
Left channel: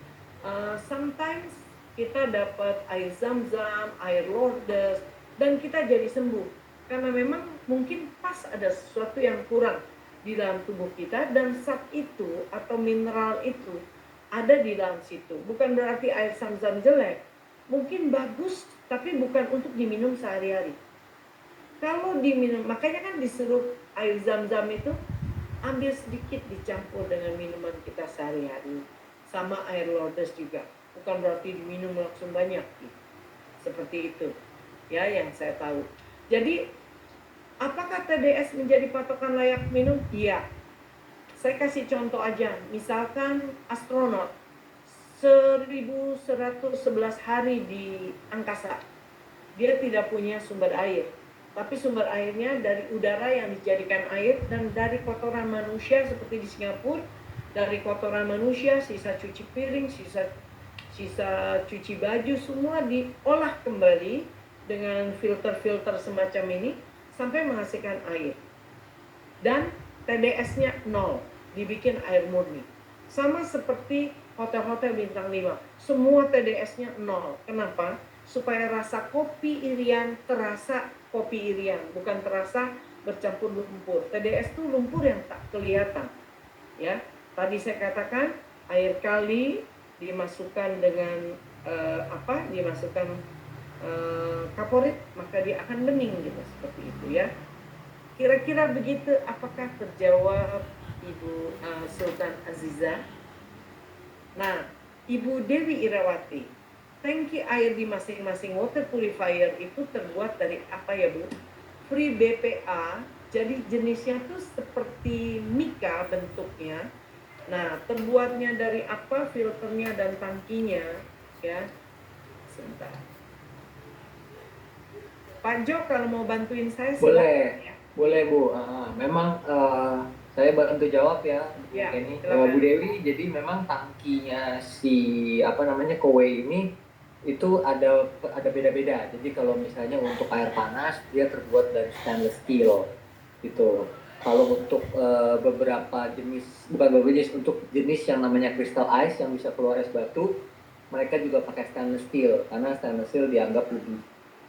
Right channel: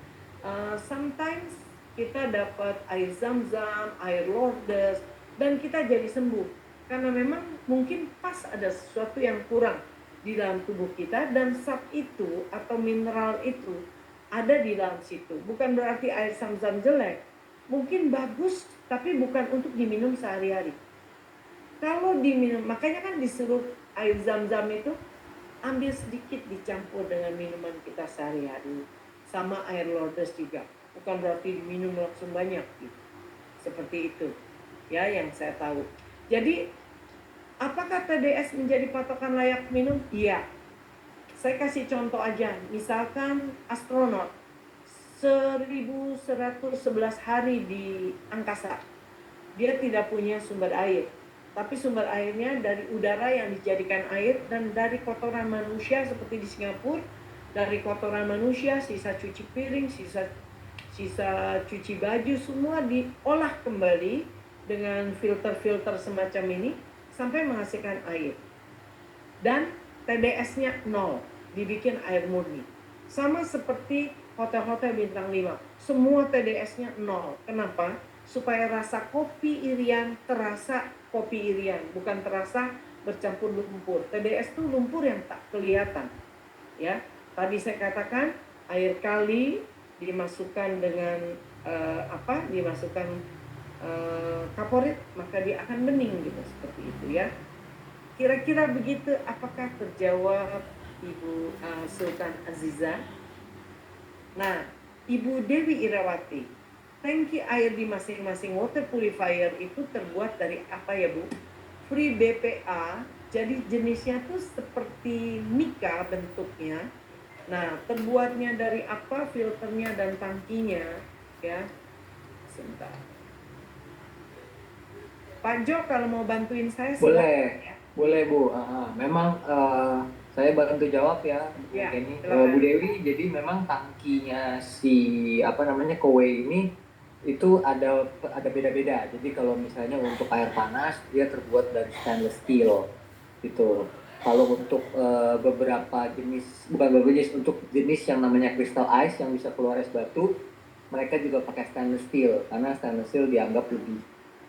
sometimes kita dapat air zam-zam, air Lourdes, dan kita jadi sembuh karena memang mungkin pas ada sesuatu yang kurang di dalam tubuh kita, dan zat itu atau mineral itu ada di dalam situ. Bukan berarti air zam-zam jelek, mungkin bagus tapi bukan untuk diminum sehari-hari. Kalau diminum, makanya kan disuruh air zam-zam itu ambil sedikit dicampur dengan minuman kita sehari-hari, sama air Lourdes juga. Bukan berarti diminum langsung banyak gitu. Seperti itu ya yang saya tahu. Jadi apakah TDS menjadi patokan layak minum? Iya. Saya kasih contoh aja, misalkan astronot 1111 hari di angkasa, dia tidak punya sumber air, tapi sumber airnya dari udara yang dijadikan air dan dari kotoran manusia seperti di Singapura, dari kotoran manusia, sisa cuci piring, sisa cuci baju, semua diolah kembali dengan filter-filter semacam ini sampai menghasilkan air. Dan TDS-nya 0, dibikin air murni. Sama seperti hotel-hotel bintang 5, semua TDS-nya 0. Kenapa? Supaya rasa kopi Irian terasa kopi Irian, bukan terasa bercampur lumpur. TDS itu lumpur yang tak kelihatan. Ya, tadi saya katakan air kali dimasukkan dengan dimasukkan kaporit, maka dia akan bening gitu, seperti itu ya. Kira-kira begitu, apakah terjawab Ibu Sultan Aziza? Nah, Ibu Dewi Irawati, tangki air di masing-masing water purifier itu terbuat dari apa ya Bu? Free BPA, jadi jenisnya tuh seperti mika bentuknya. Nah, terbuatnya dari apa? Filternya dan tangkinya ya. Sebentar. Pak Jo kalau mau bantuin saya Boleh. ya. Boleh Bu. Memang saya bantu jawab ya Bu Ya, Kenny. silakan. Bu Dewi, jadi memang tangkinya si Kowe ini itu ada beda-beda. Jadi kalau misalnya untuk air panas dia terbuat dari stainless steel gitu. Kalau untuk beberapa jenis, bukan beberapa jenis, untuk jenis yang namanya crystal ice yang bisa keluar es batu, mereka juga pakai stainless steel karena stainless steel dianggap lebih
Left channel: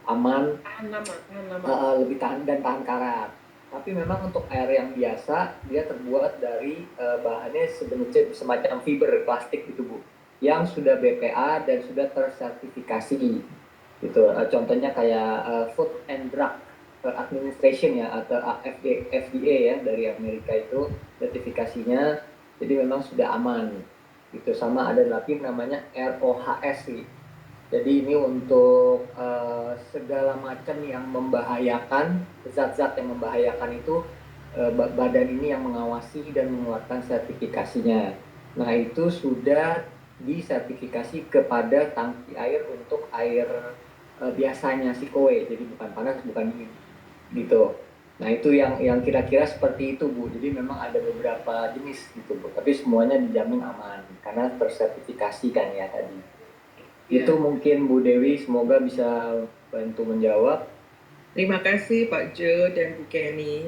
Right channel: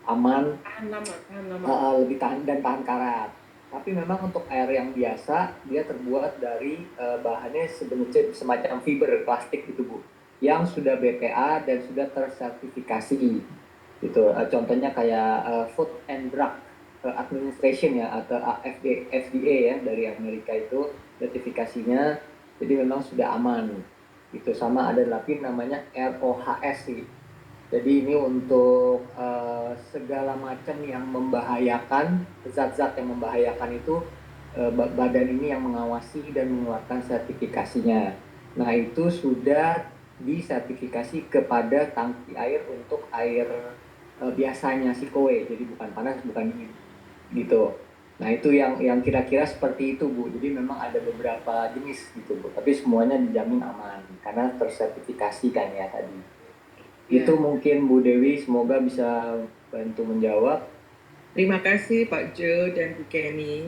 aman, Tahan lama. lebih tahan dan tahan karat. Tapi memang untuk air yang biasa dia terbuat dari bahannya sebenarnya semacam fiber plastik gitu Bu, yang sudah BPA dan sudah tersertifikasi gitu. Contohnya kayak Food and Drug Administration ya, atau FDA ya, dari Amerika itu sertifikasinya, jadi memang sudah aman gitu. Sama ada lagi namanya ROHS sih. Jadi ini untuk segala macam yang membahayakan, zat-zat yang membahayakan itu badan ini yang mengawasi dan mengeluarkan sertifikasinya. Nah itu sudah disertifikasi kepada tangki air untuk air biasanya si Kowe, jadi bukan panas, bukan dingin gitu. Nah itu yang kira-kira seperti itu Bu. Jadi memang ada beberapa jenis gitu Bu, tapi semuanya dijamin aman karena tersertifikasi kan ya tadi. Itu mungkin Bu Dewi, semoga bisa bantu menjawab. Terima kasih Pak Jo dan Bu Kenny.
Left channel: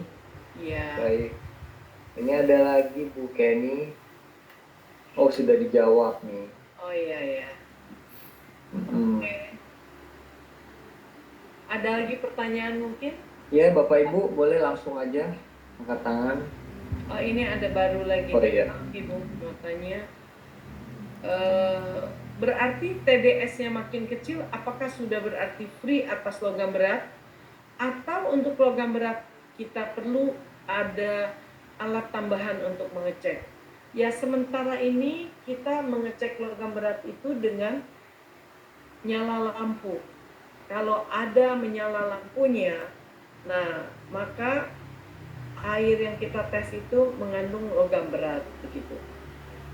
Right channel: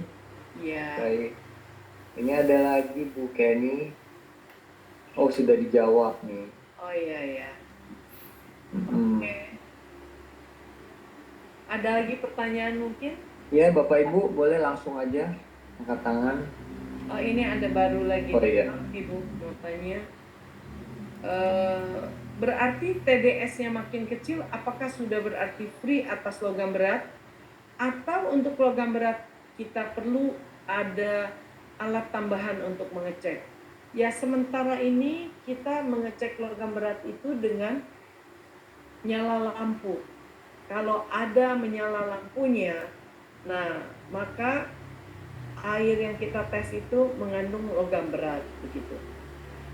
Ya. Baik. Ini ada lagi Bu Kenny. Oh sudah dijawab nih. Oh iya ya. Ada lagi pertanyaan mungkin? Ya, Bapak Ibu boleh langsung aja angkat tangan. Oh, ini ada baru lagi. Oh, iya. Ibu mau tanya. Berarti TDS-nya makin kecil, apakah sudah berarti free atas logam berat? Atau untuk logam berat kita perlu ada alat tambahan untuk mengecek? Ya, sementara ini kita mengecek logam berat itu dengan nyala lampu. Kalau ada menyala lampunya, nah maka air yang kita tes itu mengandung logam berat begitu.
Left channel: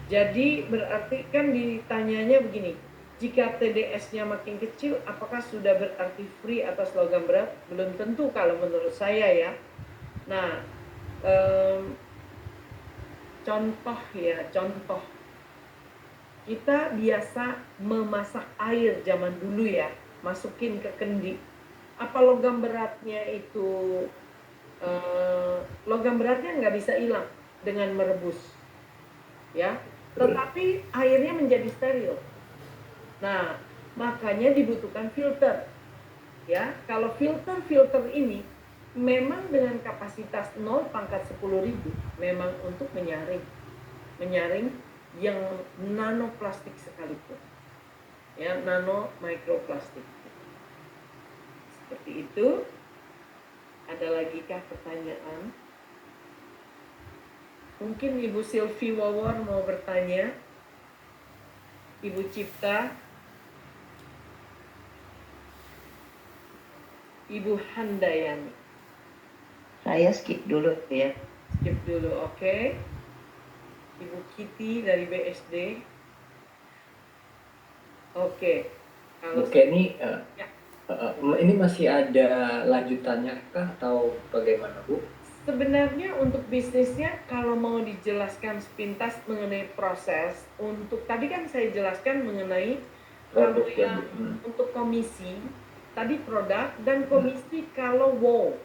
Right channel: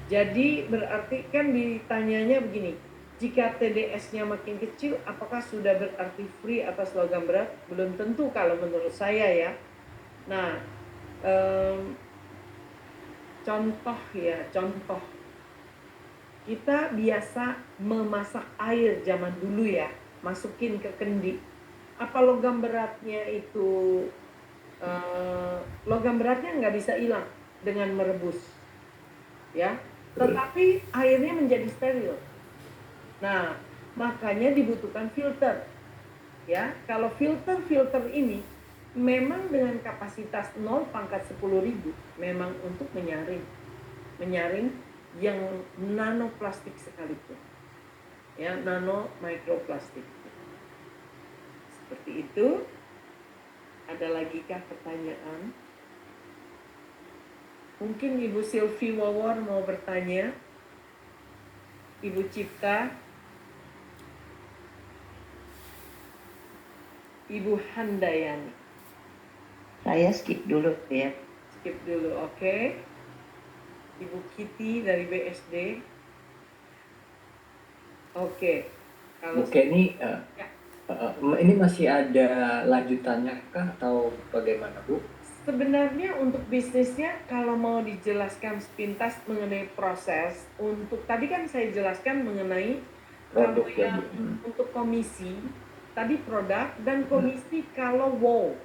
Jadi berarti kan ditanyanya begini, jika TDS-nya makin kecil, apakah sudah berarti free atas logam berat? Belum tentu kalau menurut saya ya. Nah, contoh. Kita biasa memasak air zaman dulu ya, masukin ke kendi. Apa logam beratnya itu, logam beratnya nggak bisa hilang dengan merebus. Ya, tetapi airnya menjadi steril. Nah, makanya dibutuhkan filter. Ya, kalau filter ini memang dengan kapasitas 0/10.000 memang untuk menyaring yang nanoplastik sekalipun. Ya, nano mikroplastik. Seperti itu. Ada lagi kah pertanyaan? Mungkin Ibu Sylvie Wawor mau bertanya. Ibu Cipta. Ibu Handayani. Saya skip dulu ya. Skip dulu, oke. Ibu Kitty dari BSD. Oke. Bu Kenny, Ya. ini masih ada lanjutannya kah atau bagaimana, Bu? Sebenarnya untuk bisnisnya kalau mau dijelaskan sepintas mengenai proses, untuk tadi kan saya jelaskan mengenai Produk kalau ya, yang Bu. untuk komisi, tadi produk dan komisi kalau wow.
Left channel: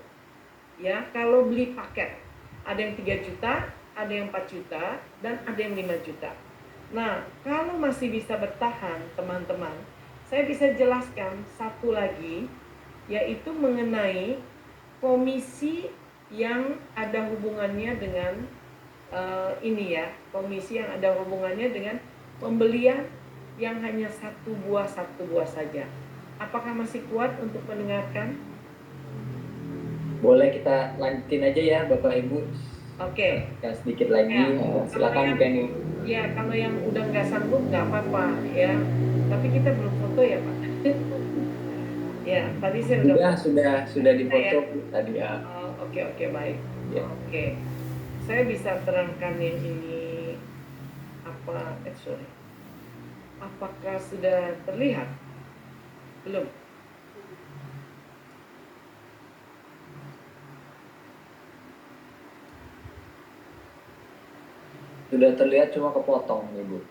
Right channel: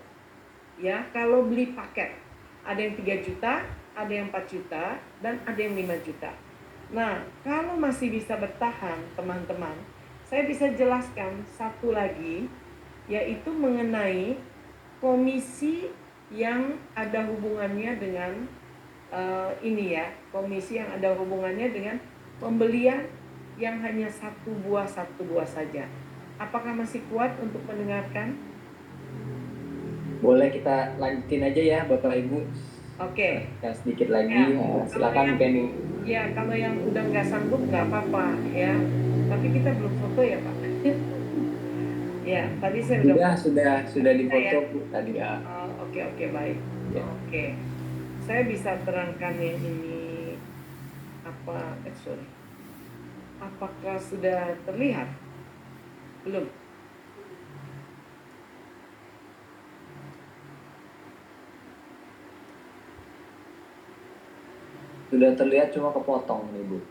Ya, kalau beli paket. Ada yang 3 juta, ada yang 4 juta, dan ada yang 5 juta. Nah, kalau masih bisa bertahan, teman-teman, saya bisa jelaskan satu lagi, yaitu mengenai komisi yang ada hubungannya dengan ini ya, komisi yang ada hubungannya dengan pembelian yang hanya satu buah saja. Apakah masih kuat untuk mendengarkan? Boleh kita lanjutin aja ya, Bapak Ibu. Oke. Ya, sedikit lagi. Ya. Silakan Bu Kenny. Ya, kalau yang udah nggak sanggup nggak apa-apa ya. Tapi kita belum foto ya Pak. Ya, tadi saya Sudah dipoto Bu tadi ya. Oke, baik. Ya. Oke. Saya bisa terangkan yang ini apa? Sorry. Apakah sudah terlihat? Belum. Sudah terlihat cuma kepotong nih Bu.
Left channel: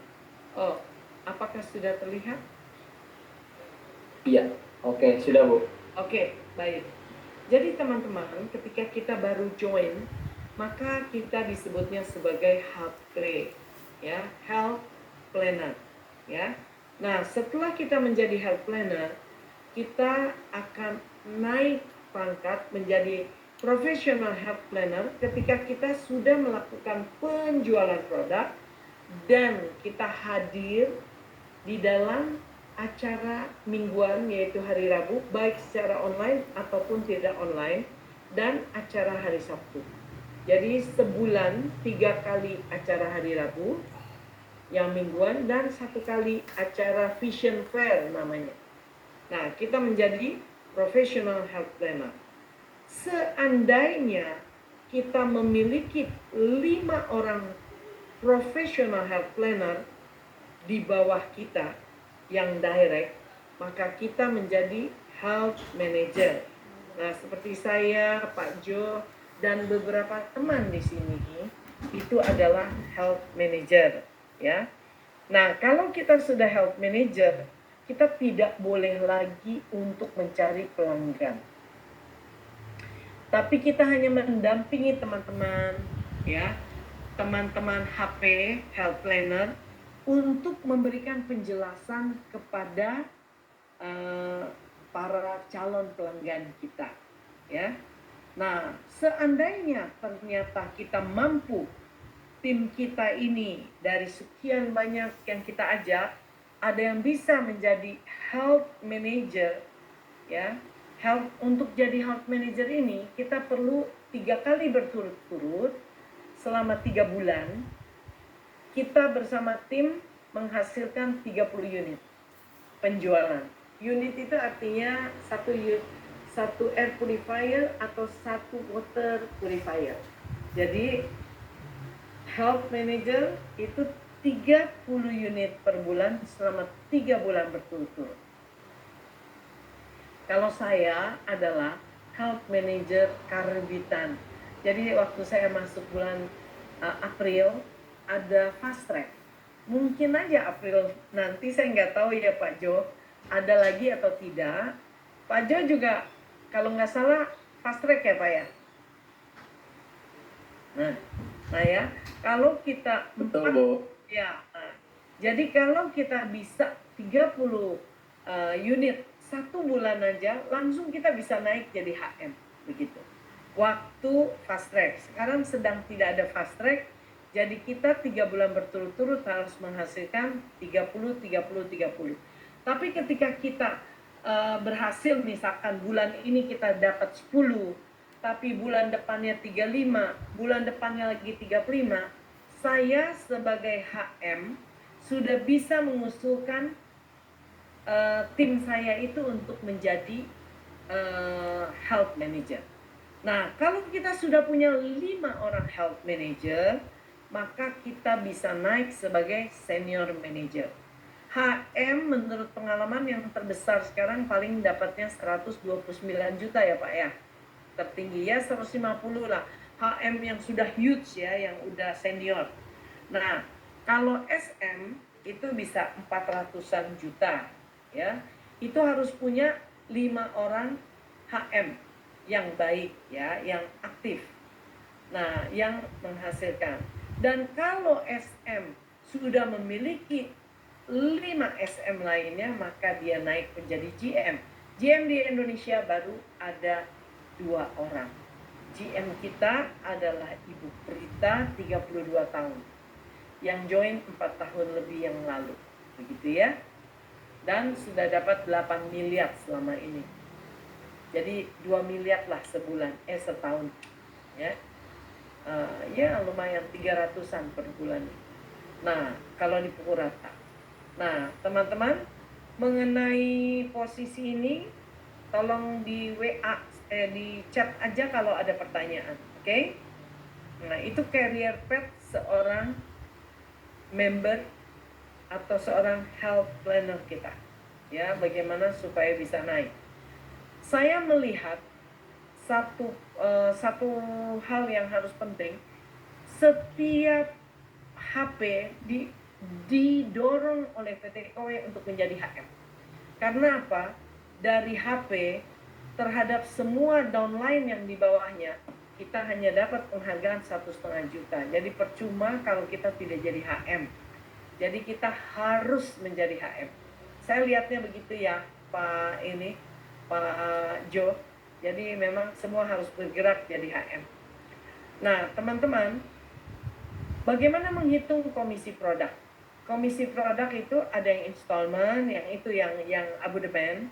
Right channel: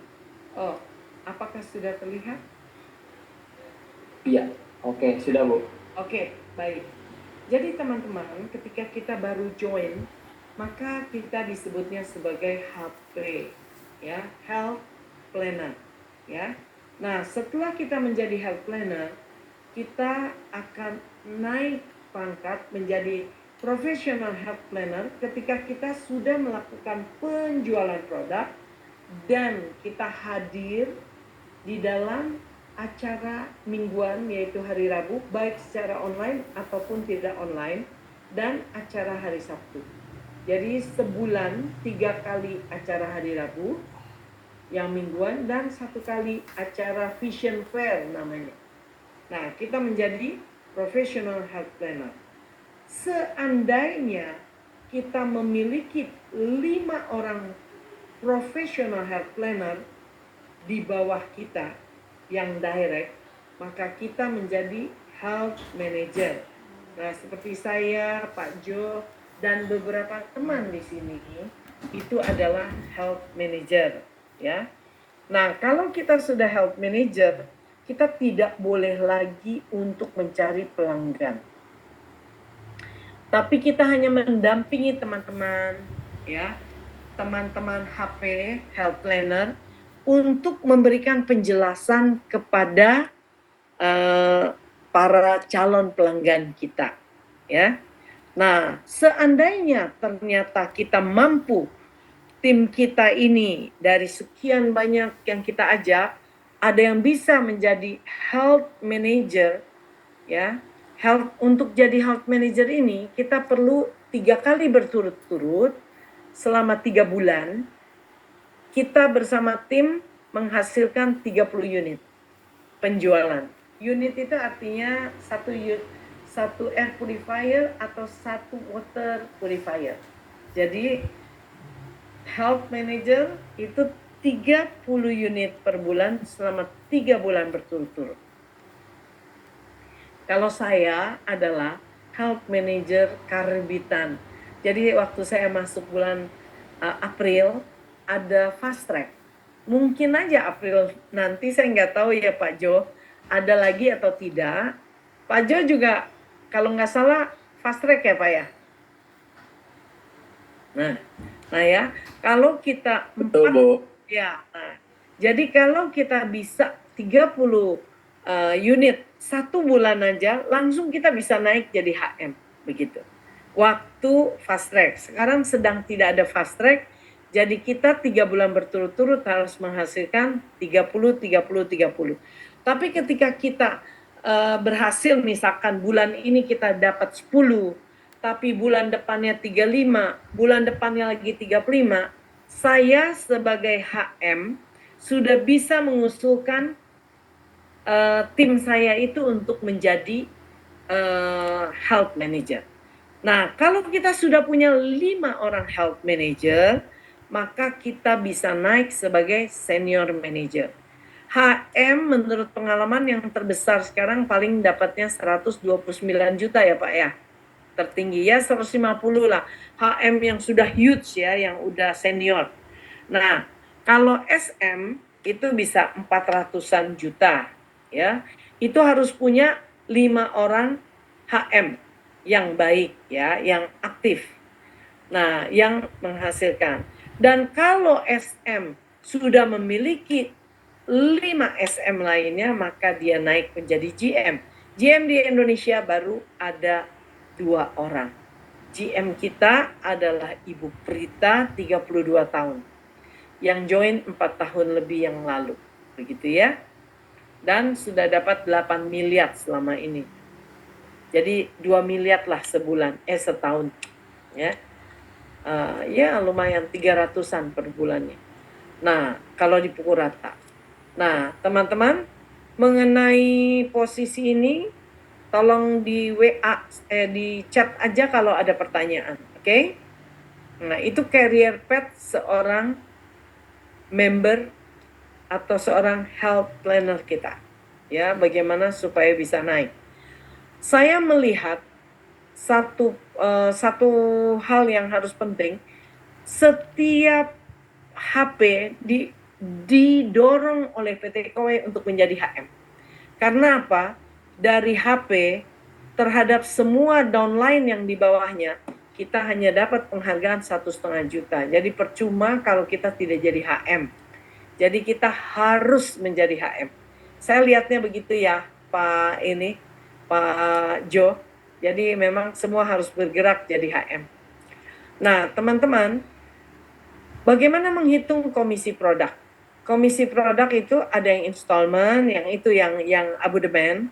Oh, apakah sudah terlihat? Iya. Oke, sudah Bu. Oke, baik. Jadi teman-teman, ketika kita baru join, maka kita disebutnya sebagai health play, ya, health planner, ya. Nah, setelah kita menjadi health planner, kita akan naik pangkat menjadi professional health planner ketika kita sudah melakukan penjualan produk dan kita hadir di dalam acara mingguan yaitu hari Rabu, baik secara online ataupun tidak online, dan acara hari Sabtu. Jadi sebulan 3 kali acara hari Rabu yang mingguan dan 1 kali acara Vision Fair namanya. Nah, kita menjadi professional health planner. Seandainya kita memiliki 5 orang professional health planner di bawah kita yang direct, maka kita menjadi health manager. Nah, seperti saya, Pak Jo, dan beberapa teman di sini itu adalah health manager, ya. Nah, kalau kita sudah health manager, kita tidak boleh lagi untuk mencari pelanggan. Tapi kita hanya mendampingi teman-teman, ya, teman-teman HP health planner untuk memberikan penjelasan kepada para calon pelanggan kita, ya. Nah, seandainya ternyata kita mampu, tim kita ini dari sekian banyak yang kita ajak, ada yang bisa menjadi health manager, ya. Untuk jadi health manager ini kita perlu 3 kali berturut-turut selama 3 bulan kita bersama tim menghasilkan 30 unit penjualan. Unit itu artinya satu air purifier atau satu water purifier. Jadi health manager itu 30 unit per bulan selama 3 bulan berturut-turut. Kalau saya adalah health manager karbitan. Jadi waktu saya masuk bulan April ada fast track. Mungkin aja April nanti, saya nggak tahu ya Pak Jo, ada lagi atau tidak. Pak Jo juga kalau nggak salah fast track ya Pak ya. Nah ya, kalau kita Betul, Bu. ya, jadi kalau kita bisa 30 unit 1 bulan aja, langsung kita bisa naik jadi HM, begitu. Waktu fast track, sekarang sedang tidak ada fast track, jadi kita 3 bulan berturut-turut harus menghasilkan 30. Tapi ketika kita berhasil, misalkan bulan ini kita dapat 10, tapi bulan depannya 35, bulan depannya lagi 35, saya sebagai HM sudah bisa mengusulkan tim saya itu untuk menjadi health manager. Nah, kalau kita sudah punya 5 orang health manager, maka kita bisa naik sebagai senior manager. HM menurut pengalaman yang terbesar sekarang paling dapatnya 129 juta ya Pak ya. Tertinggi ya 150 lah. HM yang sudah huge ya, yang udah senior. Nah, kalau SM itu bisa 400-an juta ya. Itu harus punya 5 orang HM yang baik ya, yang aktif. Nah, yang menghasilkan. Dan kalau SM sudah memiliki 5 SM lainnya, maka dia naik menjadi GM. GM di Indonesia baru ada 2 orang. GM kita adalah Ibu Prita, 32 tahun. Yang join 4 tahun lebih yang lalu. Begitu ya. Dan sudah dapat 8 miliar selama ini. Jadi 2 miliar lah setahun. Ya. Ya lumayan 300-an per bulannya. Nah, kalau dipukul rata. Nah, teman-teman, mengenai posisi ini tolong di WA, di chat aja kalau ada pertanyaan, oke? Nah, itu career path seorang member atau seorang health planner kita. Ya, bagaimana supaya bisa naik. Saya melihat satu hal yang harus penting, setiap HP didorong oleh PT KOE untuk menjadi HM. Karena apa? Dari HP terhadap semua downline yang di bawahnya, kita hanya dapat penghargaan 1,5 juta. Jadi percuma kalau kita tidak jadi HM. Jadi kita harus menjadi HM. Saya lihatnya begitu ya, Pak Jo. Jadi memang semua harus bergerak jadi HM. Nah, teman-teman, bagaimana menghitung komisi produk? Komisi produk itu ada yang installment, yang itu yang abodemen,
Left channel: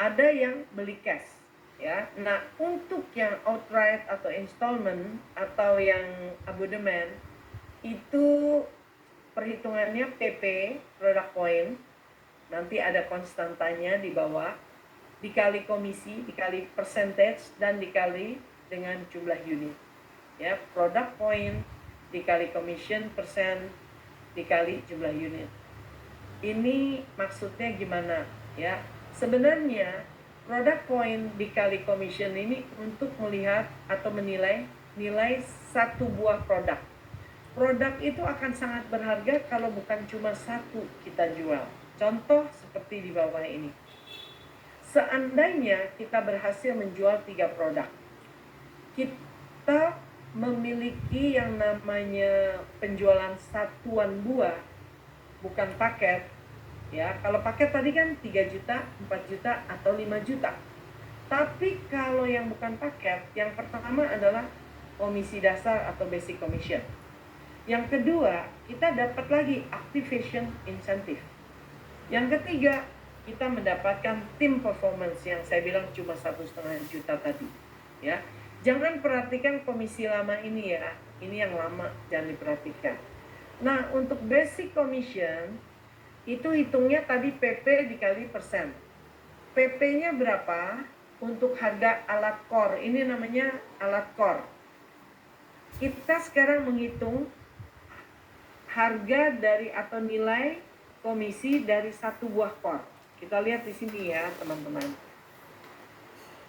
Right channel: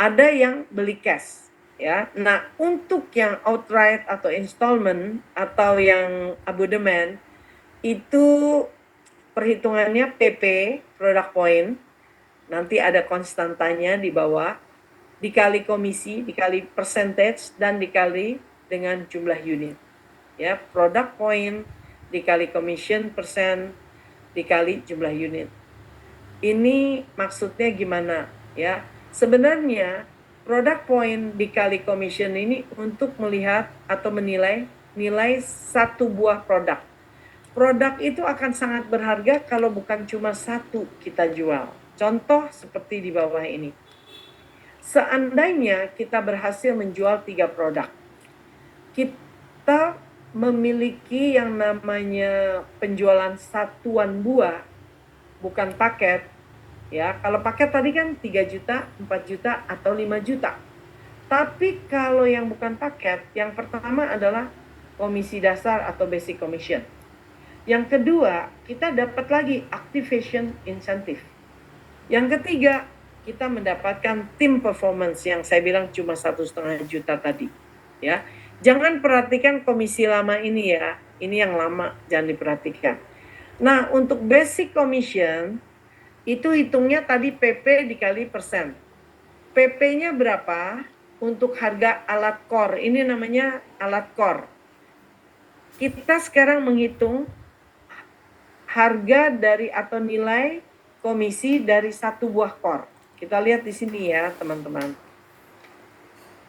ada yang beli cash, ya. Nah, untuk yang outright atau installment atau yang abodemen itu perhitungannya PP, product point, nanti ada konstantanya di bawah, dikali komisi, dikali percentage, dan dikali dengan jumlah unit. Ya, product point dikali commission persen, dikali jumlah unit. Ini maksudnya gimana? Ya, sebenarnya product point dikali commission ini untuk melihat atau menilai satu buah produk. Produk itu akan sangat berharga kalau bukan cuma satu kita jual. Contoh seperti di bawah ini. Seandainya kita berhasil menjual 3 produk, kita memiliki yang namanya penjualan satuan buah, bukan paket, Ya, kalau paket tadi kan 3 juta, 4 juta, atau 5 juta. Tapi kalau yang bukan paket, yang pertama adalah komisi dasar atau basic commission. Yang kedua, kita dapat lagi activation incentive. Yang ketiga, kita mendapatkan tim performance yang saya bilang cuma 1,5 juta tadi. Ya, jangan perhatikan komisi lama ini ya, ini yang lama jangan diperhatikan. Nah, untuk basic commission itu hitungnya tadi PP dikali persen. PP-nya berapa? Untuk harga alat core, ini namanya alat core. Kita sekarang menghitung harga dari atau nilai komisi dari satu buah core. Kita lihat di sini ya teman-teman.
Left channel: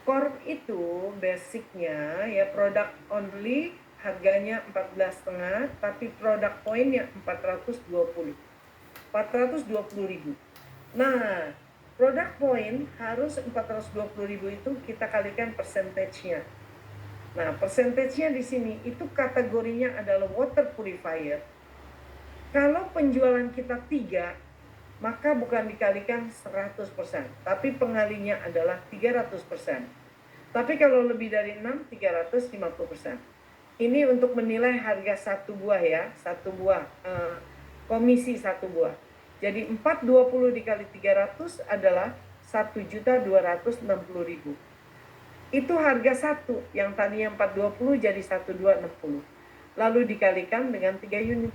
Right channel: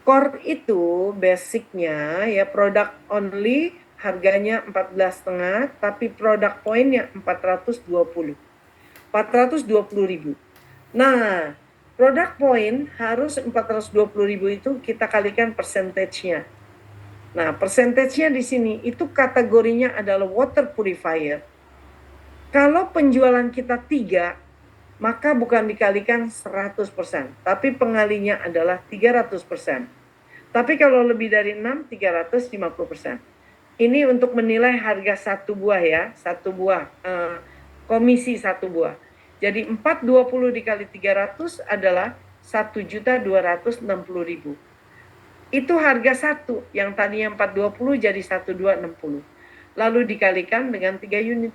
Core itu basicnya ya product only harganya 14,5, tapi product pointnya 420.000. Nah, product point harus 420.000 itu kita kalikan percentage-nya. Nah, percentage-nya di sini itu kategorinya adalah water purifier. Kalau penjualan kita 3, maka bukan dikalikan 100%, tapi pengalinya adalah 300%. Tapi kalau lebih dari 6, 350%. Ini untuk menilai harga satu buah ya, satu buah, komisi satu buah. Jadi 420 dikali 300 adalah 1.260.000. Itu harga satu, yang tadinya 420 jadi 1.260. Lalu dikalikan dengan 3 unit.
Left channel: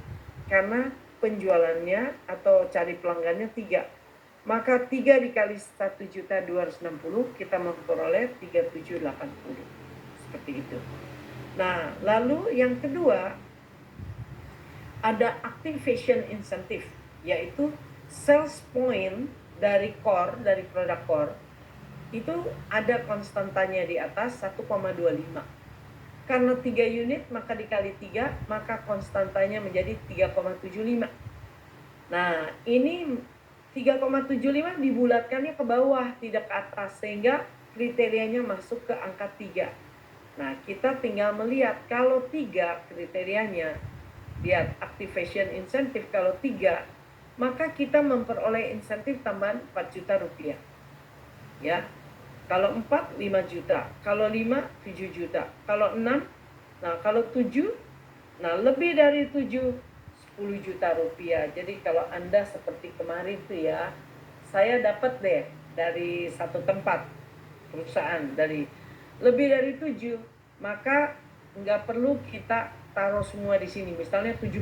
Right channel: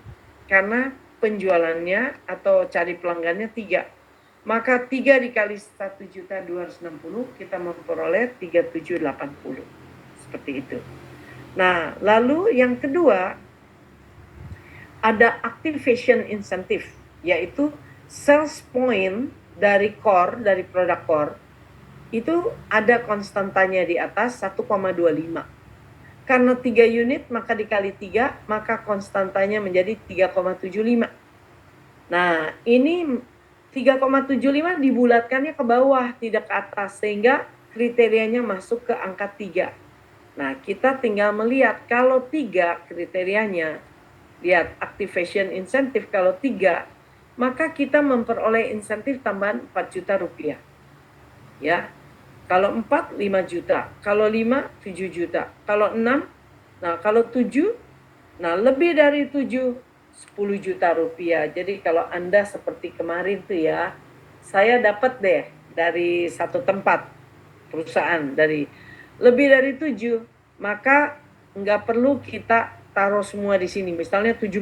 Karena penjualannya atau cari pelanggannya 3. Maka 3 dikali 1.260 kita memperoleh 3.780. Seperti itu. Nah, lalu yang kedua ada activation incentive, yaitu sales point dari core, dari produk core, itu ada konstantanya di atas 1,25. Karena 3 unit maka dikali 3, maka konstantanya menjadi 3,75. Nah, ini 3,75 dibulatkannya ke bawah, tidak ke atas, sehingga kriterianya masuk ke angka 3. Nah, kita tinggal melihat kalau 3 kriterianya, lihat activation incentive kalau 3, maka kita memperoleh insentif tambahan 4 juta rupiah. Ya, kalau 4, 5 juta. Kalau 5, 7 juta. Kalau 6, nah kalau 7, nah lebih dari 7, 10 juta rupiah. Jadi kalau Anda seperti kemarin tuh ya, saya dapat deh dari satu tempat perusahaan dari lebih dari 7, maka nggak perlu kita taruh semua di sini. Misalnya 17.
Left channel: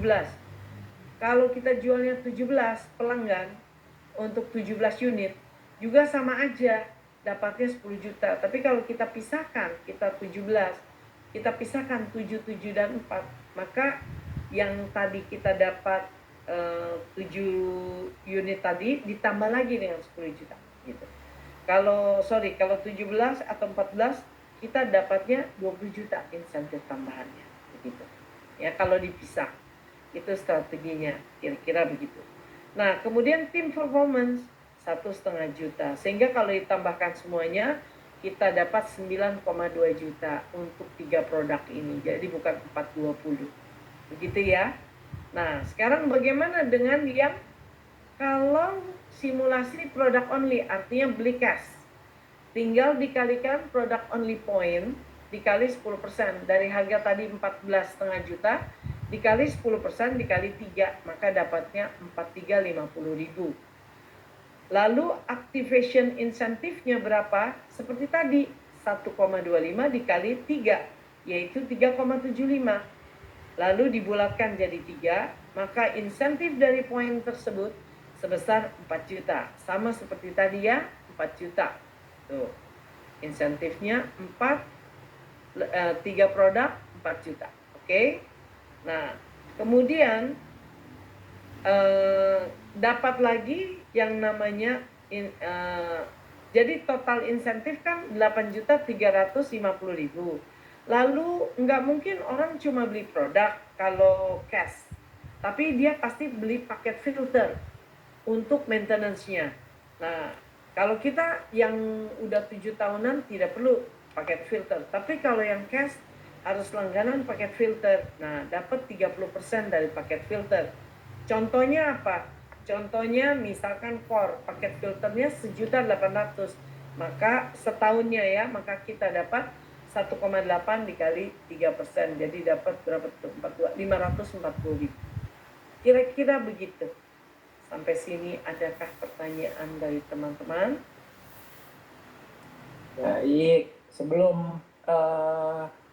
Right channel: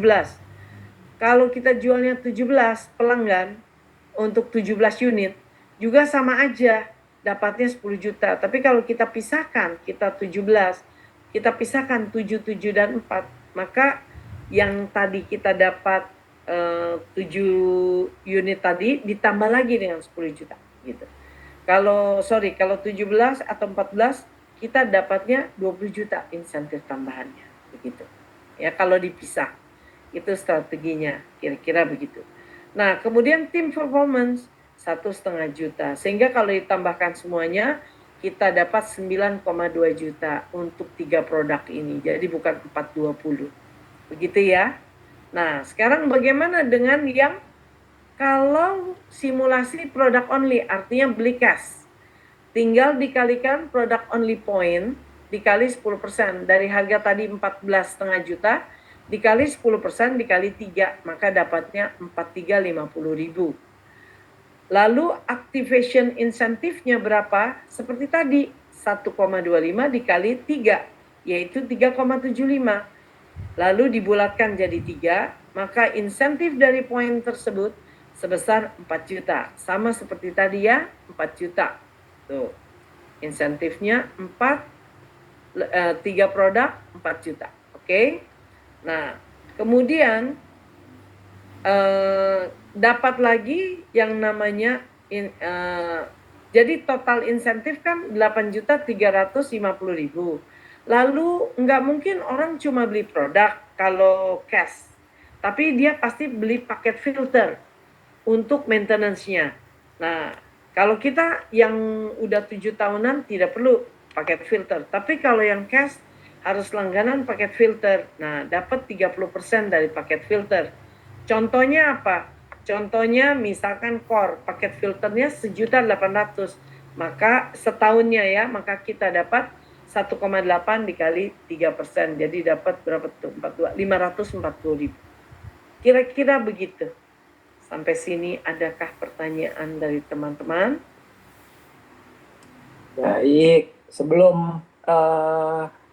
Kalau kita jualnya 17 pelanggan untuk 17 unit, juga sama aja dapatnya 10 juta. Tapi kalau kita pisahkan, kita 17, kita pisahkan 7, 7, dan 4, maka yang tadi kita dapat 7 unit tadi ditambah lagi dengan 10 juta gitu. Kalau 17 atau 14 kita dapatnya 20 juta insentif tambahannya begitu. Ya, kalau dipisah. Itu strateginya, kira-kira begitu. Nah, kemudian tim performance 1,5 juta. Sehingga kalau ditambahkan semuanya, kita dapat 9,2 juta untuk 3 produk ini. Jadi bukan 420. Begitu ya. Nah, sekarang bagaimana dengan yang kalau simulasi product only, artinya beli cash. Tinggal dikalikan product only point, dikali 10%. Dari harga tadi 14,5 juta, dikali 10% dikali 3, maka dapatnya 4350.000. Lalu activation insentifnya berapa? Seperti tadi, 1,25 dikali 3, yaitu 3,75. Lalu dibulatkan jadi 3, maka insentif dari poin tersebut sebesar 4 juta. Sama seperti tadi ya, 4 juta. Tuh, insentifnya 3 produk 4 juta. Oke? Nah, kemudian dapat lagi yang namanya jadi total insentif kan 8.350.000. Lalu nggak mungkin orang cuma beli produk kalau cash, tapi dia pasti beli paket filter untuk maintenance-nya. Nah, kalau kita yang udah 7 tahunan tidak perlu paket filter, tapi kalau yang cash harus langganan paket filter. Nah, dapat 30% dari paket filter. Contohnya apa? Contohnya misalkan core, paket filternya 1.800.000, maka setahunnya ya, maka kita dapat 1,8 dikali 3%, jadi dapat berapa tuh? 540.000. Kira-kira begitu. Sampai sini adakah pertanyaan dari teman-teman? Baik, sebelum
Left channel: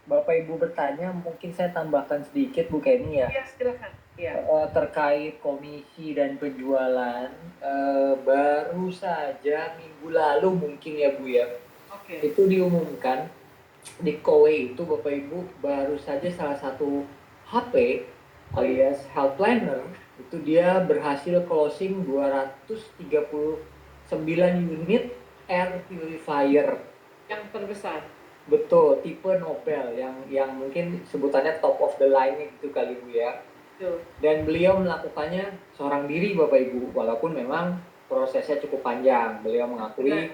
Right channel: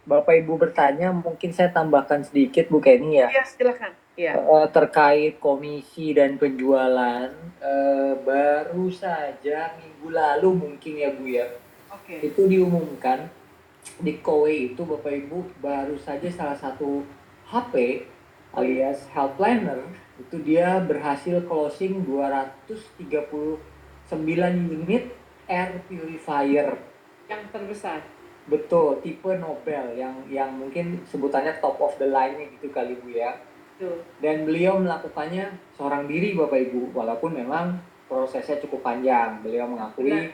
Bapak Ibu bertanya, mungkin saya tambahkan sedikit Bu Kenny ya. Iya, silakan. Iya. Terkait komisi dan penjualan, baru saja minggu lalu mungkin ya Bu ya, Oke. itu diumumkan di Kowe itu Bapak Ibu baru saja salah satu HP alias health planner itu dia berhasil closing 239 unit air purifier. Yang terbesar. Betul, tipe Nobel yang mungkin sebutannya top of the line gitu kali Bu ya. Tuh. Dan beliau melakukannya seorang diri Bapak Ibu, walaupun memang prosesnya cukup panjang. Beliau mengakui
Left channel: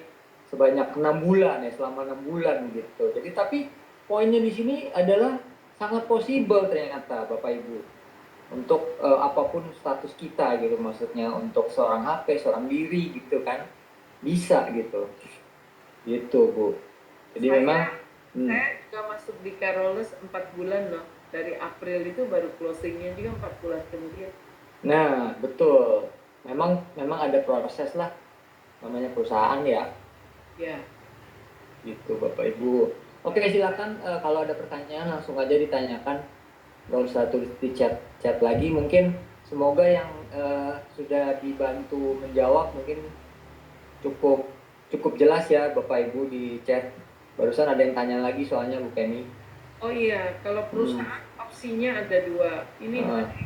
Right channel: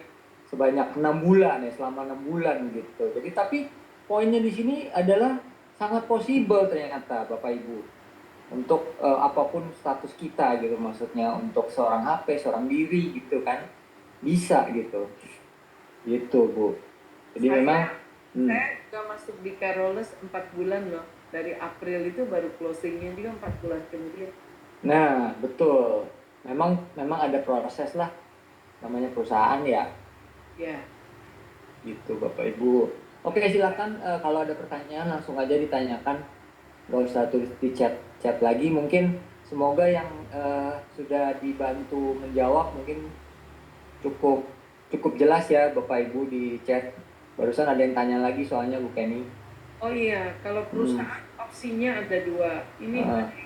sebanyak 6 bulan ya, selama 6 bulan gitu. Jadi tapi poinnya di sini adalah sangat possible ternyata Bapak Ibu. Untuk apapun status kita gitu, maksudnya untuk seorang HP, seorang diri gitu kan. Bisa gitu. Gitu Bu. Jadi memang saya juga masuk di Carolus 4 bulan loh. Dari April itu baru closingnya juga 4 bulan kemudian. Nah, betul. Memang ada proses lah. Namanya perusahaan ya. Ya. Gitu Bapak Ibu. Oke, silakan kalau ada pertanyaan langsung aja ditanyakan. Nggak usah tulis di chat lagi. Mungkin semoga yang sudah dibantu menjawab mungkin cukup jelas ya Bapak Ibu di chat. Barusan ada yang tanya lagi soalnya Bu Kenny. Oh iya, kalau perusahaan opsinya ada 2. Ini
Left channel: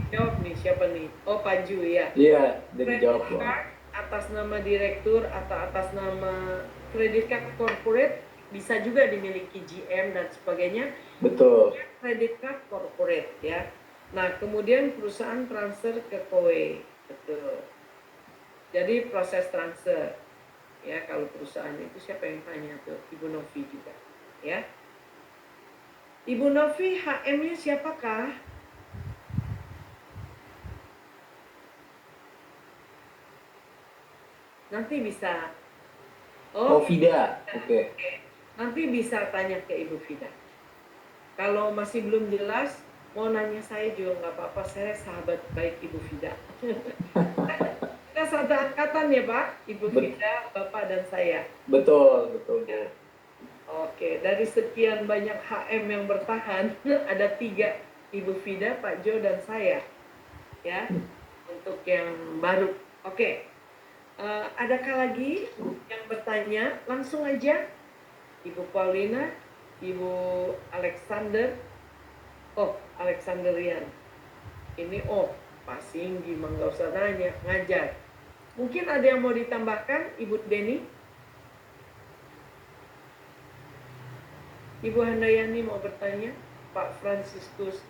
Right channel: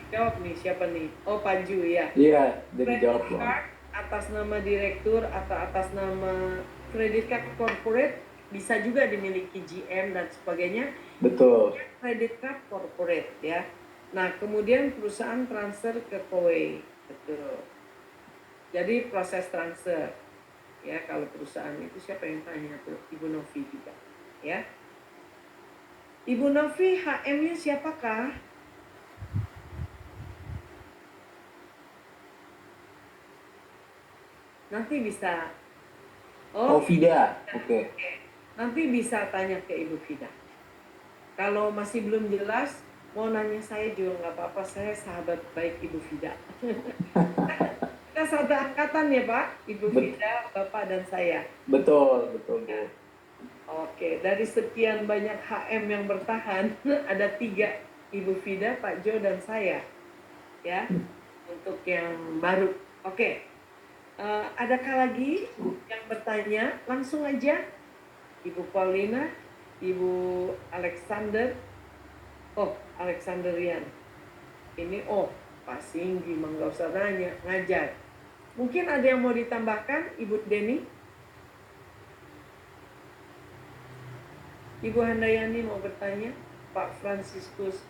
jawab nih, siapa nih? Oh, Pak Ju ya. Iya, jadi jawab Credit card atas nama direktur atau atas nama credit card corporate bisa juga dimiliki GM dan sebagainya. Betul. Credit card corporate ya. Nah, kemudian perusahaan transfer ke Kowe. Betul. Jadi proses transfer. Ya, kalau perusahaan itu siapa yang tanya tuh? Ibu Novi juga. Ya. Ibu Novi, HM-nya siapakah? Nanti bisa. Oh, Vida. Oke. Nanti bisa tanya ke Ibu Vida. Kalau masih belum jelas, mau nanya saya juga nggak apa-apa. Saya sahabat baik Ibu Vida. Kita satu angkatan ya Pak, Ibu Vida, Bapak dan saya. Betul Bu. Oke, dari sekian banyak HM yang bertahan, ada 3, Ibu Vida, Pak Jo, dan saya. Ya, untuk yang baru. Oke, adakah lagi yang bertanya? Langsung aja, Ibu Paulina, Ibu Alexander. Oh, Alexanderian. Ini Pak Singgi, nggak usah nanya, ngajar. Mungkin ada yang mau ditambahkan, Ibu Deni? Ibu Handayani mau bertanya? Pak Franciscus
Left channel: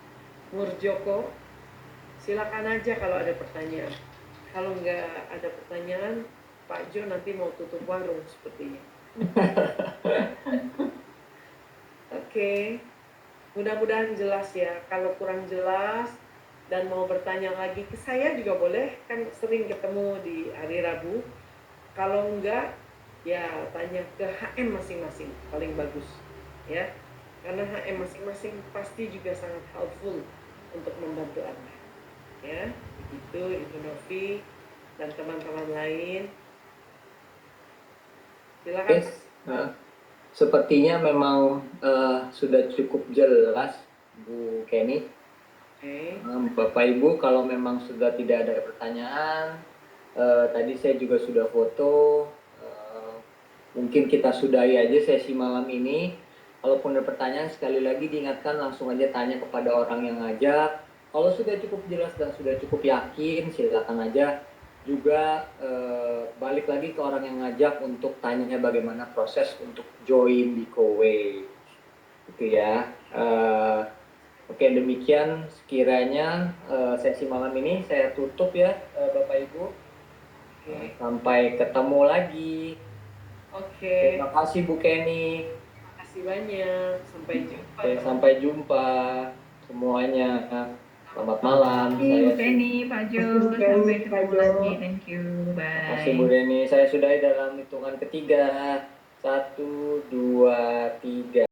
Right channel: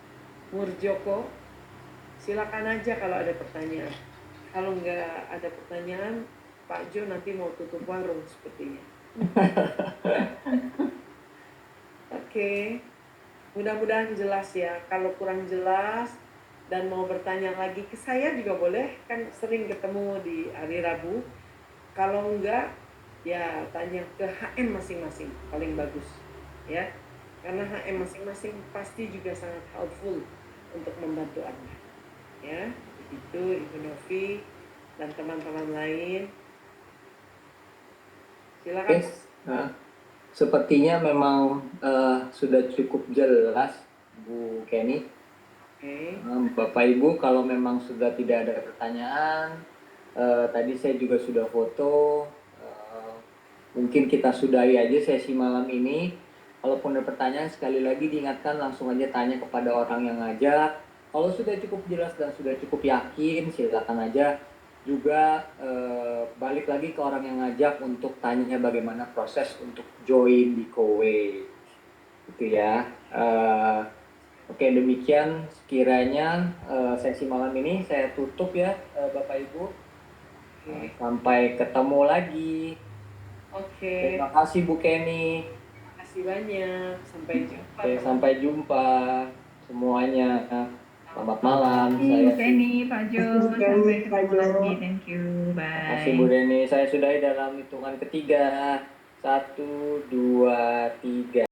Murjoko? Silakan aja kalau ada pertanyaan. Kalau nggak ada pertanyaan, Pak Jo nanti mau tutup warung sepertinya. Oke. Mudah-mudahan jelas ya. Kalau kurang jelas dan mau bertanya lagi ke saya juga boleh, kan sering ketemu di hari Rabu. Kalau enggak, ya tanya ke HM masing-masing, paling bagus ya. Karena HM masing-masing pasti juga sangat helpful untuk membantu Anda. Ya, itu Ibu Novi dan teman-teman lain. Silakan. Sepertinya memang sudah cukup jelas Bu Kenny. Bapak Ibu kalau memang sudah tidak ada pertanyaan, tadi saya juga sudah foto, mungkin kita sudahi aja sesi malam ini. Kalaupun ada pertanyaan sekali lagi diingatkan langsung aja tanya kepada orang yang ngajak. Kalau sudah cukup jelas dan sudah cukup yakin silakan aja juga balik lagi ke orang yang ngajak untuk tanya bagaimana proses untuk join di Kowe gitu ya. Oke, demikian sekiranya sesi malam ini saya tutup ya Bapak Ibu. Sampai ketemu lagi. Oke. Terima kasih Bu Kenny. Terima kasih banyak. Sampai jumpa. Sampai jumpa semuanya. Selamat malam. Thank you, Saya Penny, Pak Jo. Sampai ketemu lagi. Thank you. Makasih Bye. Bu Deni. Saya sudahi dalam hitungan ketiga. 1, 2, 3.